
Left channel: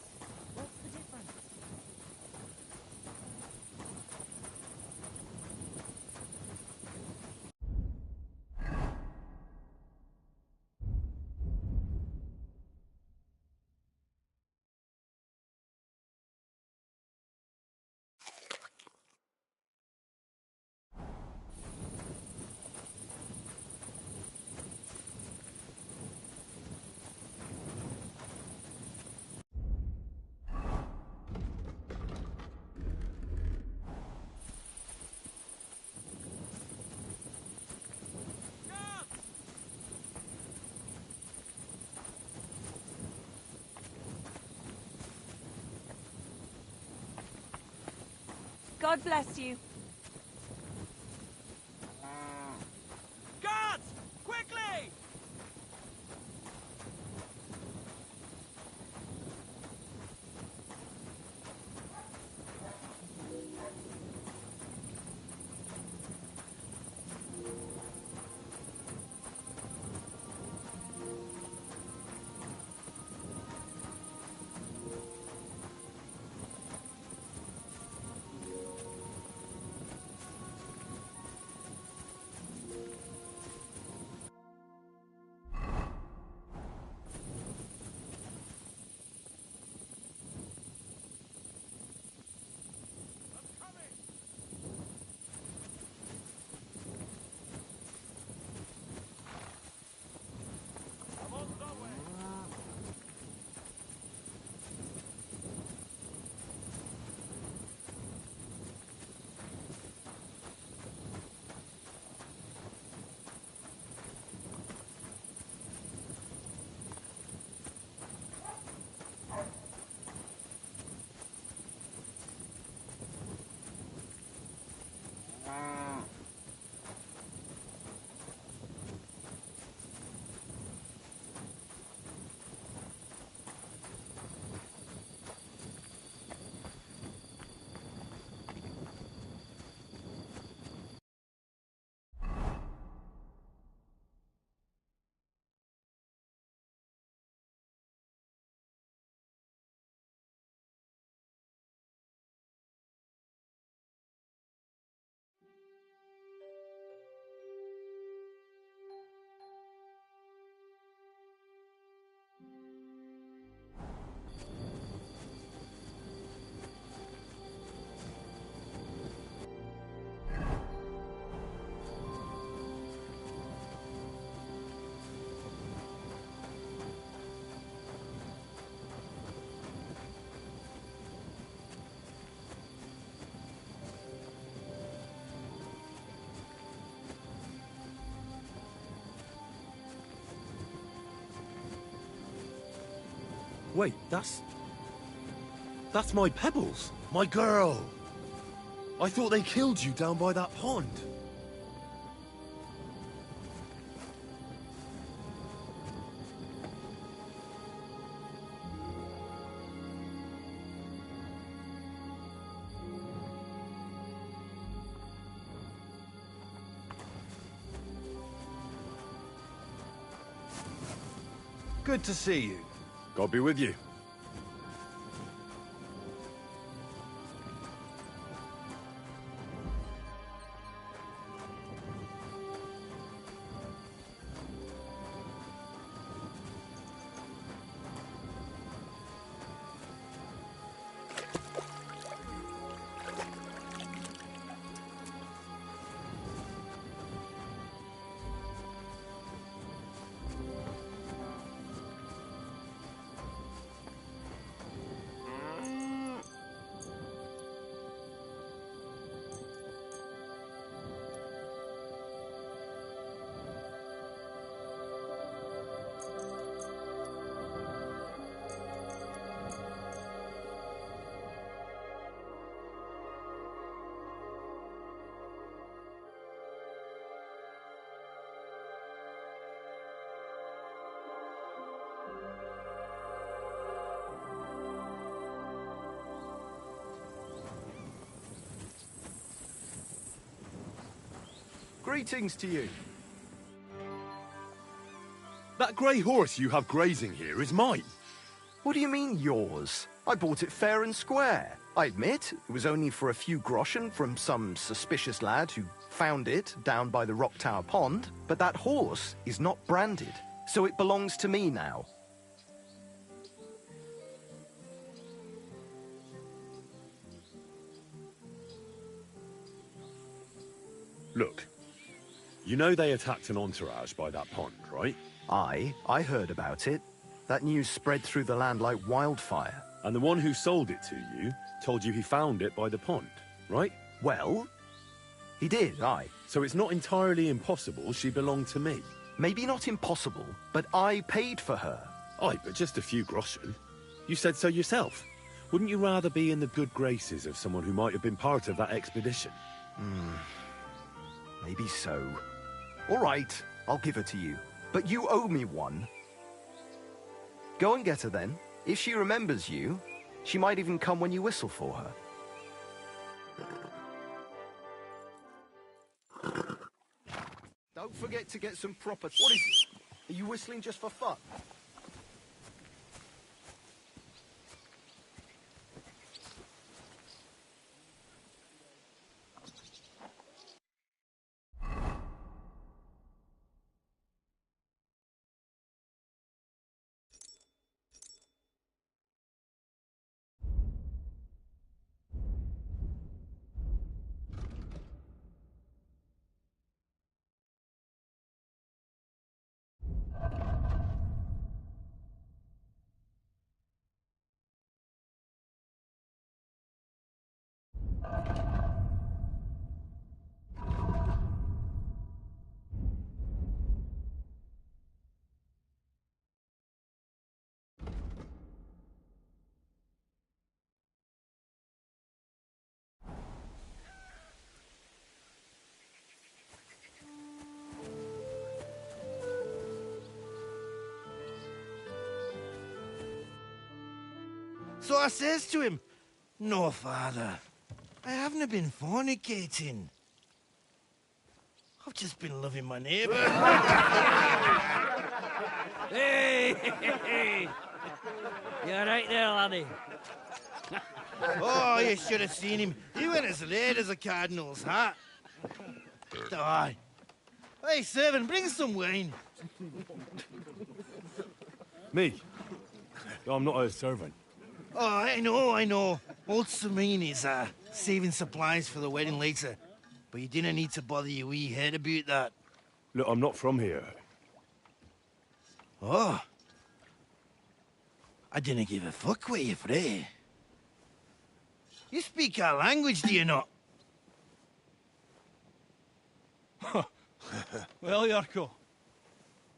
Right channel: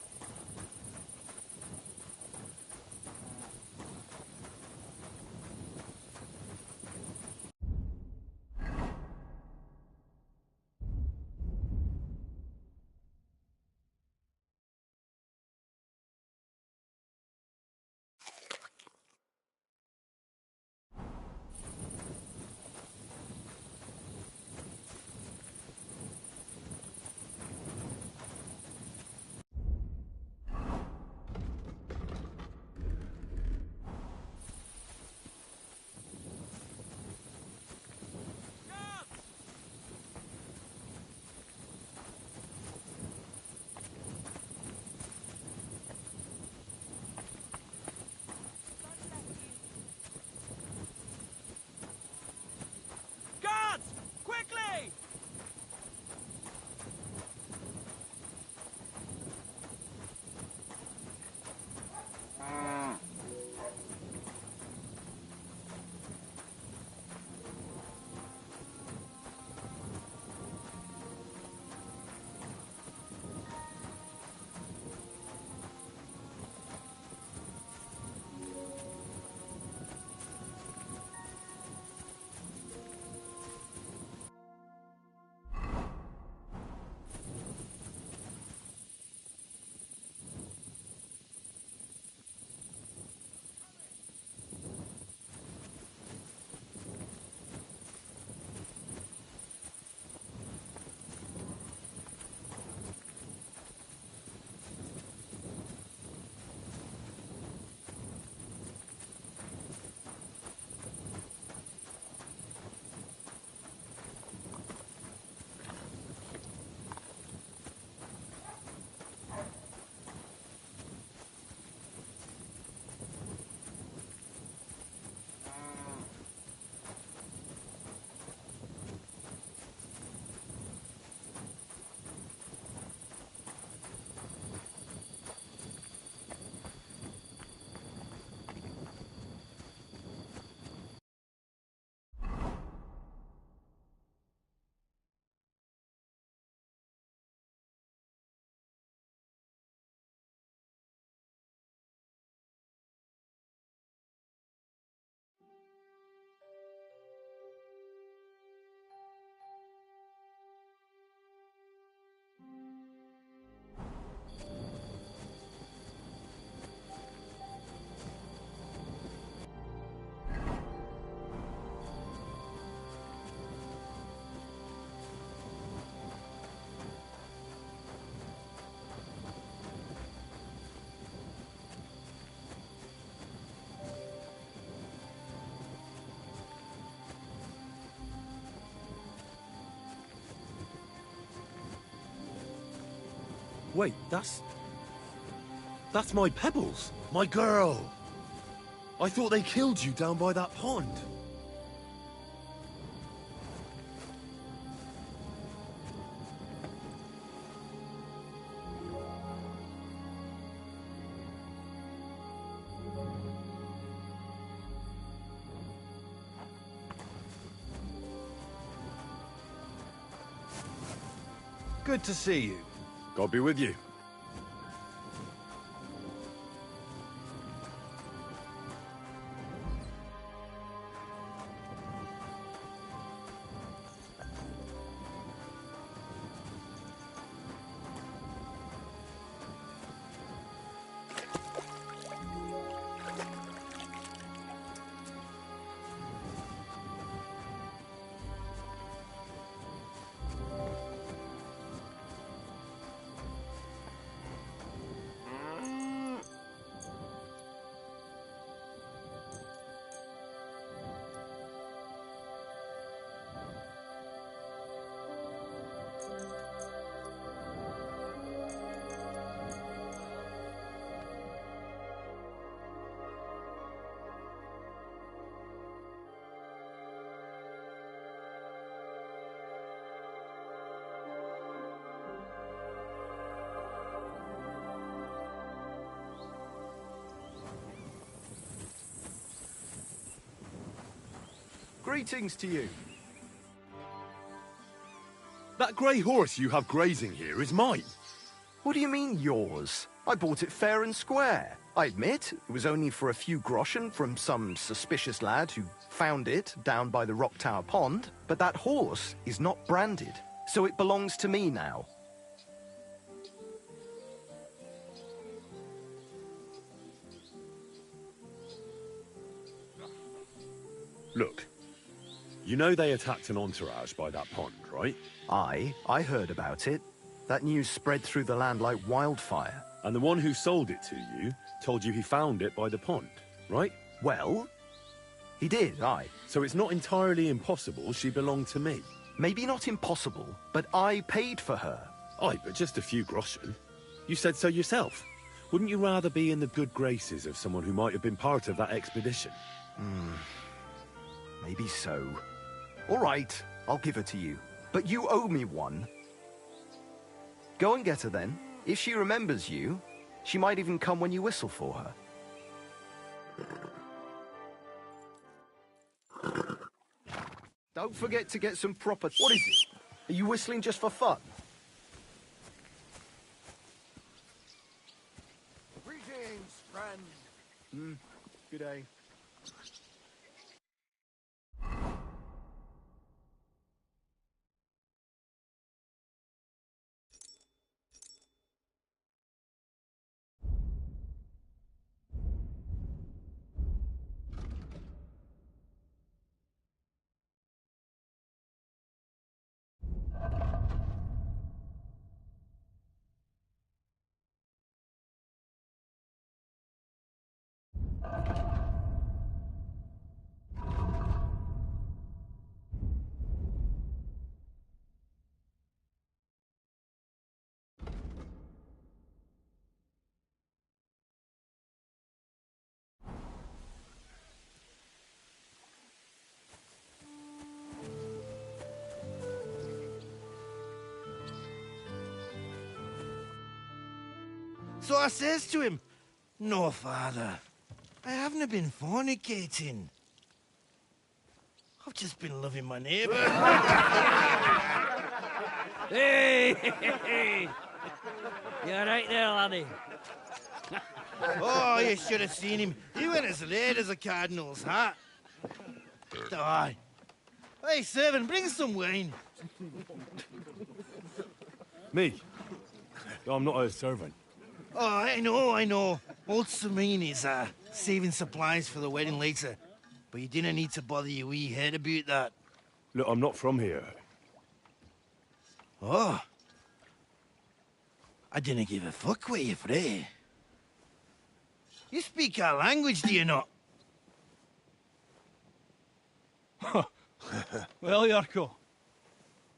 God bless you. Guards! Quickly! Wait, that's my Pebbles, my girl. I thought they killed you down by that pond. Good to see you. God be with you. Greetings to you. That grey horse you have grazing here is mine. What do you mean, yours? I bought it fair and square. I admit, it was only for a few groschen from some suspicious lad who found it down by the Rock Tower Pond, but that horse is not branded, so it belongs to me now. Look, you know they attacked an entourage by that pond, right? I heard about it. That news spread through the land like wildfire. And the one who sold it to you told you he found it by the pond, right? Well, he did, aye. So it's not entirely impossible she belonged to me. Maybe not impossible, but I paid for her. Aye, but just a few groschen. You said so yourself. Wouldn't you rather be in the good graces of someone who might have been part of that expedition? Maybe so. All right, I'll give her to you. But you owe me one. Go and get her then. If she remembers you, she might even come when you whistle for her. Don't forget to get some proper... What is it? Are you whistling just for fun? Greetings, friends. Good day. So I says to him, "No, father, I haven't been fornicating. I've just been loving my neighbour." Hey! You're right there, laddie. Oh, you should have seen him. He went as late as a cardinal's hat. Aye. Hey, servant, bring some wine. Me? I'm not a servant. Oh, I know. Old Samine is saving supplies for the wedding later. But you didn't need to bother your wee head about that. Look, I'm not from here. Oh. I didn't give a fuck where you're from. You speak our language, do you not? Well, Yarko,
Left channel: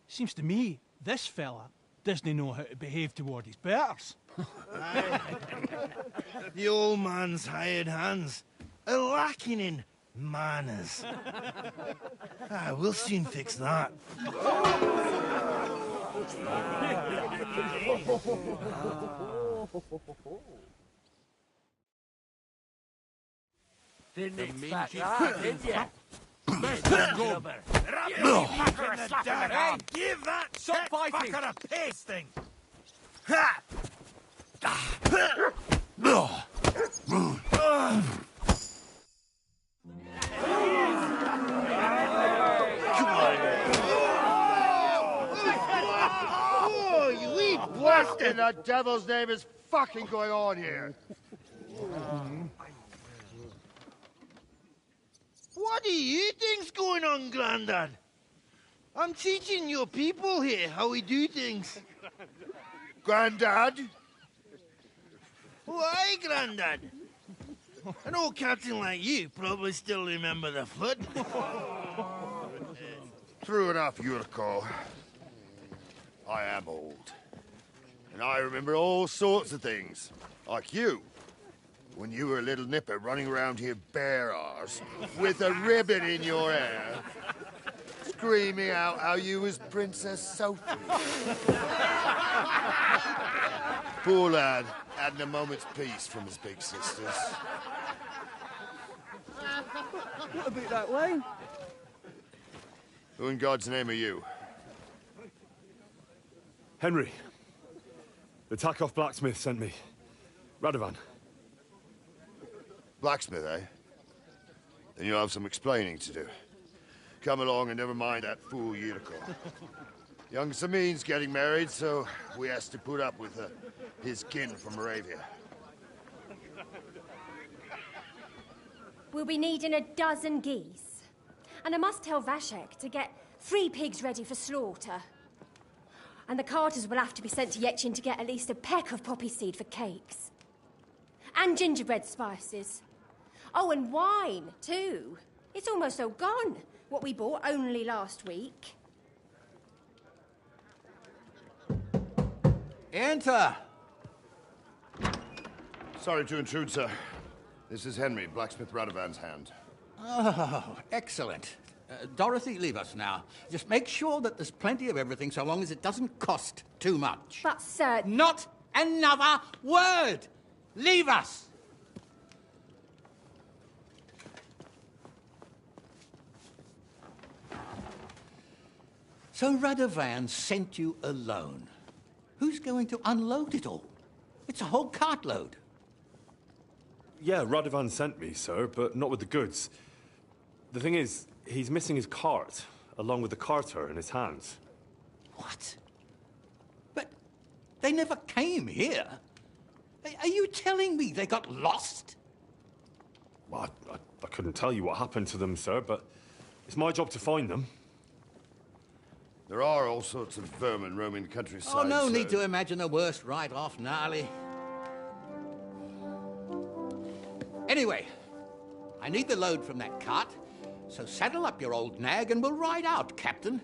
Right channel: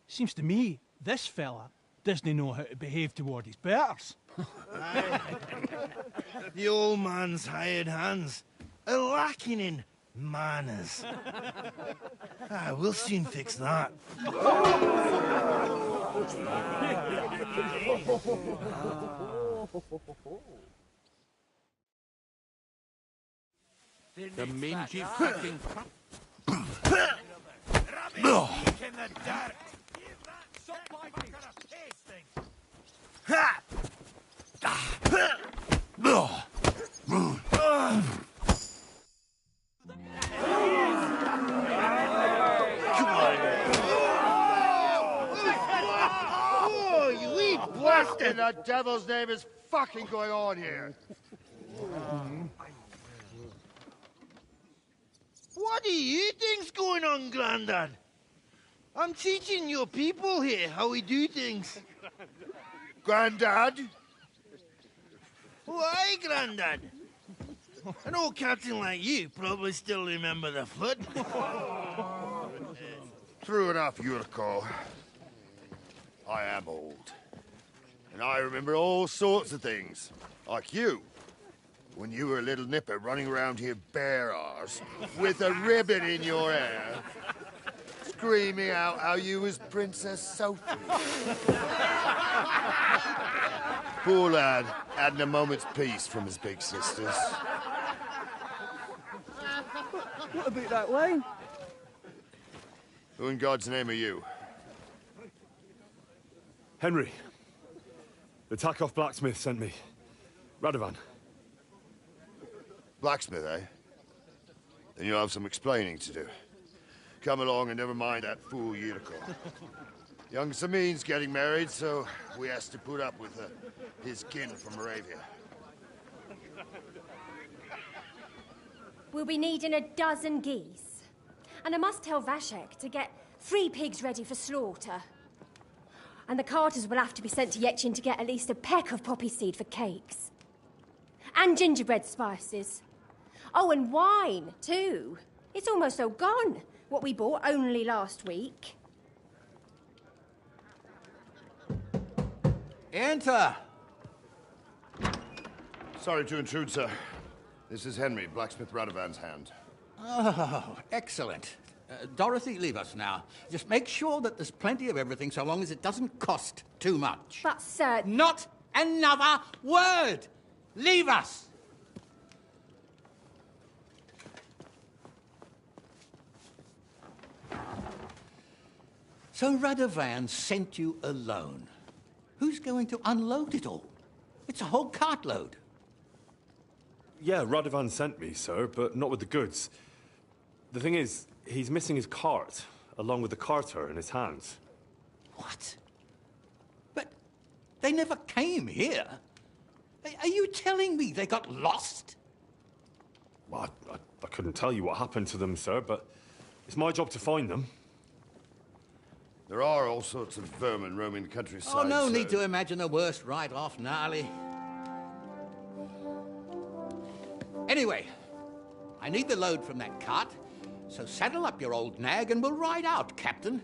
seems to me this fella doesn't know how to behave toward his betters. Aye. The old man's hired hands are lacking in manners. We'll soon fix that. The mingy fucking Give that Stop biting. fucker a pasting! Ha! Oh, you wee what in the devil's name is fucking going on here? What do you think's going on, Grandad? I'm teaching your people here how we do things. Grandad? Why, Grandad? An old captain like you probably still remember the flood. True enough, Yurko. I am old. And I remember all sorts of things. Like you. When you were a little nipper running around here bare arse, with a ribbon in your hair, screaming out how you was Princess Sophie. Poor lad, hadn't a moment's peace from his big sisters. What about that wine? Who in God's name are you? Henry. The Takoff blacksmith sent me. Radovan. Blacksmith, eh? Then you'll have some explaining to do. Come along and never mind that fool Yurko. Young Samin's getting married, so we has to put up with his kin from Moravia. We'll be needing a dozen geese. And I must tell Vashek to get 3 pigs ready for slaughter. And the carters will have to be sent to Yetchin to get at least a peck of poppy seed for cakes. And gingerbread spices. Oh, and wine, too. It's almost all gone, what we bought only last week. Enter! Sorry to intrude, sir. This is Henry, blacksmith Radovan's hand. Oh, excellent. Dorothy, leave us now. Just make sure that there's plenty of everything so long as it doesn't cost too much. But, sir... Not another word! Leave us! So Radovan sent you alone. Who's going to unload it all? It's a whole cartload. Yeah, Radovan sent me, sir, but not with the goods. The thing is, he's missing his cart, along with the carter in his hands. What? But they never came here. Are you telling me they got lost? Well, I couldn't tell you what happened to them, sir, but it's my job to find them. There are all sorts of vermin roaming the countryside. Oh, no need to imagine the worst right off, gnarly. Anyway, I need the load from that cart, so saddle up your old nag and we'll ride out, Captain.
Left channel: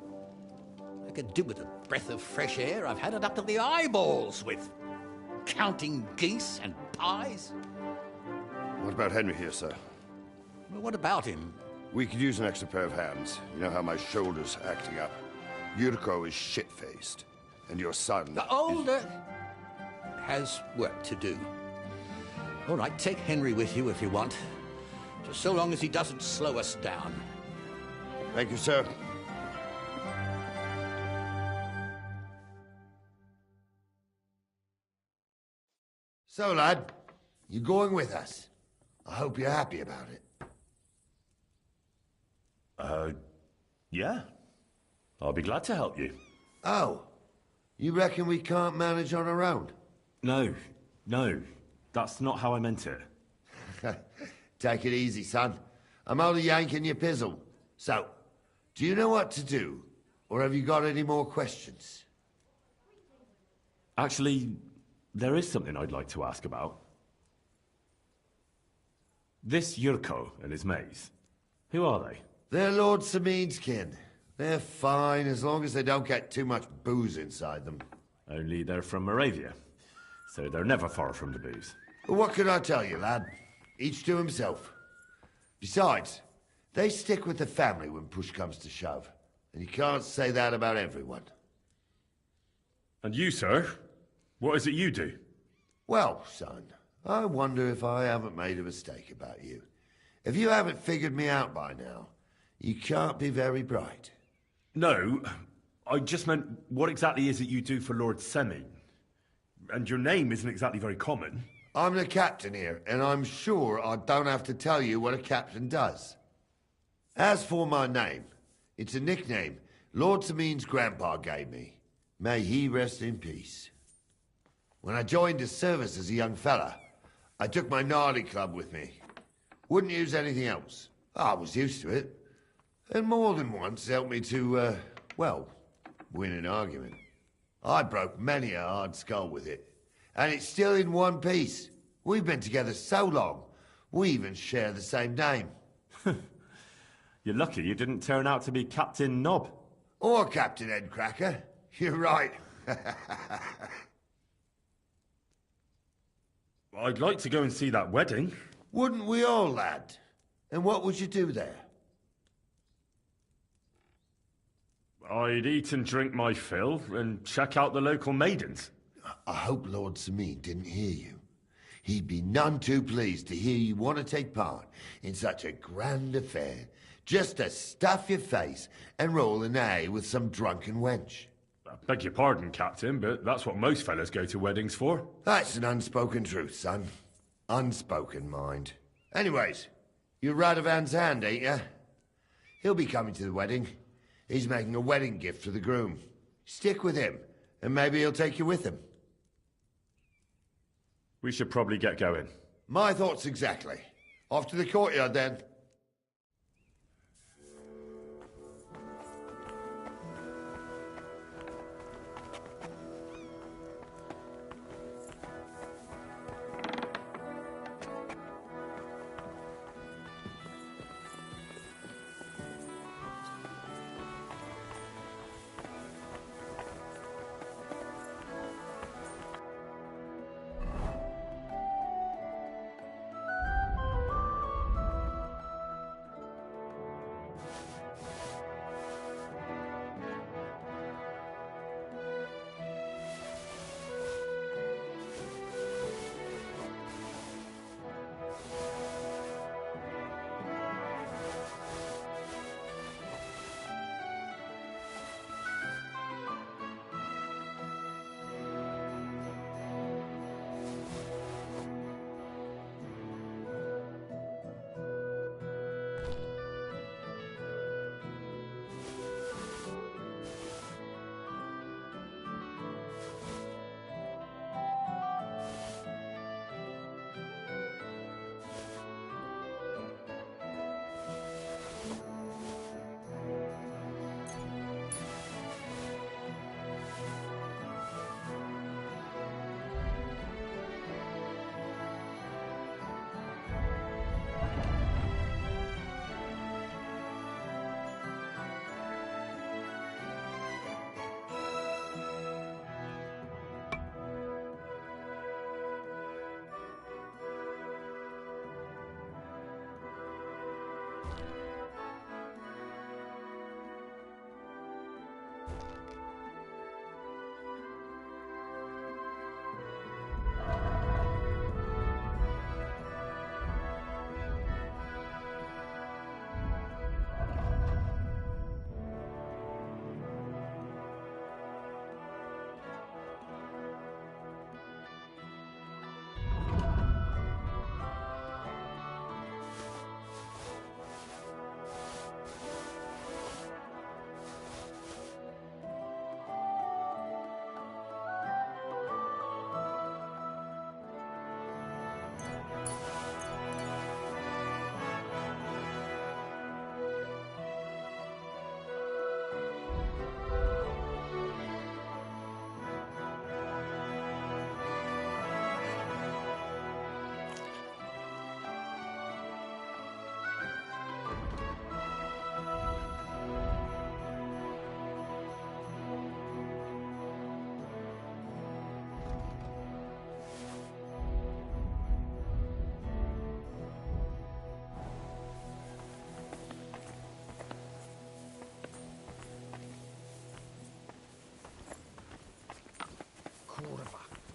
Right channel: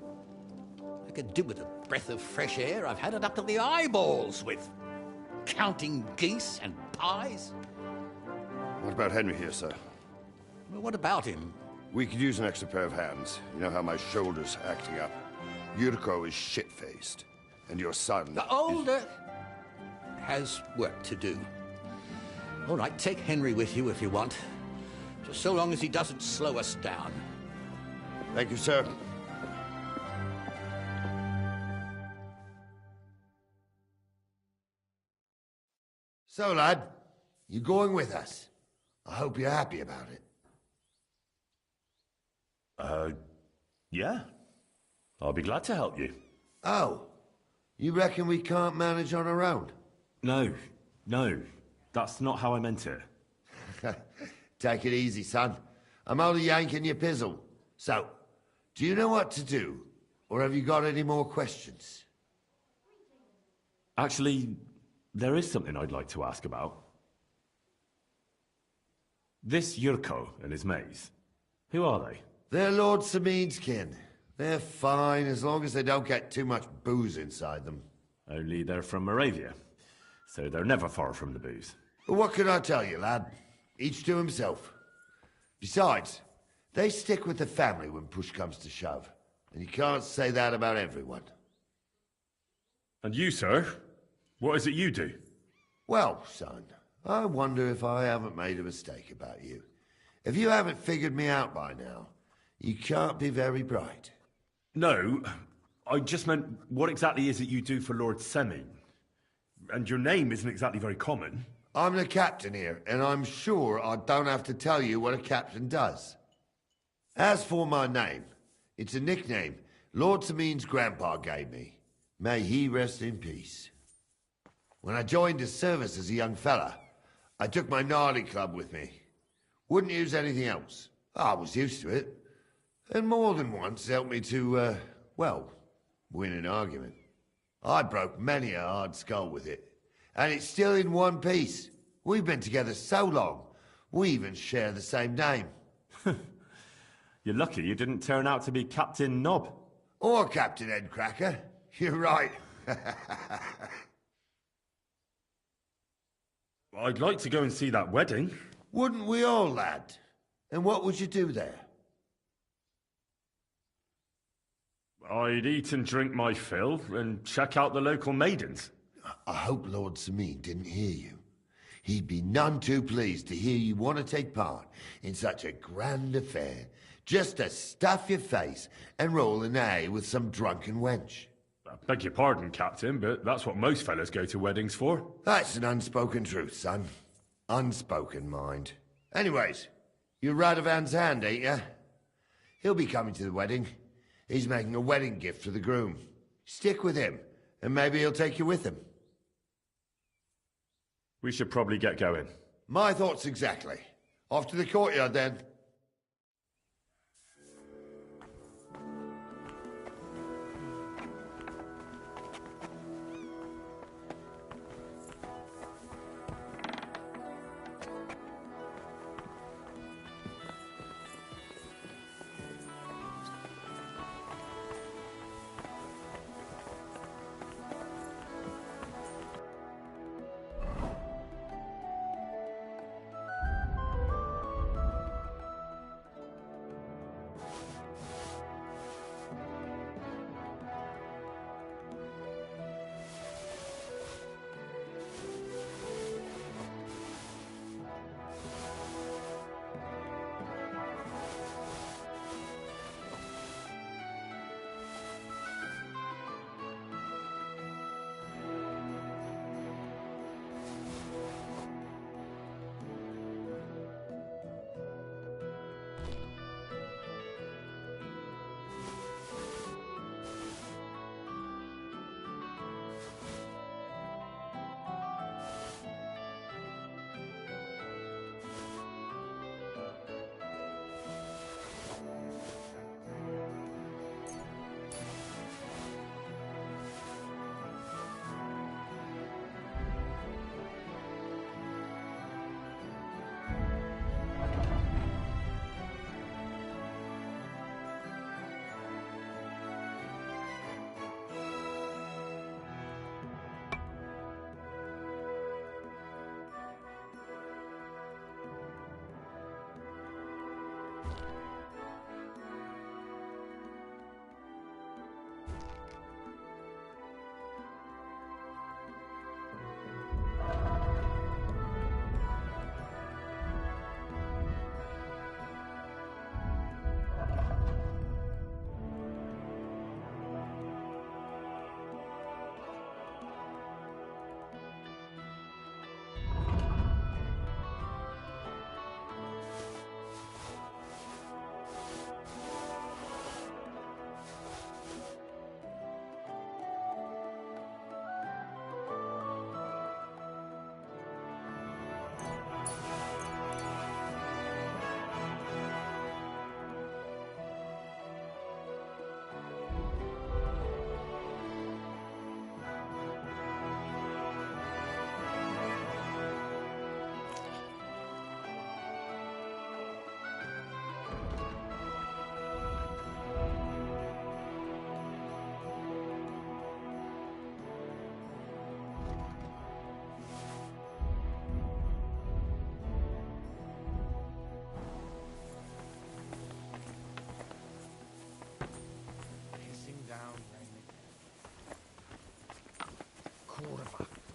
I could do with a breath of fresh air. I've had it up to the eyeballs with counting geese and pies. What about Henry here, sir? Well, what about him? We could use an extra pair of hands. You know how my shoulder's acting up. Yurko is shit-faced, and your son... The older has work to do. All right, take Henry with you if you want. Just so long as he doesn't slow us down. Thank you, sir. So, lad, you going with us? I hope you're happy about it. Yeah. I'll be glad to help you. Oh, you reckon we can't manage on our own? No, that's not how I meant it. Take it easy, son. I'm only yanking your pizzle. So, do you know what to do? Or have you got any more questions? Actually, there is something I'd like to ask about. This Yurko and his mates, who are they? They're Lord Samin's kin. They're fine as long as they don't get too much booze inside them. Only they're from Moravia, so they're never far from the booze. But what can I tell you, lad? Each to himself. Besides, they stick with the family when push comes to shove. And you can't say that about everyone. And you, sir? What is it you do? Well, son, I wonder if I haven't made a mistake about you. If you haven't figured me out by now, you can't be very bright. No, I just meant, what exactly is it you do for Lord Semin? And your name isn't exactly very common. I'm the captain here, and I'm sure I don't have to tell you what a captain does. As for my name, it's a nickname Lord Samin's grandpa gave me. May he rest in peace. When I joined his service as a young fella, I took my gnarly club with me. Wouldn't use anything else. I was used to it. And more than once helped me to, well, win an argument. I broke many a hard skull with it. And it's still in one piece. We've been together so long, we even share the same name. You're lucky you didn't turn out to be Captain Knob. Or Captain Headcracker. You're right. I'd like to go and see that wedding. Wouldn't we all, lad? And what would you do there? I'd eat and drink my fill and check out the local maidens. I hope Lord Samin didn't hear you. He'd be none too pleased to hear you want to take part in such a grand affair, just to stuff your face and roll an A with some drunken wench. I beg your pardon, Captain, but that's what most fellas go to weddings for. That's an unspoken truth, son. Unspoken, mind. Anyways, you're Radovan's hand, ain't ya? He'll be coming to the wedding. He's making a wedding gift for the groom. Stick with him, and maybe he'll take you with him. We should probably get going. My thoughts exactly. Off to the courtyard, then.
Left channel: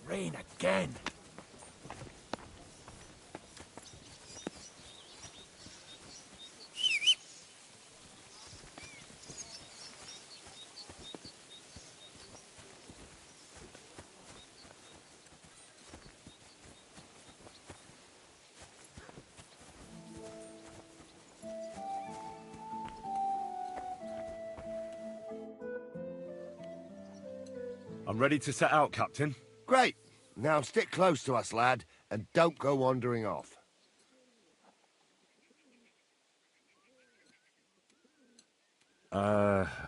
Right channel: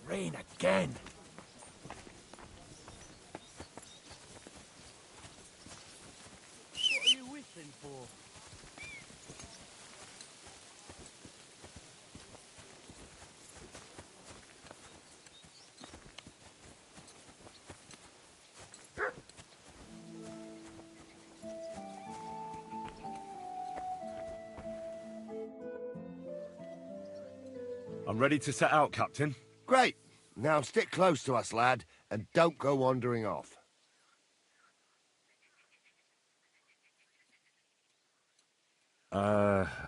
Rain again. I'm ready to set out, Captain. Great. Now stick close to us, lad, and don't go wandering off.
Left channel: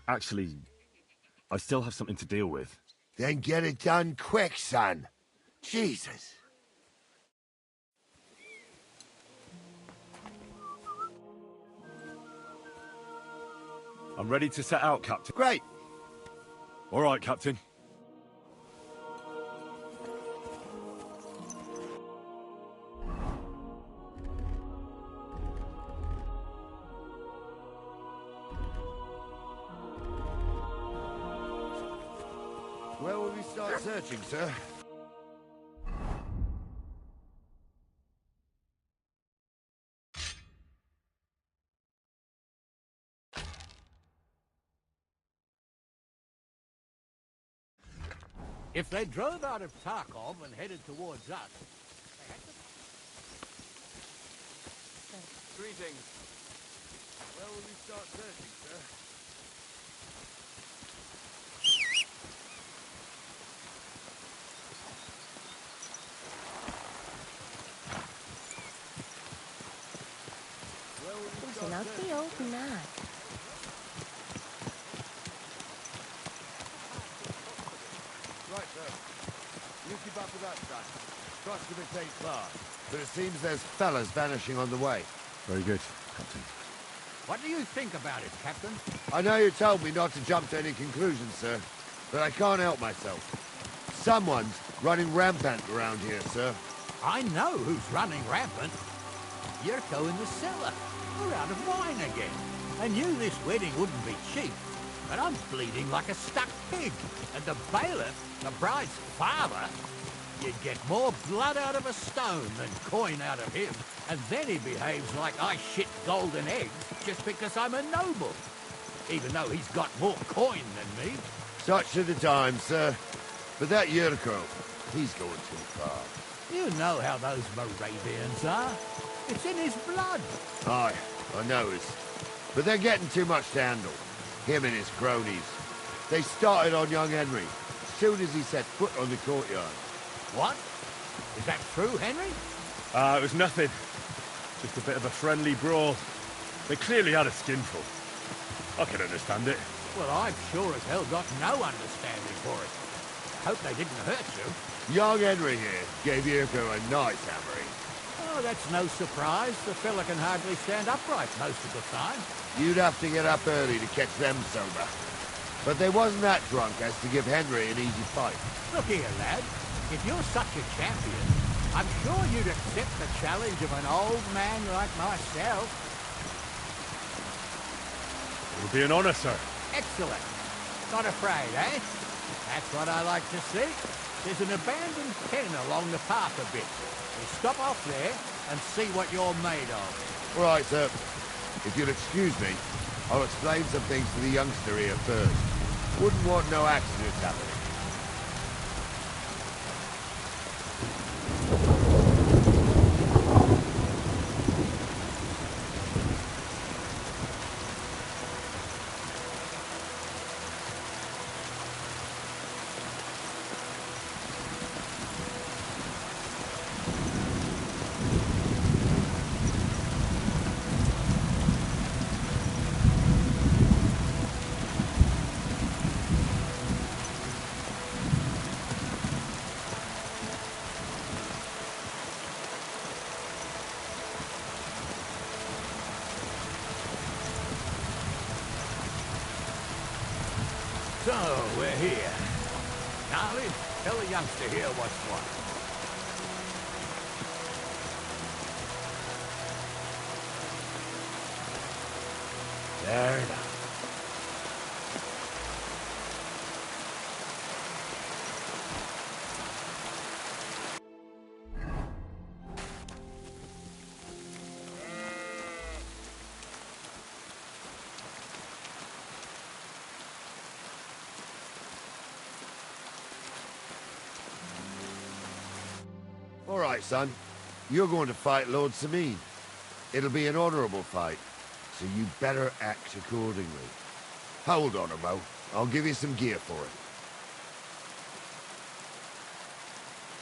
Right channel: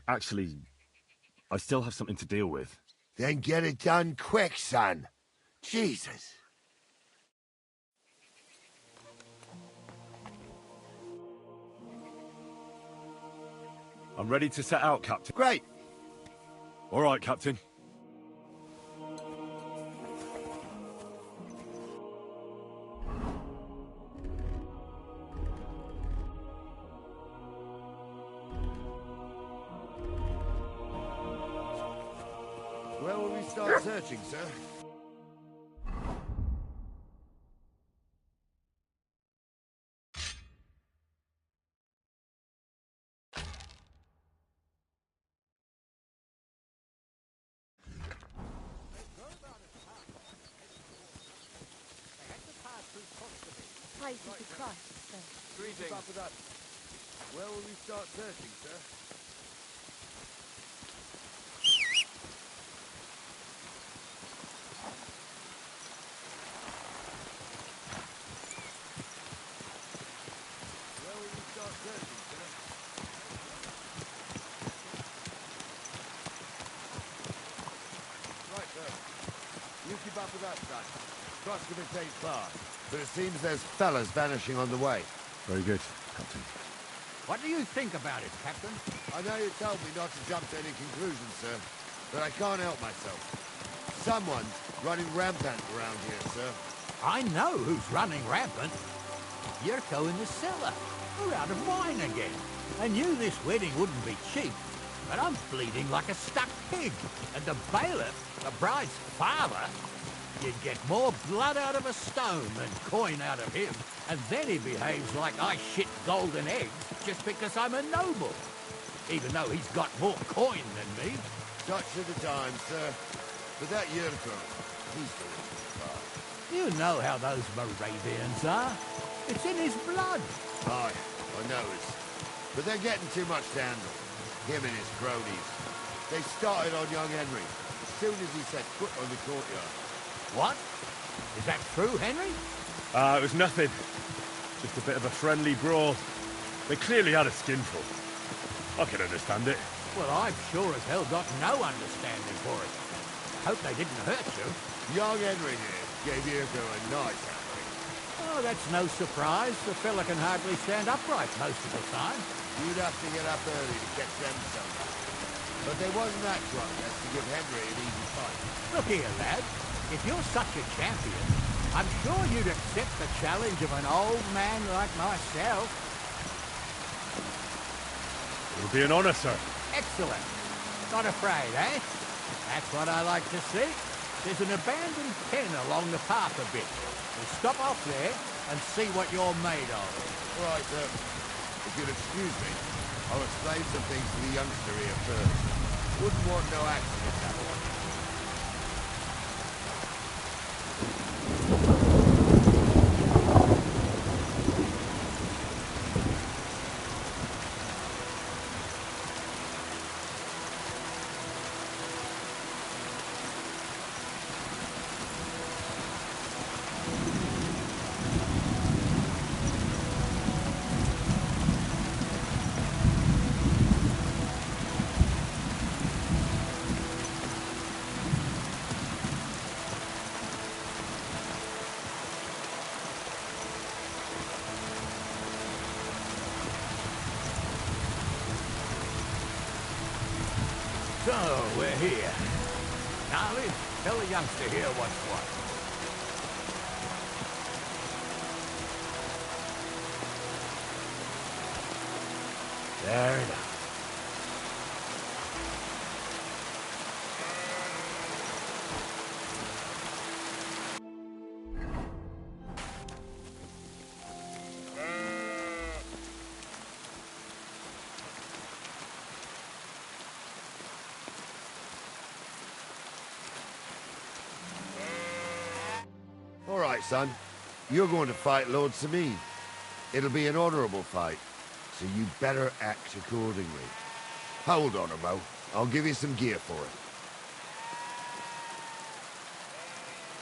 Actually, I still have something to deal with. Then get it done quick, son. Jesus. I'm ready to set out, Captain. Great. All right, Captain. Where will we start searching, sir? If they drove out of Tarkov and headed towards us, they had to pass through... Places to cross, sir. Greetings. Where will we start searching, sir? Right, sir. You keep up with that, son. Trust if it takes far. But it seems there's fellas vanishing on the way. Very good, Captain. What do you think about it, Captain? I know you told me not to jump to any conclusions, sir, but I can't help myself. Someone's running rampant around here, sir. I know who's running rampant. Yurko in the cellar. We're out of wine again. I knew this wedding wouldn't be cheap, but I'm bleeding like a stuck pig. And the bailiff, the bride's father, you'd get more blood out of a stone than coin out of him. And then he behaves like I shit golden eggs just because I'm a noble. Even though he's got more coin than me. Such are the times, sir. But that Yurko, he's going too far. You know how those Moravians are. It's in his blood. Aye, I know it. But they're getting too much to handle. Him and his cronies. They started on young Henry as soon as he set foot on the courtyard. What? Is that true, Henry? It was nothing. Just a bit of a friendly brawl. They clearly had a skinful. I can understand it. Well, I've sure as hell got no understanding for it. I hope they didn't hurt you. Young Henry here gave Yurko a nice hammering. Oh, that's no surprise. The fella can hardly stand upright most of the time. You'd have to get up early to catch them sober. But they wasn't that drunk as to give Henry an easy fight. Look here, lad. If you're such a champion, I'm sure you'd accept the challenge of an old man like myself. It'll be an honor, sir. Excellent. Not afraid, eh? That's what I like to see. There's an abandoned pen along the path a bit. We'll stop off there and see what you're made of. Right, sir. If you'll excuse me, I'll explain some things to the youngster here first. Wouldn't want no accidents happening. So, we're here. Gnarly, tell the youngster here what's what. There now. All right, son. You're going to fight Lord Samin. It'll be an honorable fight, so you better act accordingly. Hold on a mo. I'll give you some gear for it.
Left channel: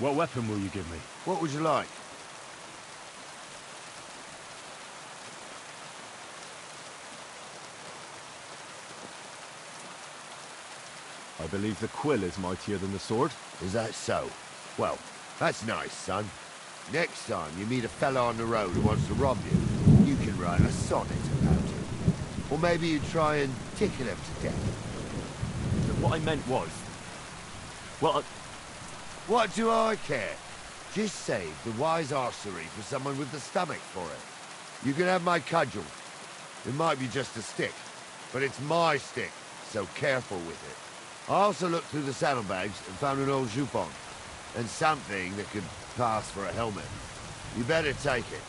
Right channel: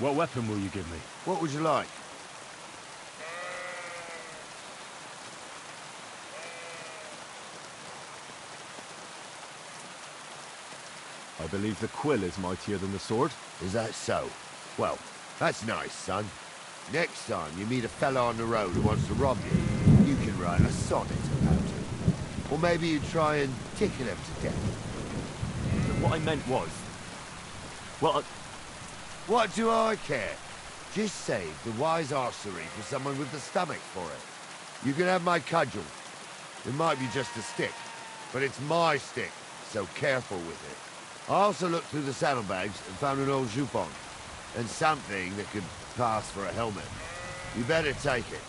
What weapon will you give me? What would you like? I believe the quill is mightier than the sword. Is that so? Well, that's nice, son. Next time you meet a fella on the road who wants to rob you, you can write a sonnet about him. Or maybe you try and tickle him to death. But what I meant was... Well, What do I care? Just save the wise arsery for someone with the stomach for it. You can have my cudgel. It might be just a stick, but it's my stick, so careful with it. I also looked through the saddlebags and found an old jupon, and something that could pass for a helmet. You better take it,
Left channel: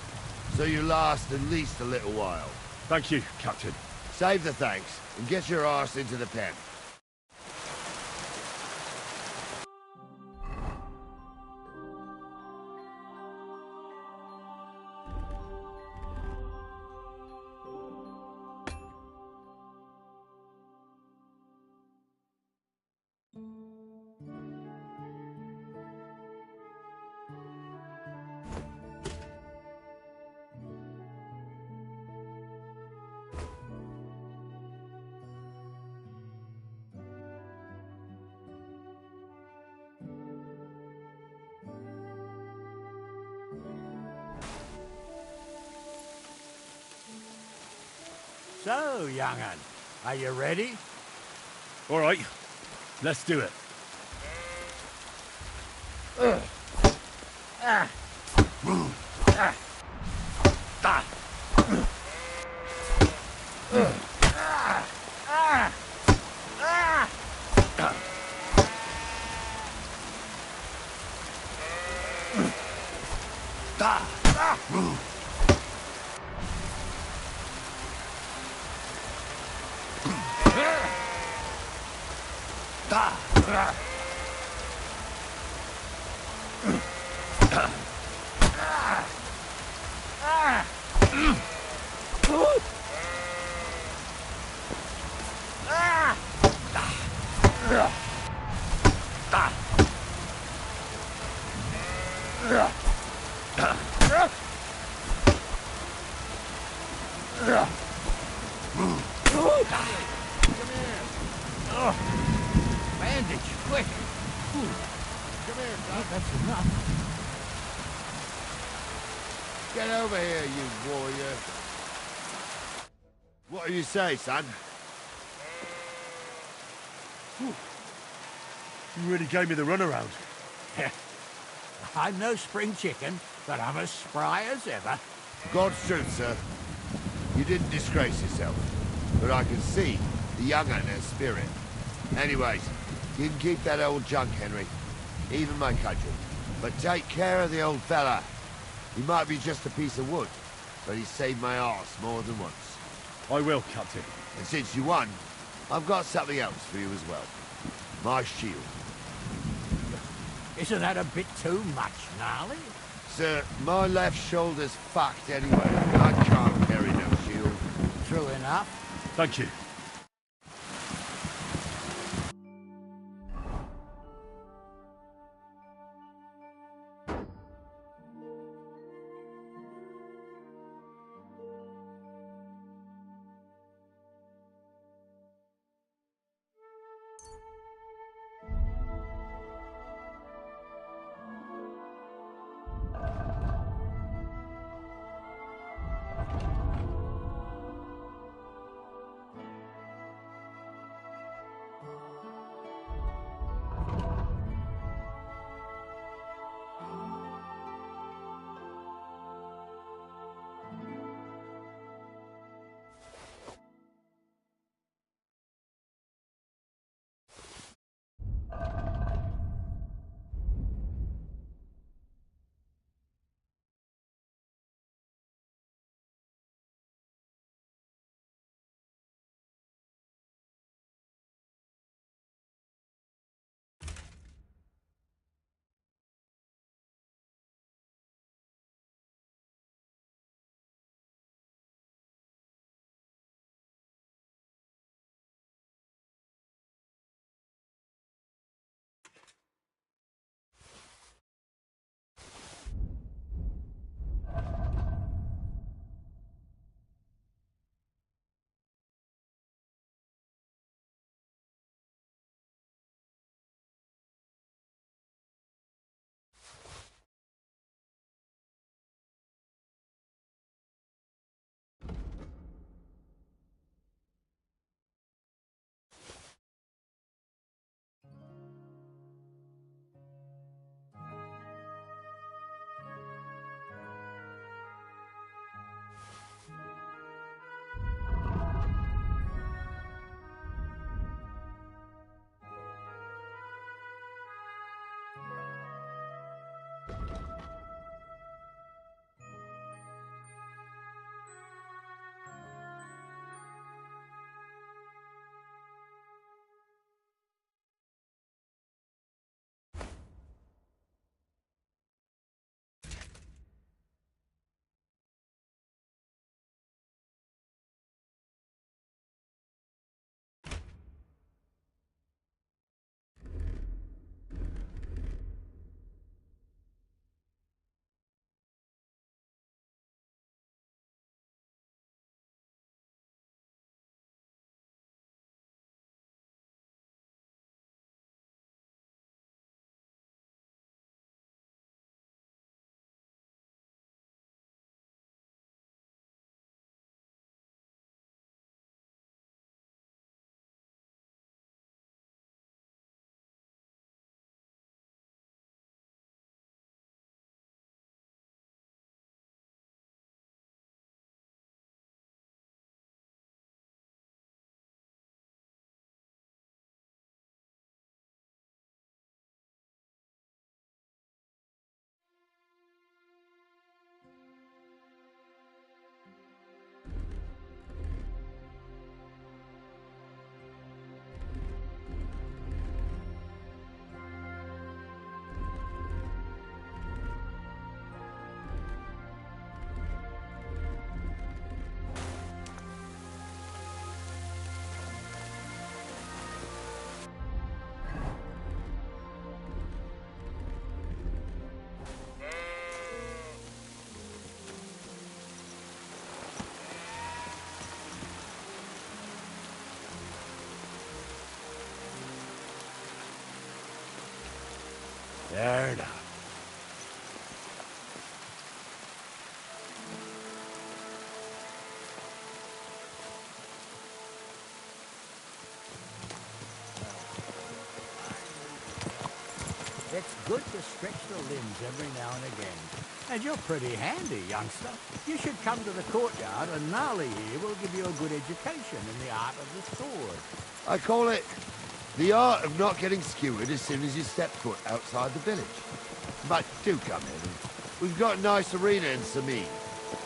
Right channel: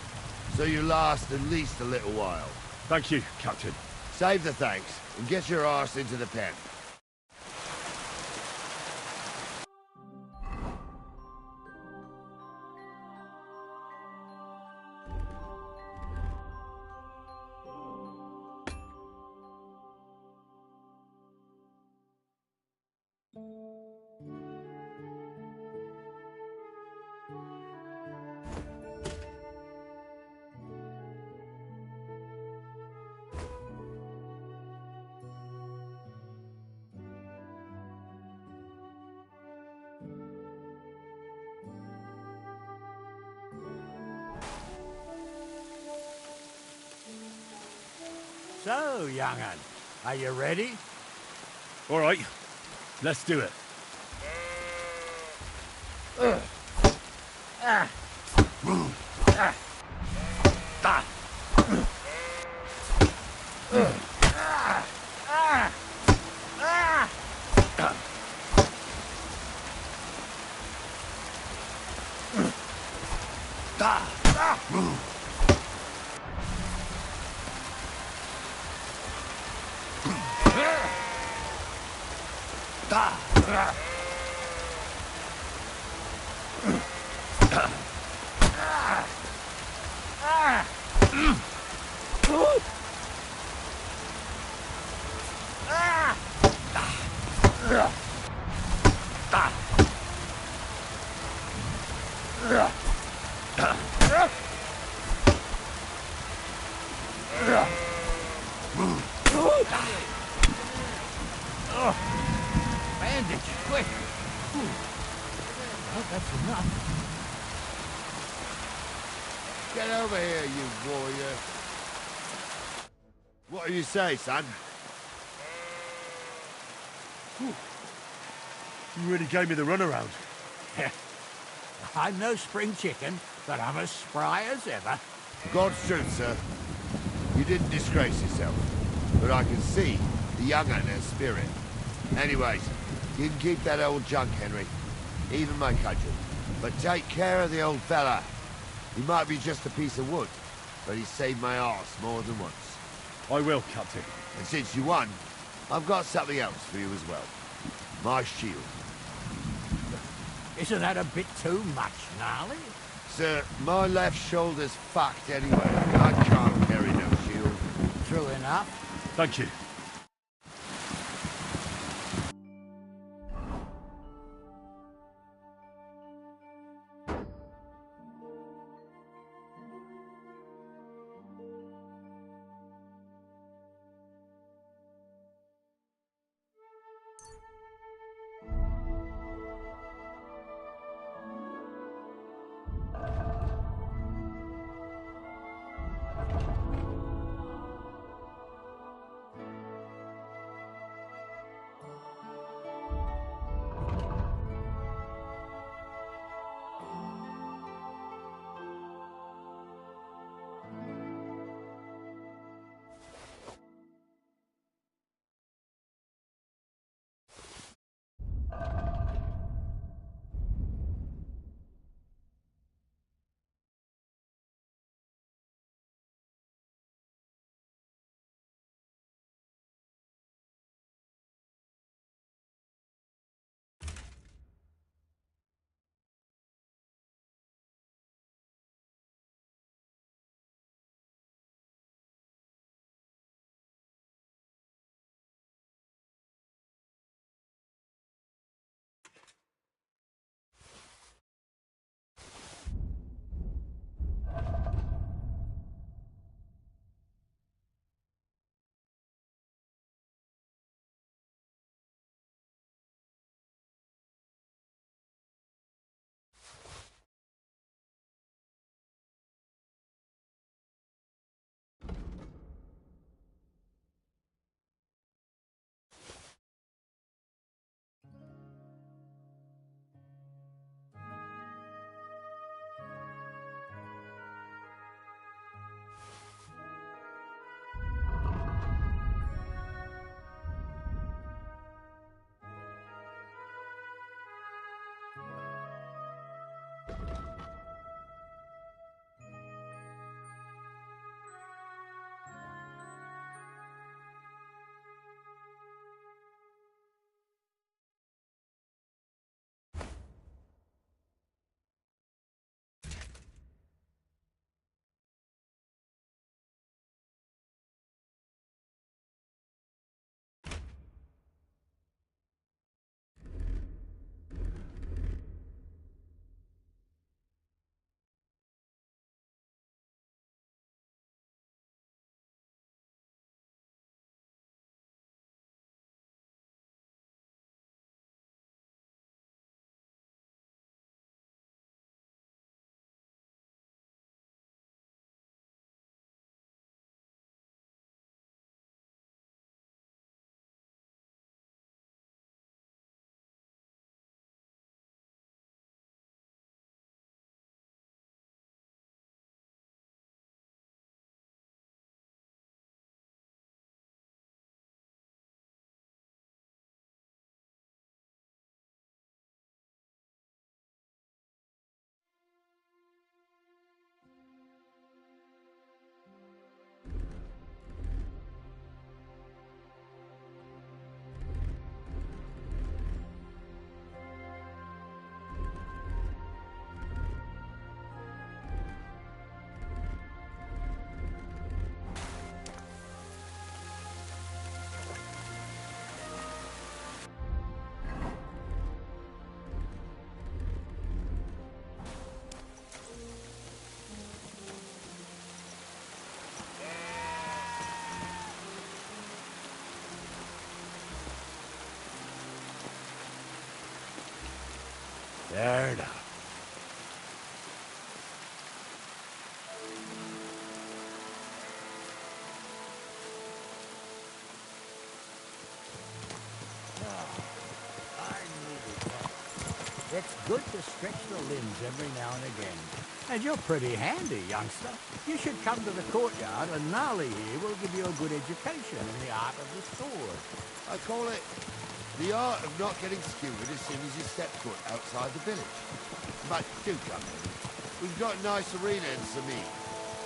so you last at least a little while. Thank you, Captain. Save the thanks, and get your arse into the pen. So, young'un, are you ready? All right, let's do it. Bandage, quick! That's enough. Get over here, you warrior. What do you say, son? You really gave me the runaround. I'm no spring chicken, but I'm as spry as ever. God's truth, sir. You didn't disgrace yourself, but I can see the young un has spirit. Anyways, you can keep that old junk, Henry. Even my cudgel. But take care of the old fella. He might be just a piece of wood, but he saved my arse more than once. I will, Captain. And since you won, I've got something else for you as well. My shield. Isn't that a bit too much, Gnarly? Sir, my left shoulder's fucked anyway. I can't carry no shield. True enough. Thank you. Fair enough. It's good to stretch the limbs every now and again. And you're pretty handy, youngster. You should come to the courtyard and Gnarly here will give you a good education in the art of the sword. I call it the art of not getting skewered as soon as you step foot outside the village. But do come in. We've got a nice arena in Samin.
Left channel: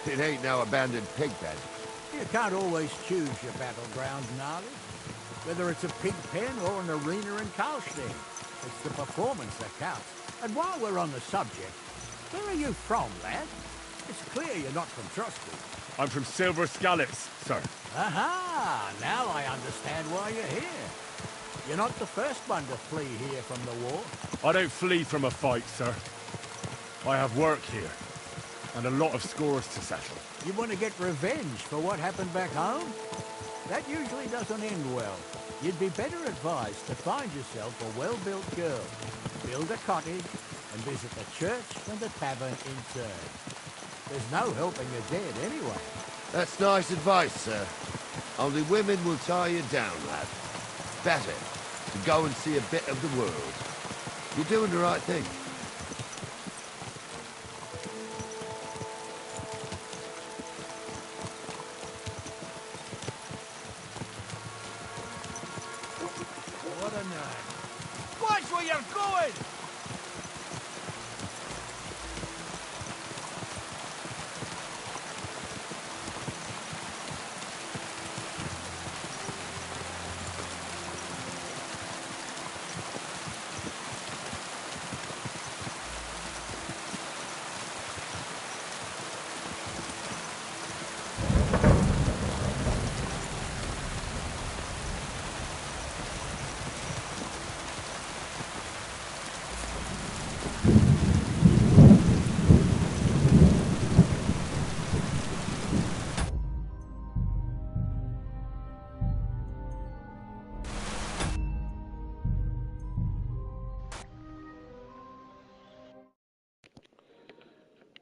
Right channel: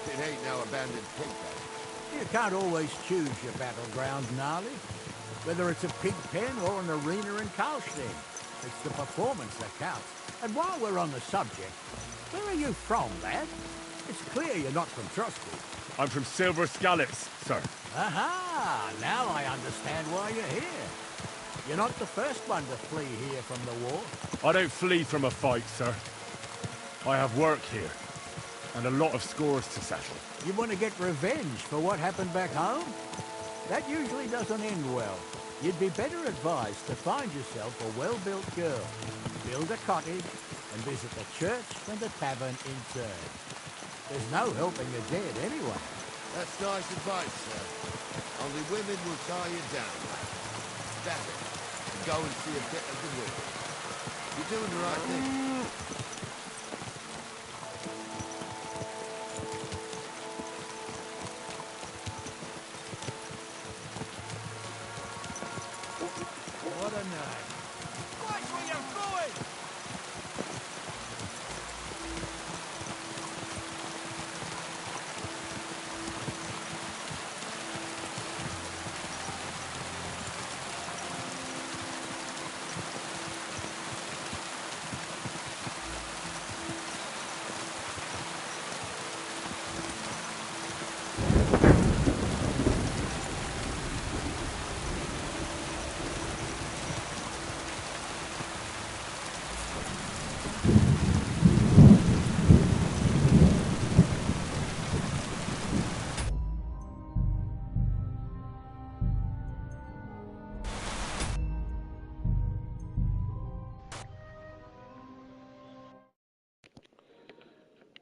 It ain't no abandoned pig pen. You can't always choose your battleground, Gnarly. Whether it's a pig pen or an arena in Karlstein. It's the performance that counts. And while we're on the subject, where are you from, lad? It's clear you're not from Trusty. I'm from Silver Scallops, sir. Aha! Now I understand why you're here. You're not the first one to flee here from the war. I don't flee from a fight, sir. I have work here, and a lot of scores to settle. You want to get revenge for what happened back home? That usually doesn't end well. You'd be better advised to find yourself a well-built girl, build a cottage, and visit the church and the tavern in turn. There's no helping the dead anyway. That's nice advice, sir. Only women will tie you down, lad. Better to go and see a bit of the world. You're doing the right thing. What a night. Watch where you're going!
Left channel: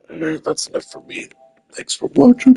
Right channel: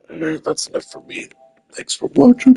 Alright, that's enough for me. Thanks for watching.